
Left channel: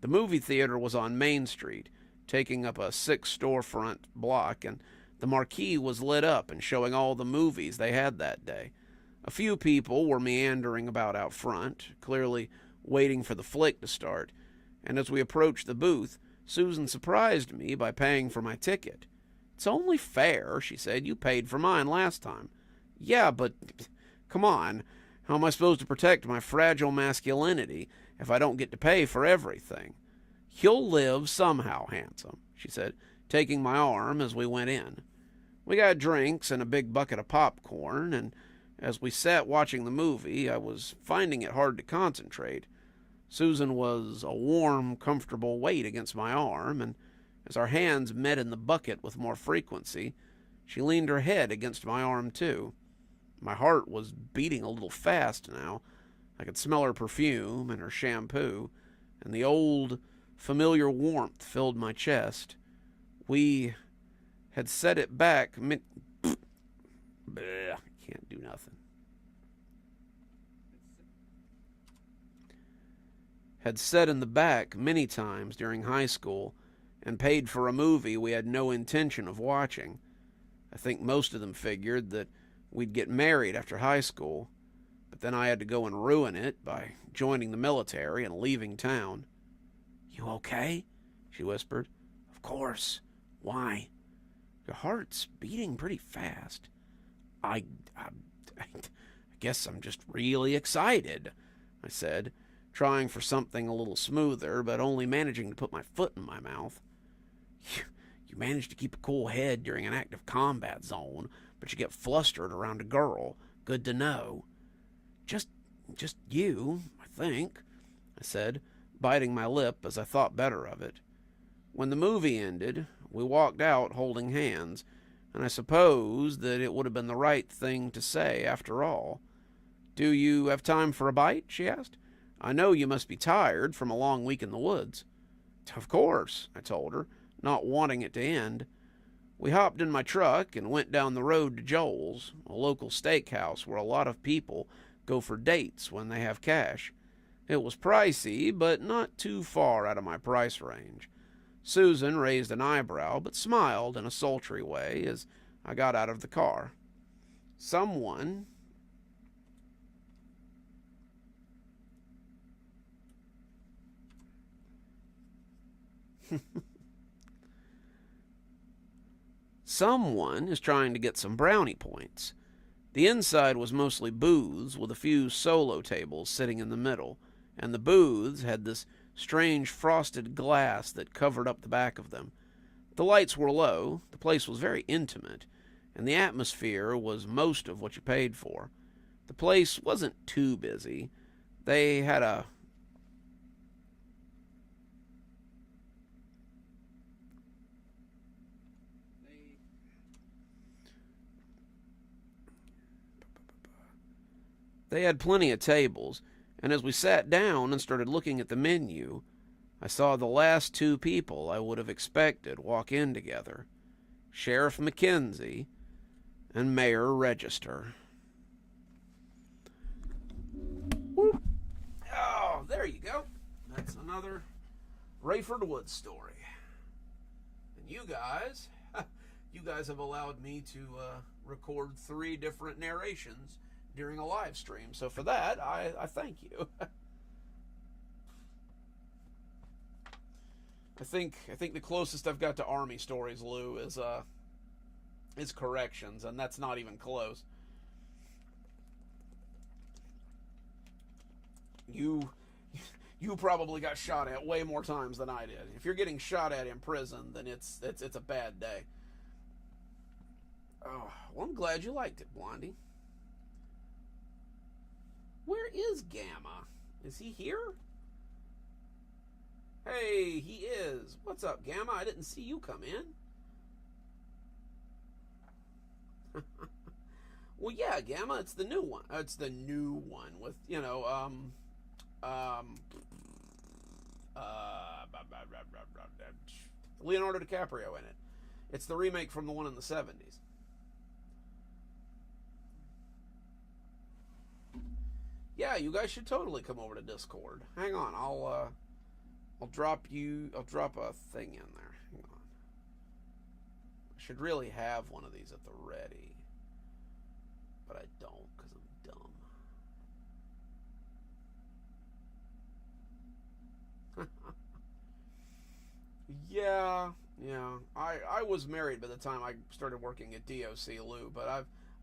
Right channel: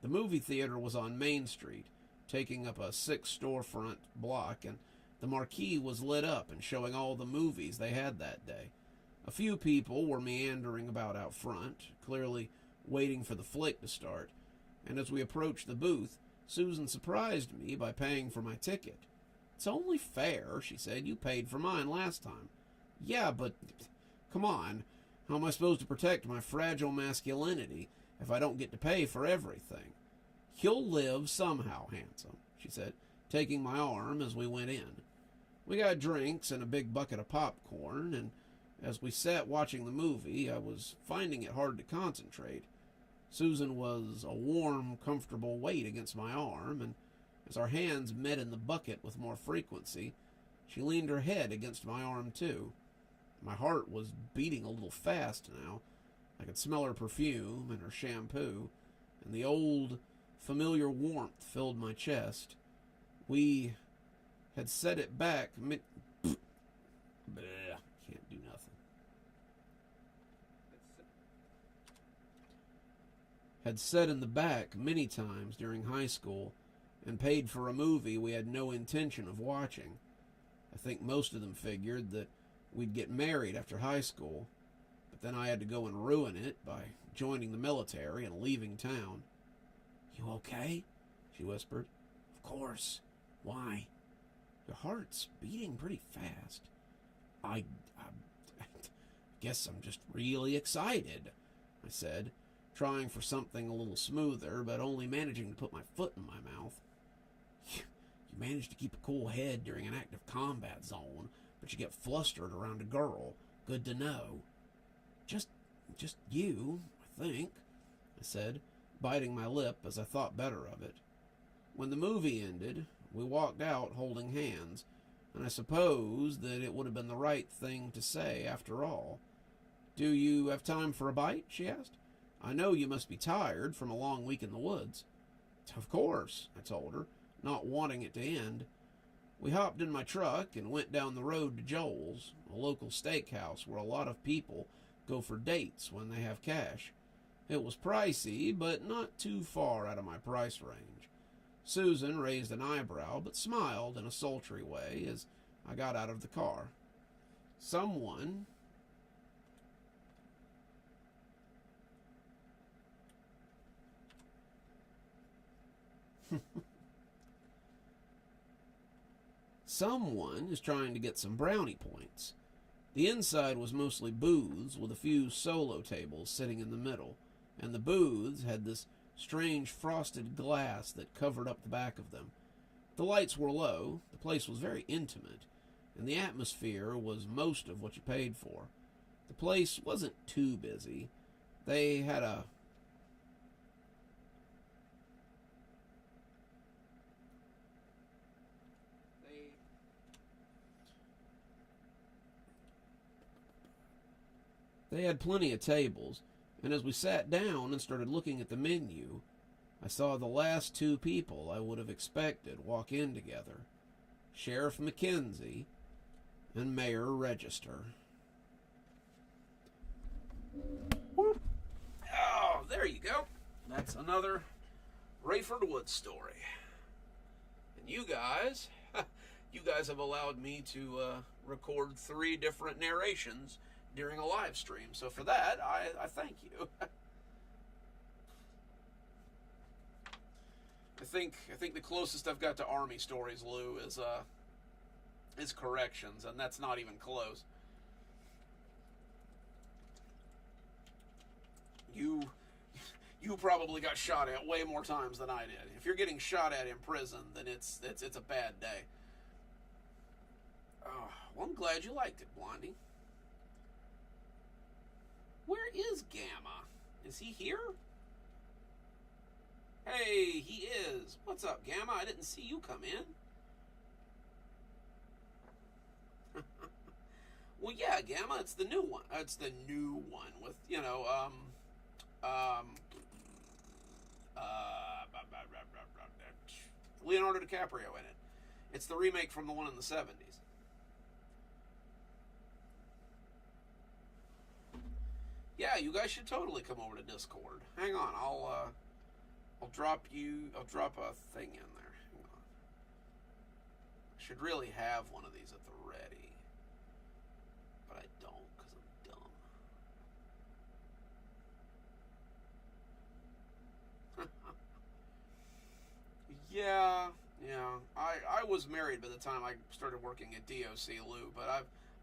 The movie theater was on Main Street, taking up a 6-storefront block, and the marquee was lit up and showing all the movies they had that day. A few people were meandering about out front, clearly waiting for the flick to start, and as we approached the booth, Susan surprised me by paying for my ticket. "It's only fair," she said. "You paid for mine last time." "Yeah, but come on. How am I supposed to protect my fragile masculinity if I don't get to pay for everything?" "You'll live somehow, handsome," she said, taking my arm as we went in. We got drinks and a big bucket of popcorn, and as we sat watching the movie, I was finding it hard to concentrate. Susan was a warm, comfortable weight against my arm, and as our hands met in the bucket with more frequency, she leaned her head against my arm too. My heart was beating a little fast now. I could smell her perfume and her shampoo, and the old, familiar warmth filled my chest. We had set it back can't do nothing. Had sat in the back many times during high school and paid for a movie we had no intention of watching. I think most of them figured that we'd get married after high school, but then I had to go and ruin it by joining the military and leaving town. "You okay?" she whispered. "Of course. Why?" "Your heart's beating pretty fast." I guess I'm just really excited," I said, trying for something a little smoother, but only managing to put my foot in my mouth. You manage to keep a cool head during an active combat zone, but you get flustered around a girl. Good to know." Just Just you, I think, I said, biting my lip as I thought better of it. When the movie ended, we walked out holding hands, and I suppose that it would have been the right thing to say after all. Do you have time for a bite? She asked. I know you must be tired from a long week in the woods. Of course, I told her, not wanting it to end. We hopped in my truck and went down the road to Joel's, a local steakhouse where a lot of people go for dates when they have cash. It was pricey, but not too far out of my price range. Susan raised an eyebrow, but smiled in a sultry way as I got out of the car. Someone Someone is trying to get some brownie points. The inside was mostly booths with a few solo tables sitting in the middle, and the booths had this strange frosted glass that covered up the back of them. The lights were low, the place was very intimate, and the atmosphere was most of what you paid for. The place wasn't too busy. They had a They had plenty of tables, and as we sat down and started looking at the menu, I saw the last two people I would have expected walk in together. Sheriff McKenzie and Mayor Register. Woo. Oh, there you go. That's another Rayford Woods story. And you guys have allowed me to record 3 different narrations during a live stream. So for that, I thank you. I think the closest I've got to Army stories, Lou, is corrections, and that's not even close. You probably got shot at way more times than I did. If you're getting shot at in prison, then it's a bad day. Oh, well, I'm glad you liked it, Blondie. Where is Gamma? Is he here? Hey, he is. What's up, Gamma? I didn't see you come in. Well, yeah, Gamma, it's the new one. It's the new one with, Leonardo DiCaprio in it. It's the remake from the one in the 70s. Yeah, you guys should totally come over to Discord. Hang on, I'll drop a thing in there. Hang on. I should really have one of these at the ready. But I don't, because I'm dumb. Yeah. I was married by the time I started working at DOC, Lou, but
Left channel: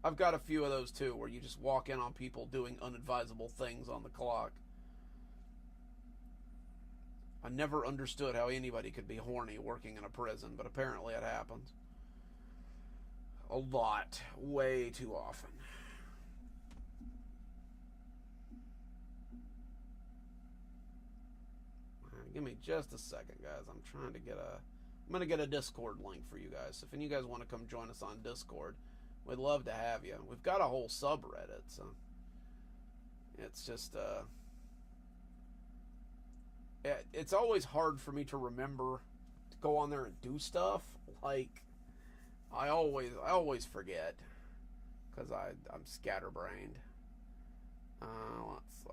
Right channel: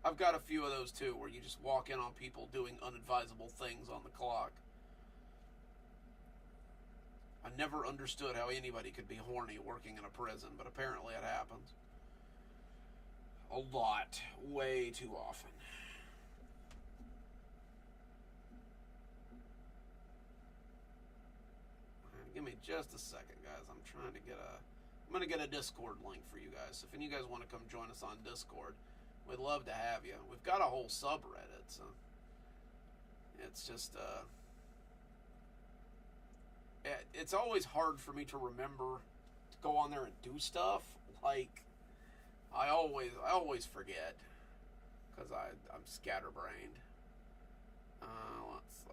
I've got a few of those too, where you just walk in on people doing unadvisable things on the clock. I never understood how anybody could be horny working in a prison, but apparently it happens. A lot. Way too often. Give me just a second, guys. I'm going to get a Discord link for you guys. So if any of you guys want to come join us on Discord, we'd love to have you. We've got a whole subreddit, so it's just, it's always hard for me to remember to go on there and do stuff. Like, I always forget, because I'm scatterbrained. Let's see.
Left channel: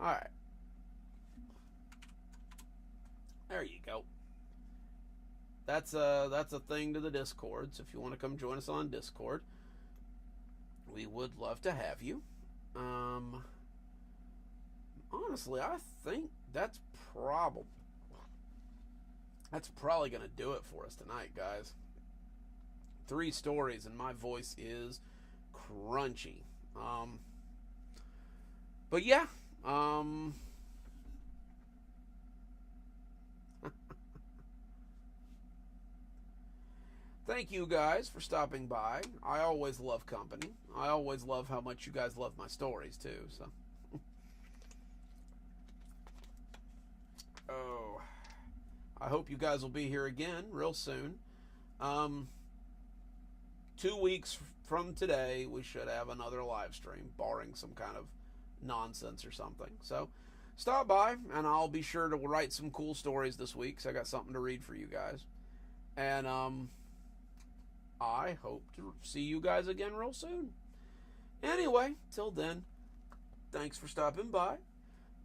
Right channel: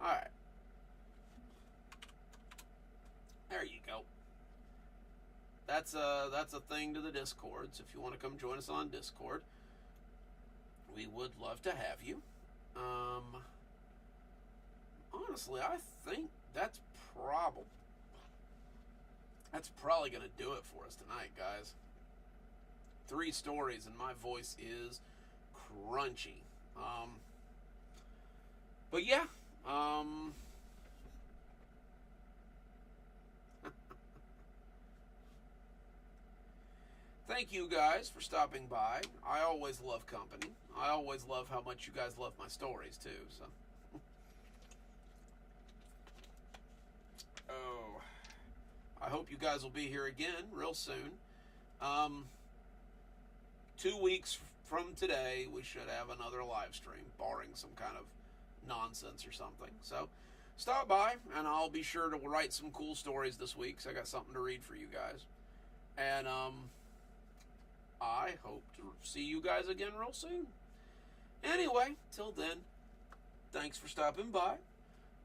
Yeah. Alright. There you go. That's a thing to the Discord, so if you want to come join us on Discord, we would love to have you. Honestly, I think that's probably going to do it for us tonight, guys. 3 stories and my voice is crunchy. But yeah, thank you guys for stopping by. I always love company. I always love how much you guys love my stories, too. So, oh, I hope you guys will be here again real soon. 2 weeks from today, we should have another live stream, barring some kind of nonsense or something. So, stop by, and I'll be sure to write some cool stories this week, because I got something to read for you guys. And, I hope to see you guys again real soon. Anyway, till then, thanks for stopping by.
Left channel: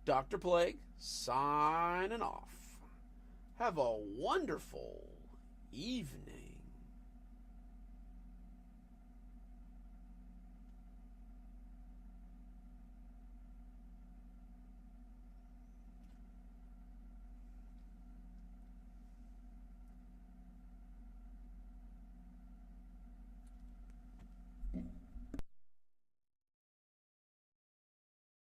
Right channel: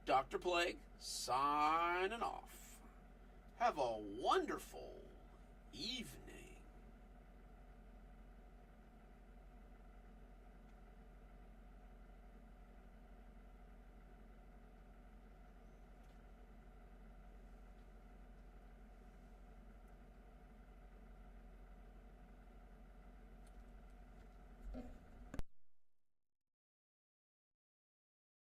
Dr. Plague, signing off. Have a wonderful evening.